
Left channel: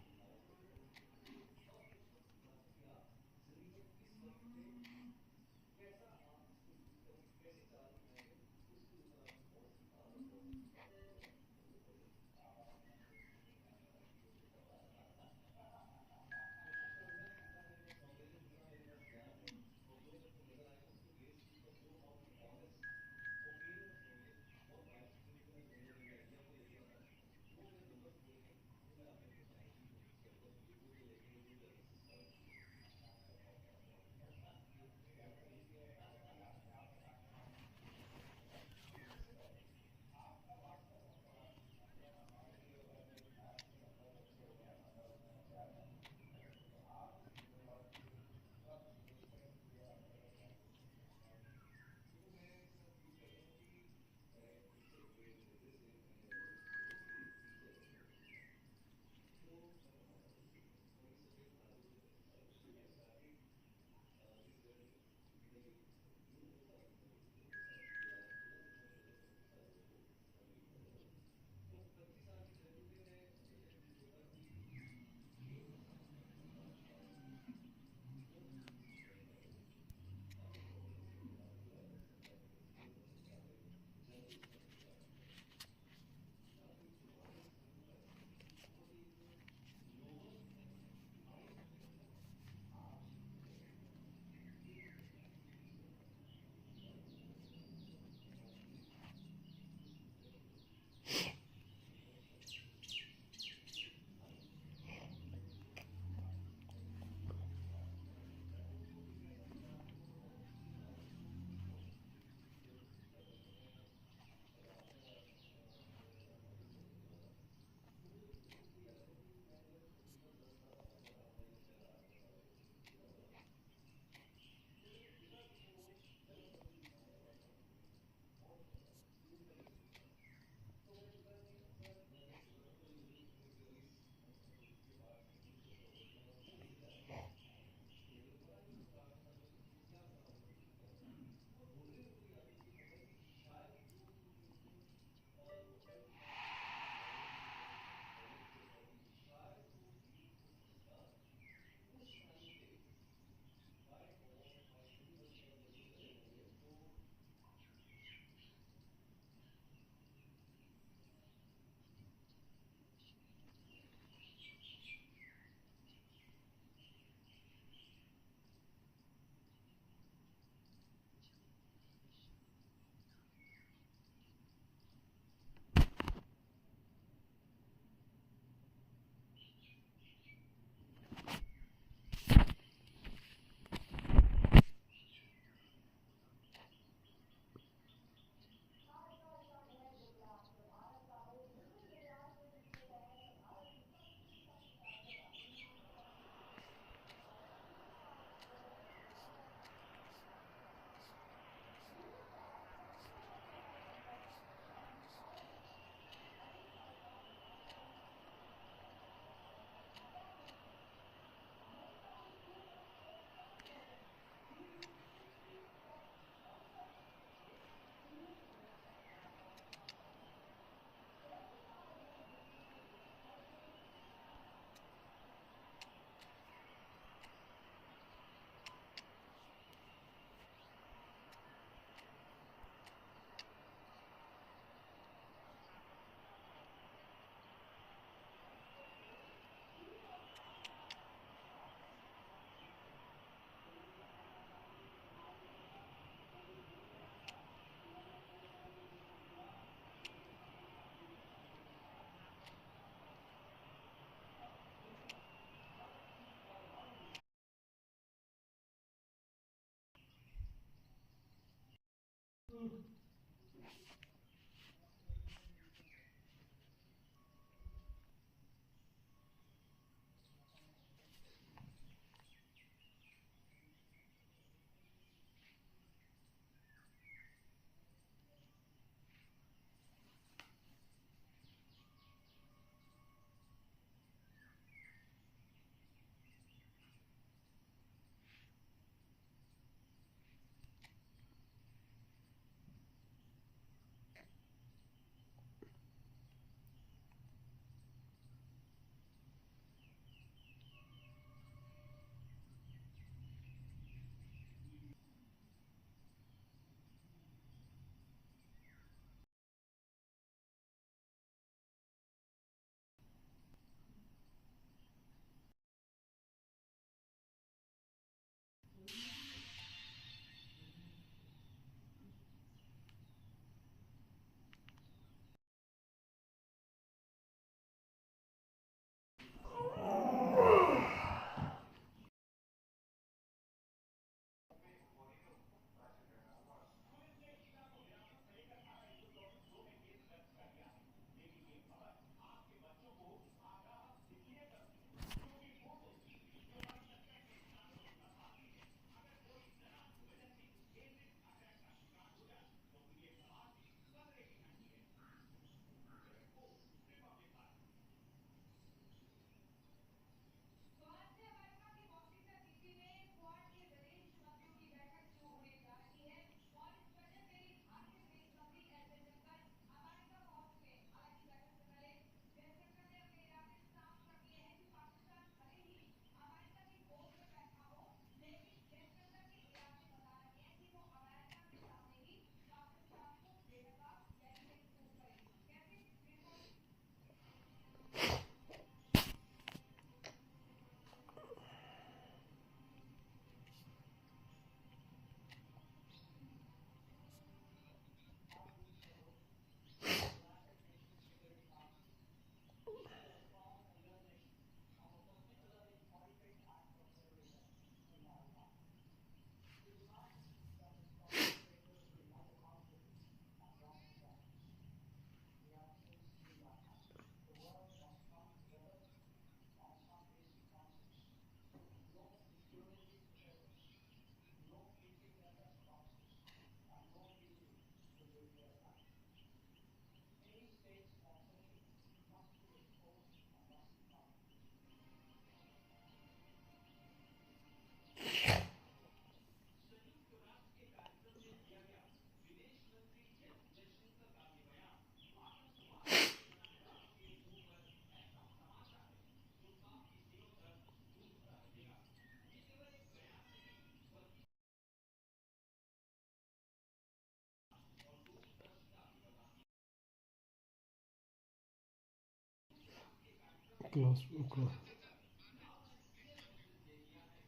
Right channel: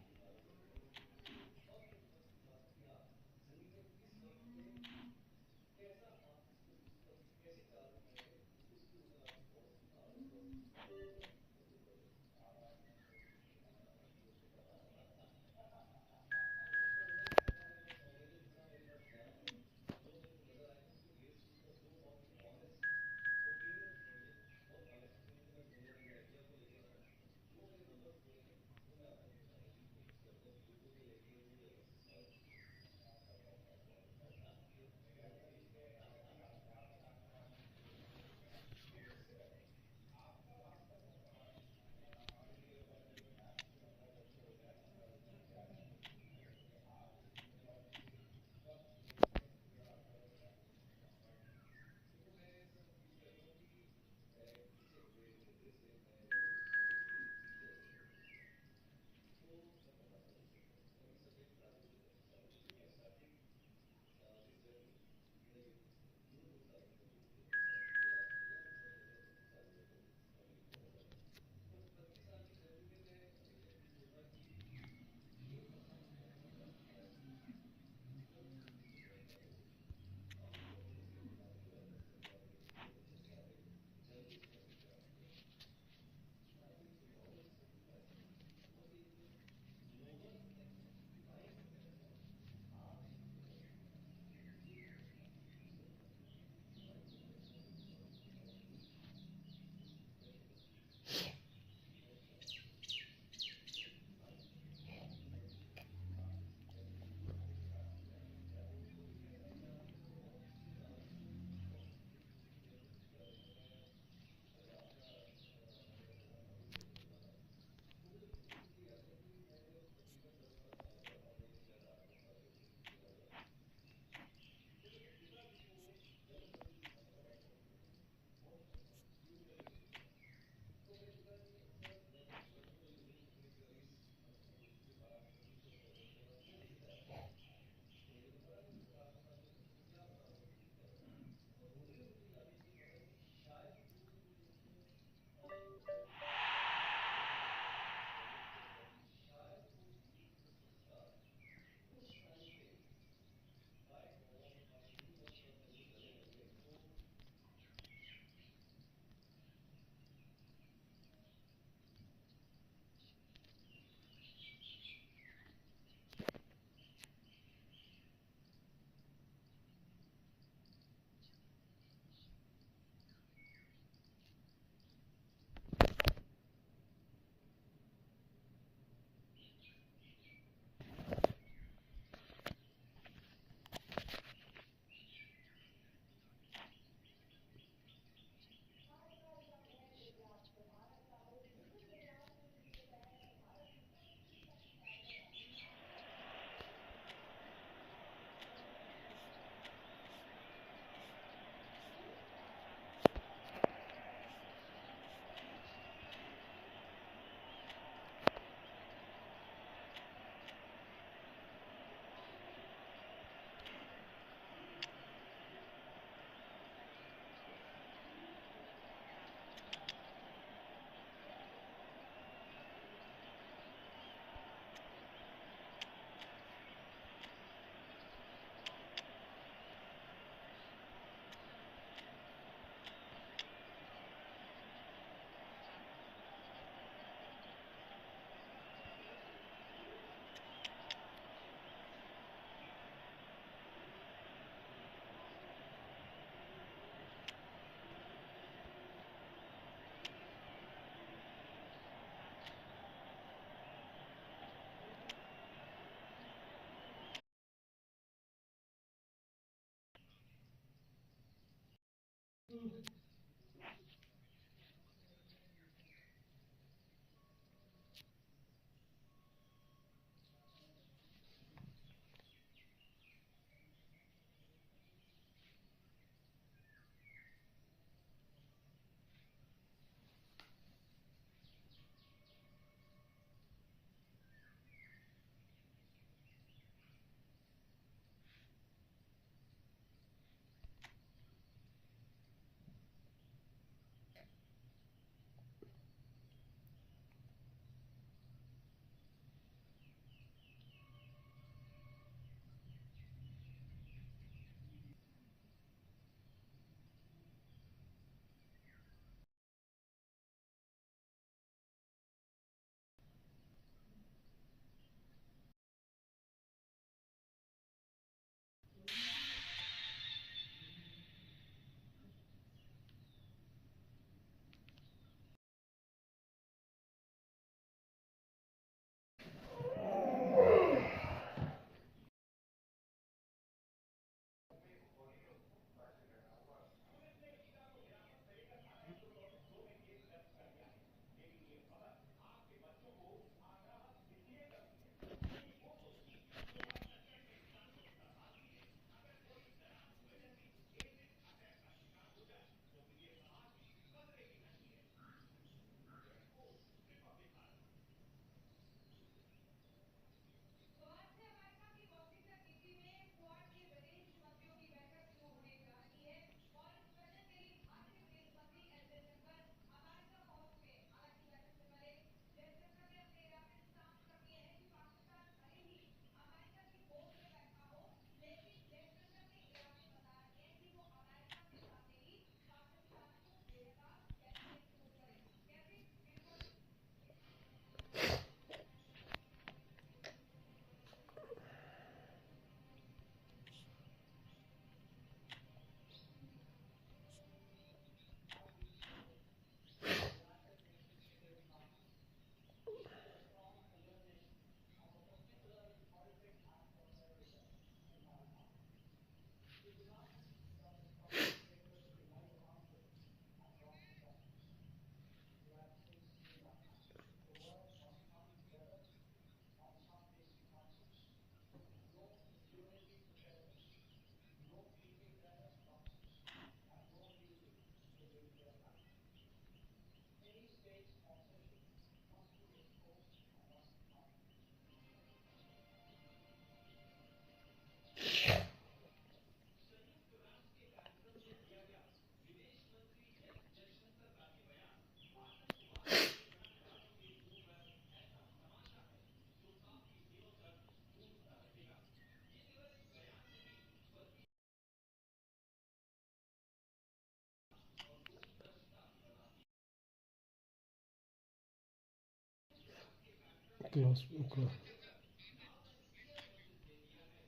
क्लोज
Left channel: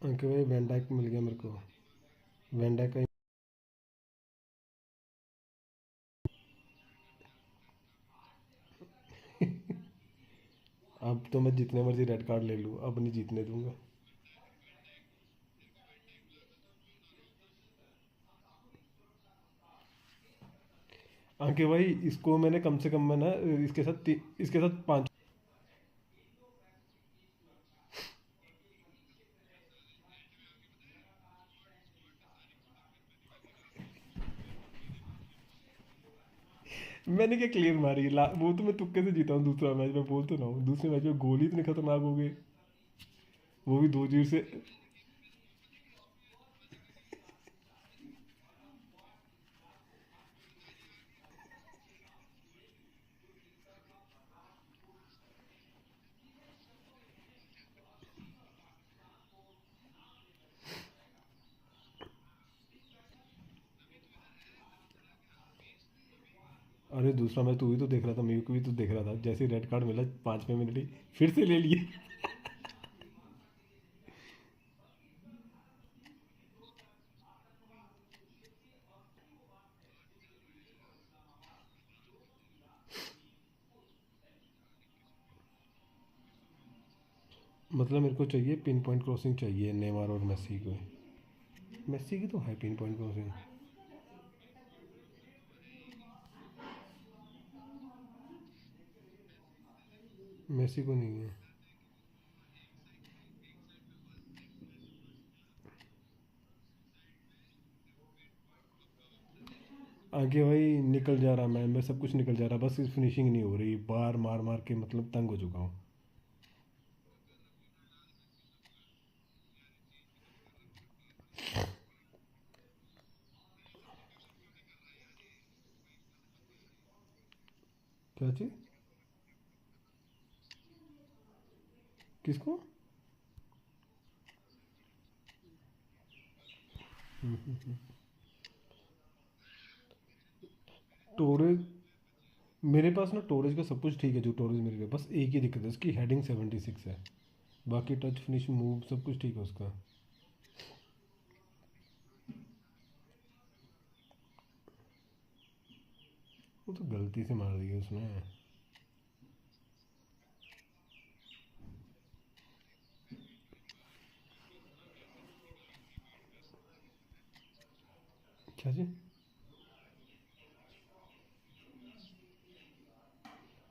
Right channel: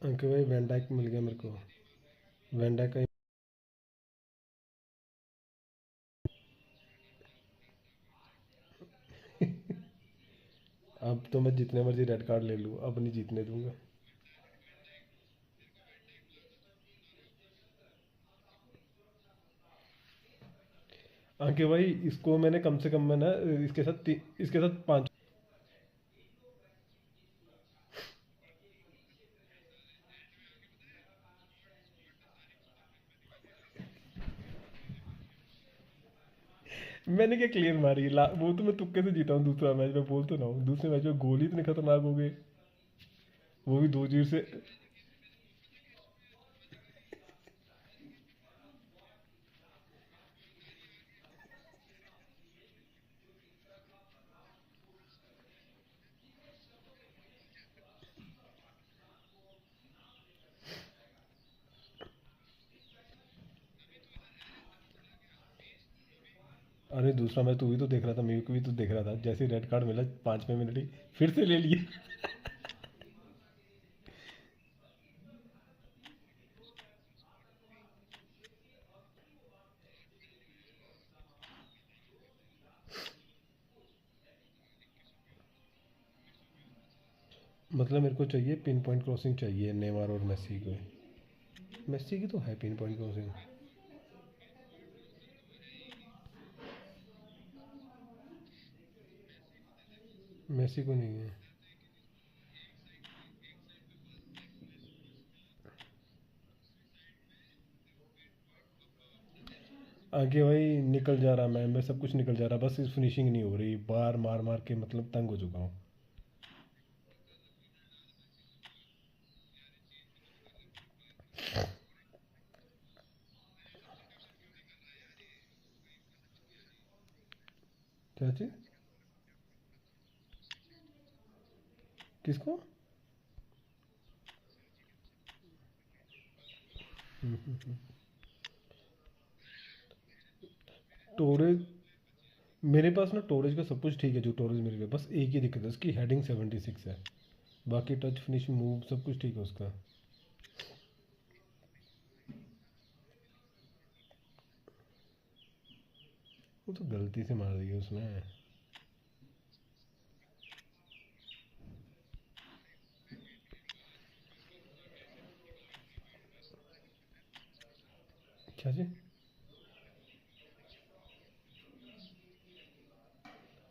अंके भाई वैन मिल गया मेरे को। वैन का अब तो मैं जितने मर्जी रेड कार्ड ले लूँ, अब नहीं जीतने दूंगा। अंके भाई इसको मैंने कम से कम मैं ना इसके साथ 5। मैंने क्या क्लियर मारी वो तो मैं तुक्के से जीता हूँ। दूसरा मैच में बोल तो ना हूँ, दूसरे मैच में गोल ही इतने खतरनाक हो गए, वो भी 2-0 से। अरे दूसरा मैच तू भी तो देख रहा था, मेरे को भी तो देख रहा था। जैसे रेड कार्ड मिला 5वें मिनट ही फिर से ले लिए। मतलब मेरे को चाहिए पिन पॉइंट क्रॉसिंग चाहिए नेमार और मेसी को। मेसी की तो है पिन पॉइंट क्रॉसिंग। मेसी को नहीं है। आगे भाई निकल जा रहा, मैं सब कुछ निकल जा रहा, बस इस फिनिशिंग नहीं हो रही, बार मार मार के मतलब तंग हो चुका हूँ। क्या चीज़? किसको? टोरेज, मेरे पास ना टोरेज का सब कुछ ठीक है, जो टोरेज मेरे लिए, बस एक ही दिक्कत है, उसकी हेडिंग 76 है, बाकी टच फिनिश मूव सब कुछ ठीक है उसका। वो तो गलती से मार दी है उसने। क्या जी?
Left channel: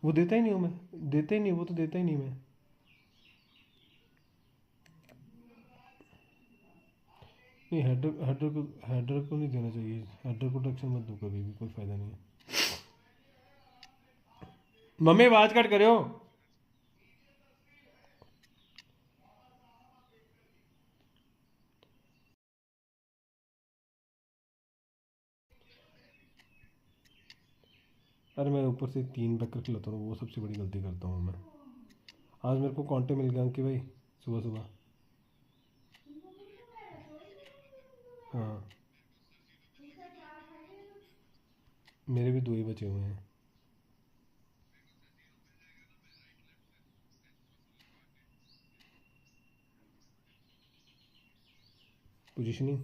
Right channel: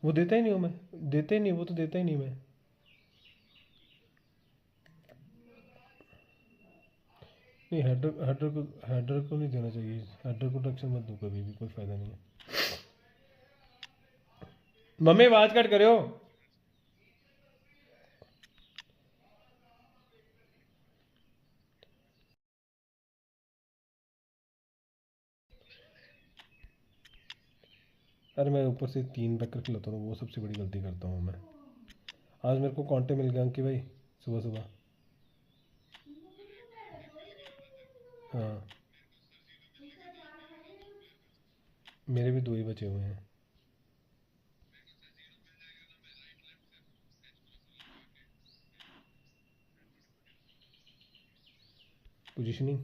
वो देता ही नहीं हूँ मैं, देता ही नहीं, वो तो देता ही नहीं मैं। नहीं, हेडर को नहीं देना चाहिए, हेडर को टक्शन मत दो कभी भी, कोई फ़ायदा नहीं है। मम्मी आवाज कट करो। अरे मैं ऊपर से 3 बैकर खिलाता हूँ, वो सबसे बड़ी गलती करता हूँ मैं। आज मेरे को कांटे मिल गए कि भाई, सुबह सुबह। हाँ, मेरे भी 2 ही बचे हुए हैं। पोजीशनिंग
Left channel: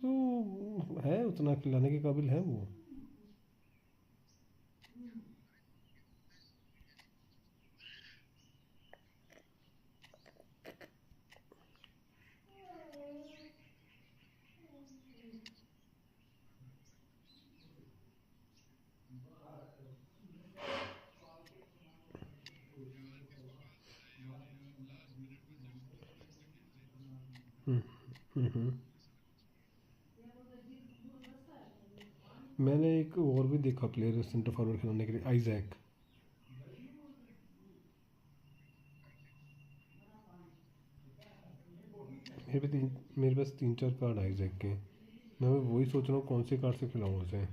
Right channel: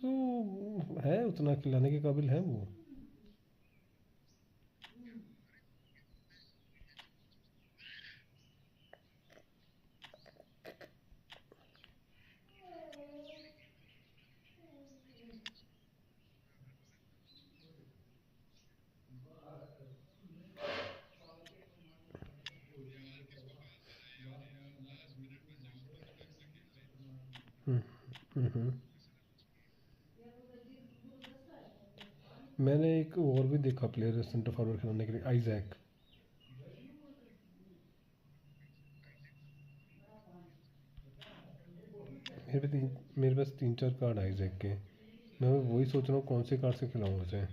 तो है, उतना खिलाने के काबिल है वो। हम्म, हम्म। मैंने एक और भी देखा प्लेयर सेंटर फॉरवर्ड खिलाने के लिए, आइजैक। मेरे पास 3-4 कार्ड आइजैक के, मैं वही सोच रहा हूँ कौन से कार्ड से खिलाऊँ उसे।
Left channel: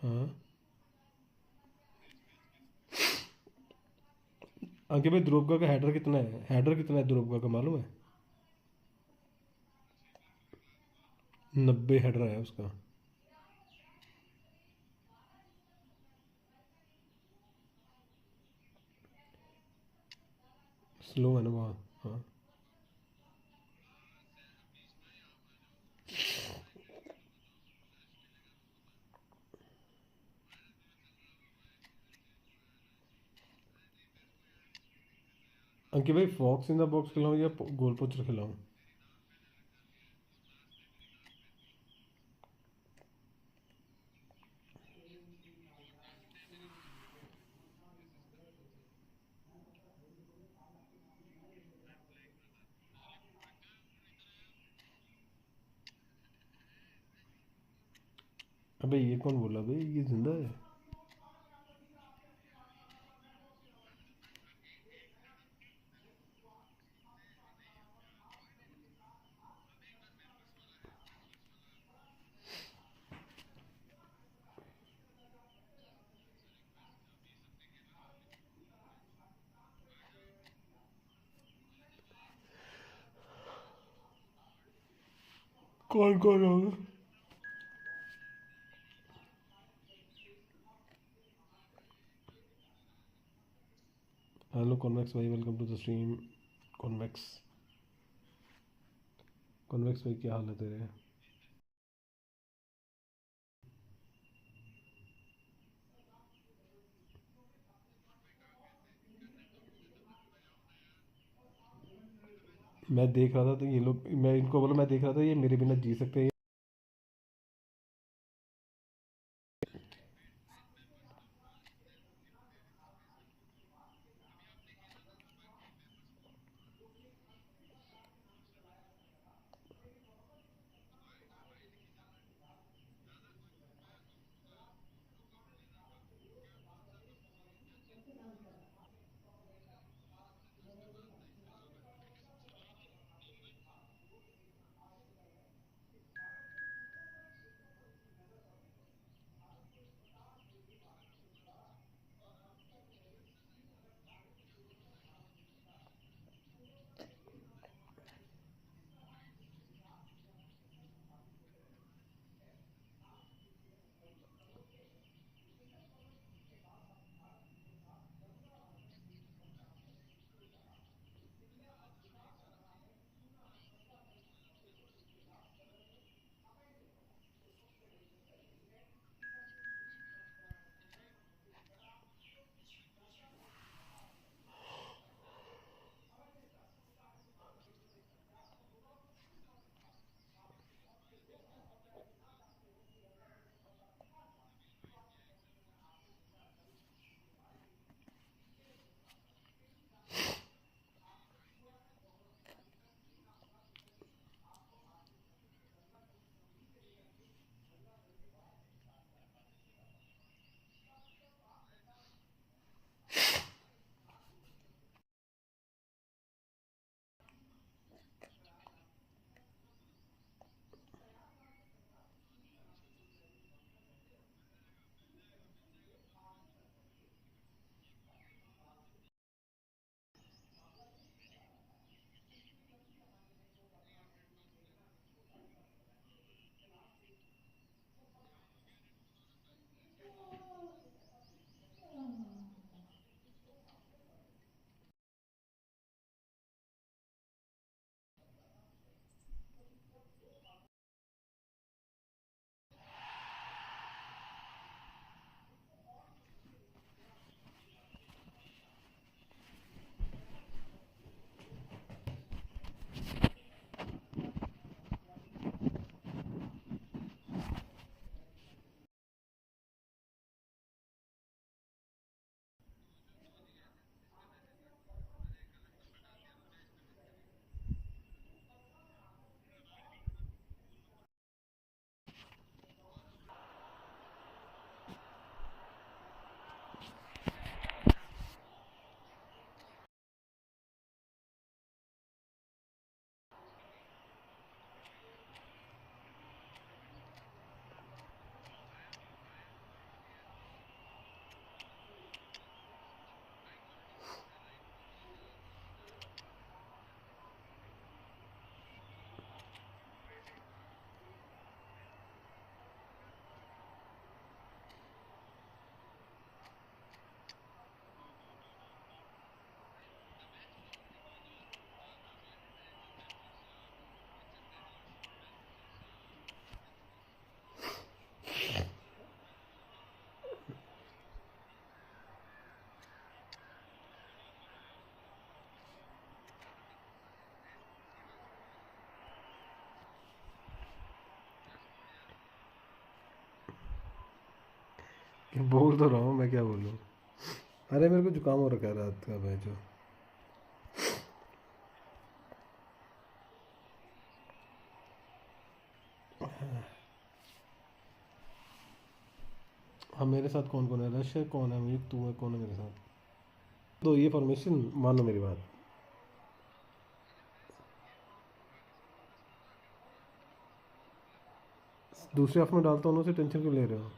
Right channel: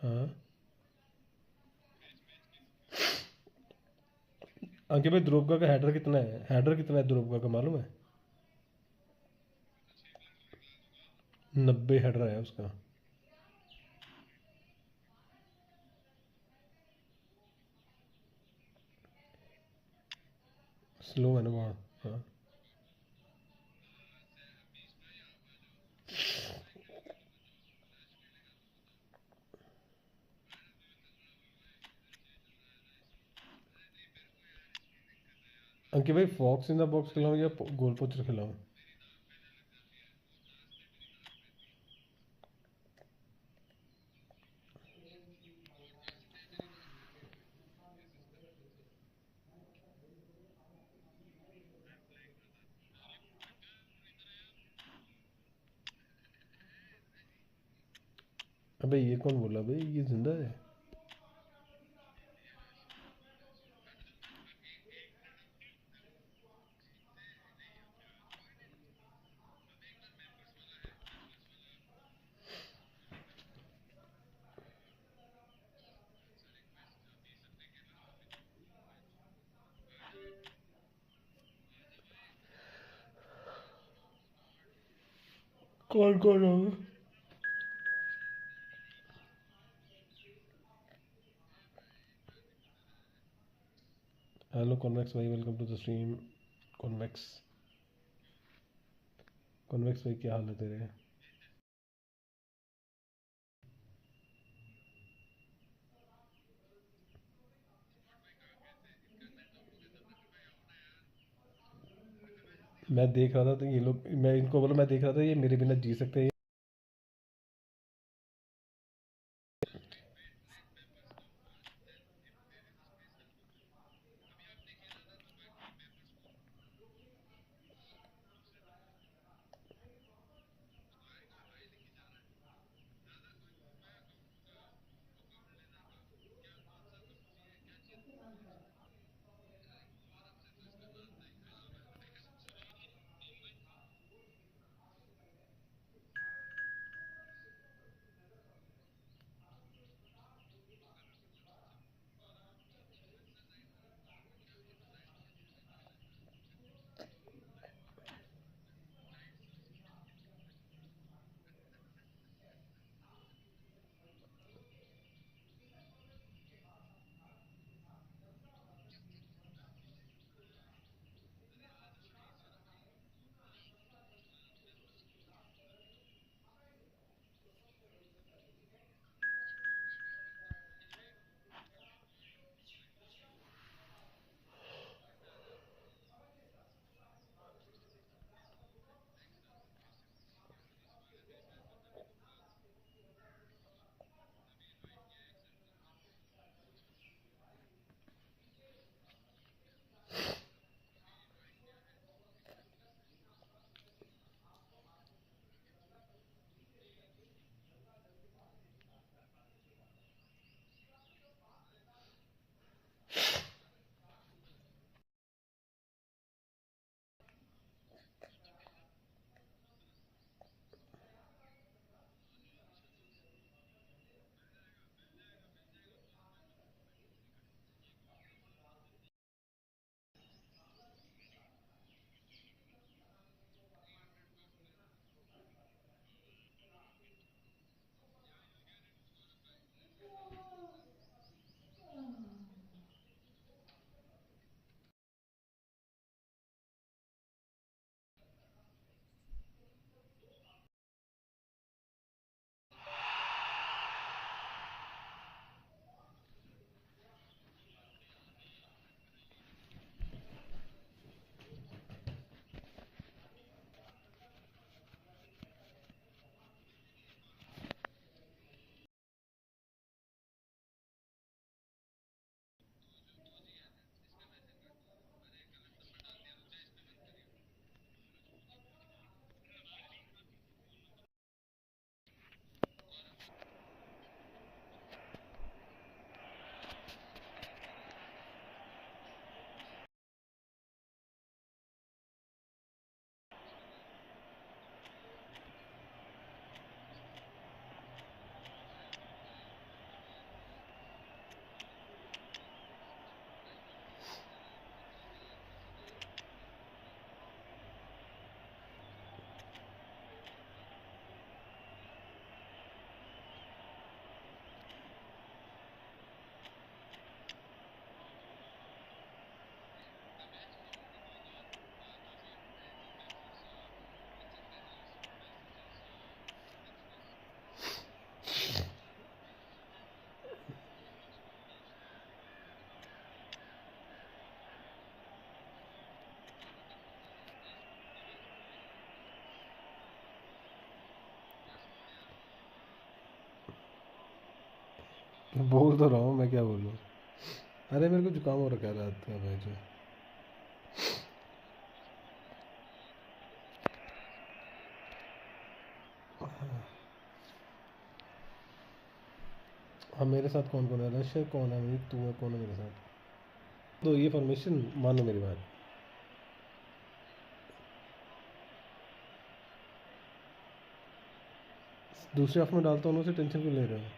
हाँ, आगे भाई ध्रुवगा का हेडर कितना है, हेडर कितना है ध्रुवगा का मालूम है? 90 हेडर है उसका। स्लो है ना बहुत। हाँ, अंकित भाई फॉक्स इन द बॉक्स खिलाऊँ या गोल पोस्टर खिलाऊँ? अबे ये कौन बोला भाई, ये जिंदा है? कौन कौन होगा? हेलो कॉन्वेक्स भाई, welcome to the stream. Convex, Convex भाई क्या हाल है तेरे? मैं देख रहा था तो ये लोग, मैं इनको बोला, मैं देख रहा था ये मेरे बिना जी सकते हैं। बोल तो रहा हूँ, मैं क्या बोलूँ। अरे मेरे को जुकाम हो रखा है रात का भाई जो। हाँ, मेरे साथ कौन कौन है? रश है, कौन है? मेरी तू है, कौन है मेरे साथ? तो ये फॉर्मेशन मानो मेरी बात। दूसरे हाफ में डालता हूँ, उसे टेंशन क्यों ले रहे हो?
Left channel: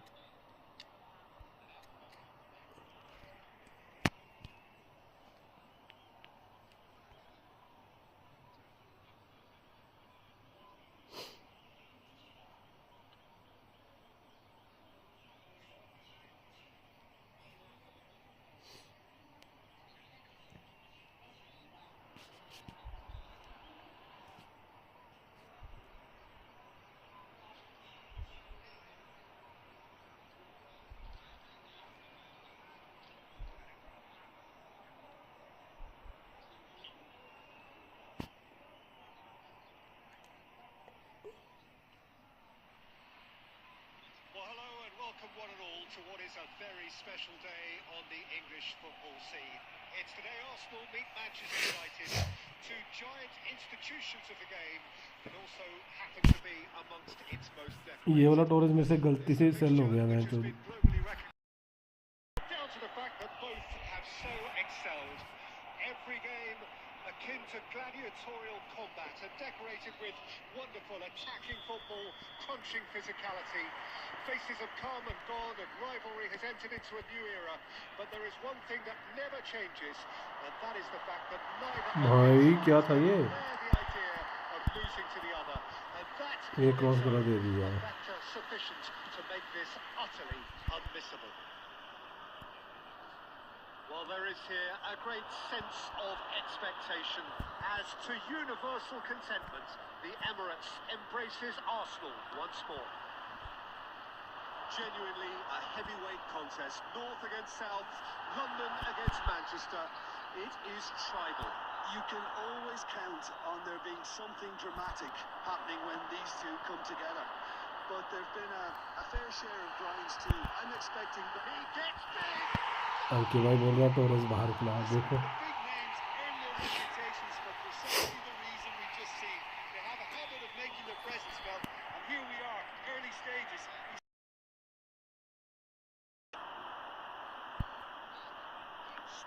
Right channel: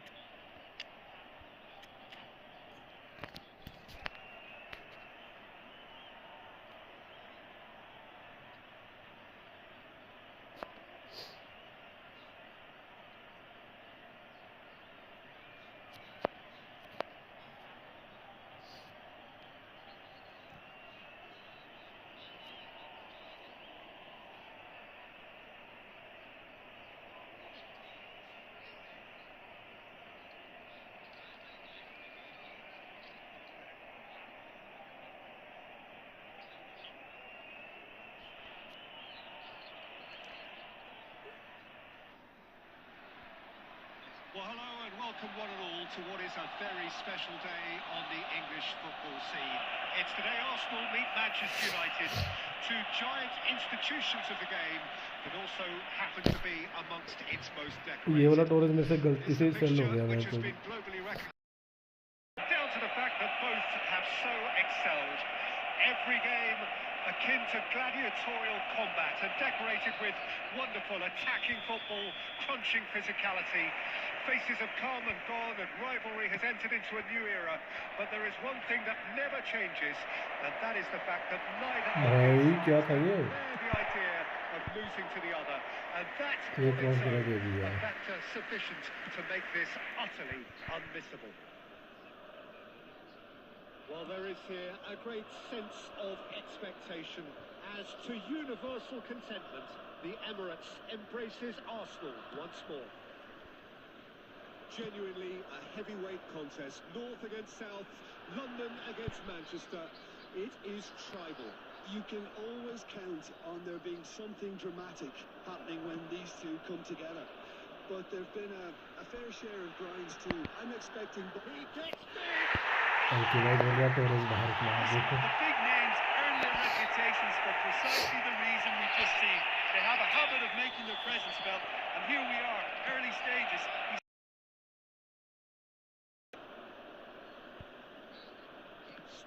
welcome one and all to what is a very special day on the English football scene. It's today Arsenal meet Manchester United, two giant institutions of the game, but also happen to be amongst its most ये वाला decorated. Torres में से गलती से cell हो गया मैं Which has तो been globally recognized, down to the fact that both have so excelled. Every game akin to gladiatorial combat and decorated with wonderful attacking football, crunching physicality. Faces have come and gone and rivalry has entered into a new era, but there is one thing that never changes, and that is the fact that neither भाई क्या था ये bear the idea of losing to the other, and that's ये on cross its करा own दे दिया a factor sufficient to make this utterly unmissable. Well, there is here a great sense of expectation as, to universal contentment, the Emirates embraces Arsenal once more. Genuinely a heavyweight contest, North against South, London against Manchester. It is tribal. You can always count on there being something dramatic happening when these two come together. But there've been a fair share of grinds too. I'm expecting... He gets big! Okay भाई बोल रहा Torres बाहर निकला देखो The big names earn their reputations for precisely the reason we just seen. They have a habit of making their presence felt, and here we are, early stages.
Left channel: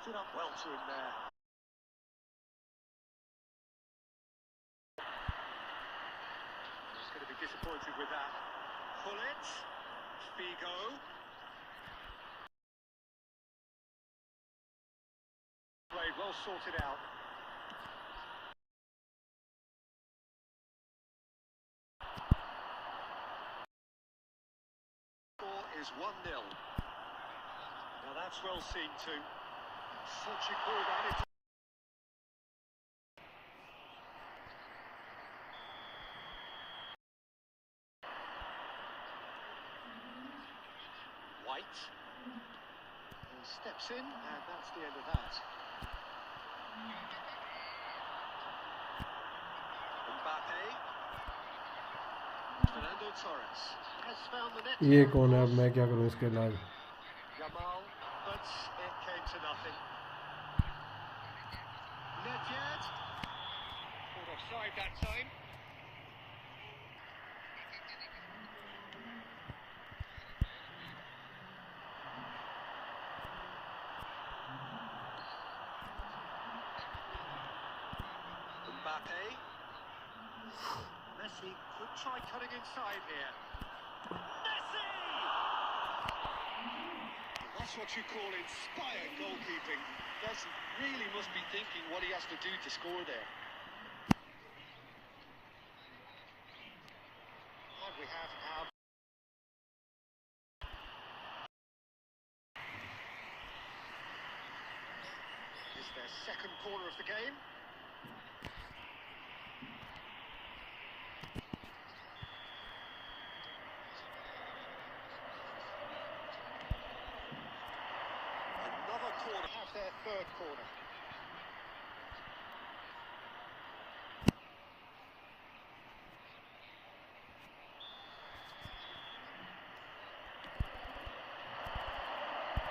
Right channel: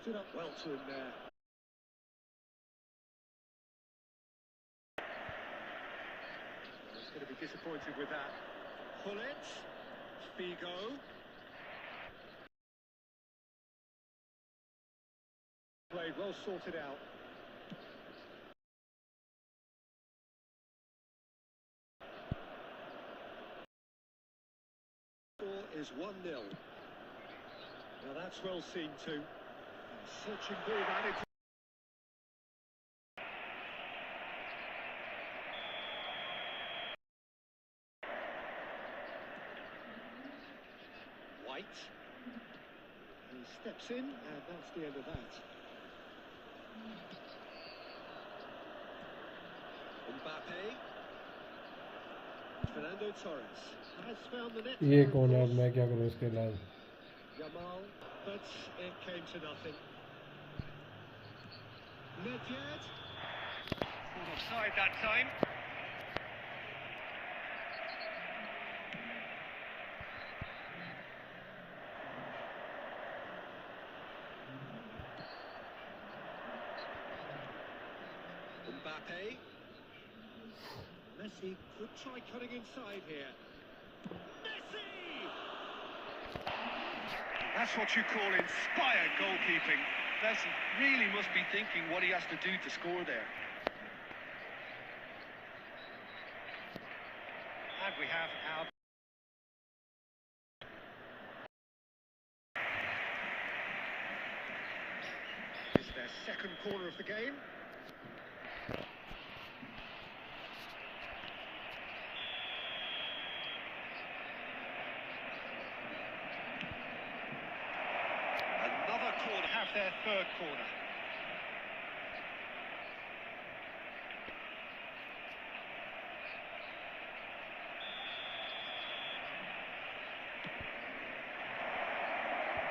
Stood up well to him there. Well, he's going to be disappointed with that. Pull it. Figo. Played well sorted out. Score is 1-0. Now that's well seen too. Searching ball down into... White. He steps in, and that's the end of that. Mbappe. Fernando Torres has found the net. ये कौन है अब मैं क्या करूं इसके इलाज Yamal, but it came to nothing. Nedved. Caught offside that time. Mbappe. Messi could try cutting inside here. Messi! That's what you call inspired goalkeeping. Messi really must be thinking what he has to do to score there. And we have our... It's their second corner of the game. Another corner, have their third corner.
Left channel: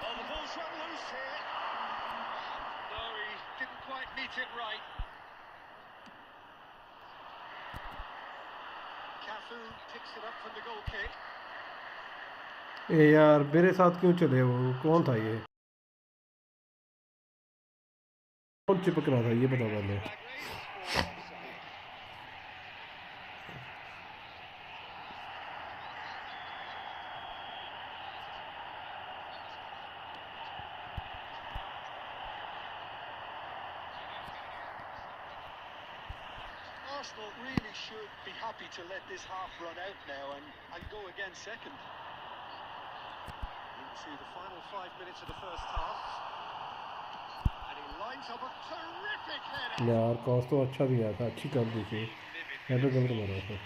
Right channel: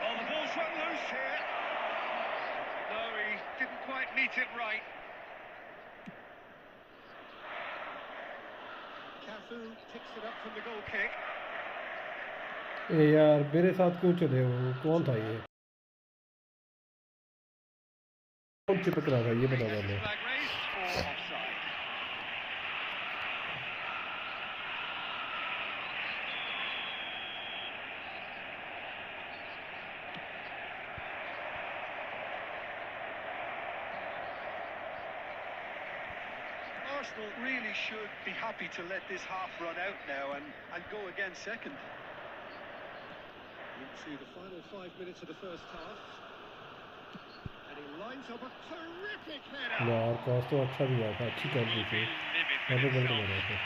Oh, the ball's run loose here. No, he didn't quite meet it right. Cafu picks it up from the goal kick. ए यार मेरे साथ क्यों चले वो कौन था ये कौन चिपक रहा था ये बता पहले Flag raised for offside. Arsenal really should be happy to let this half run out now and go again second. Into the final 5 minutes of the first half. And he lines up a terrific header. यार cost तो अच्छा दिया था अच्छी कर दी थी मैं तो गलत लग रहा था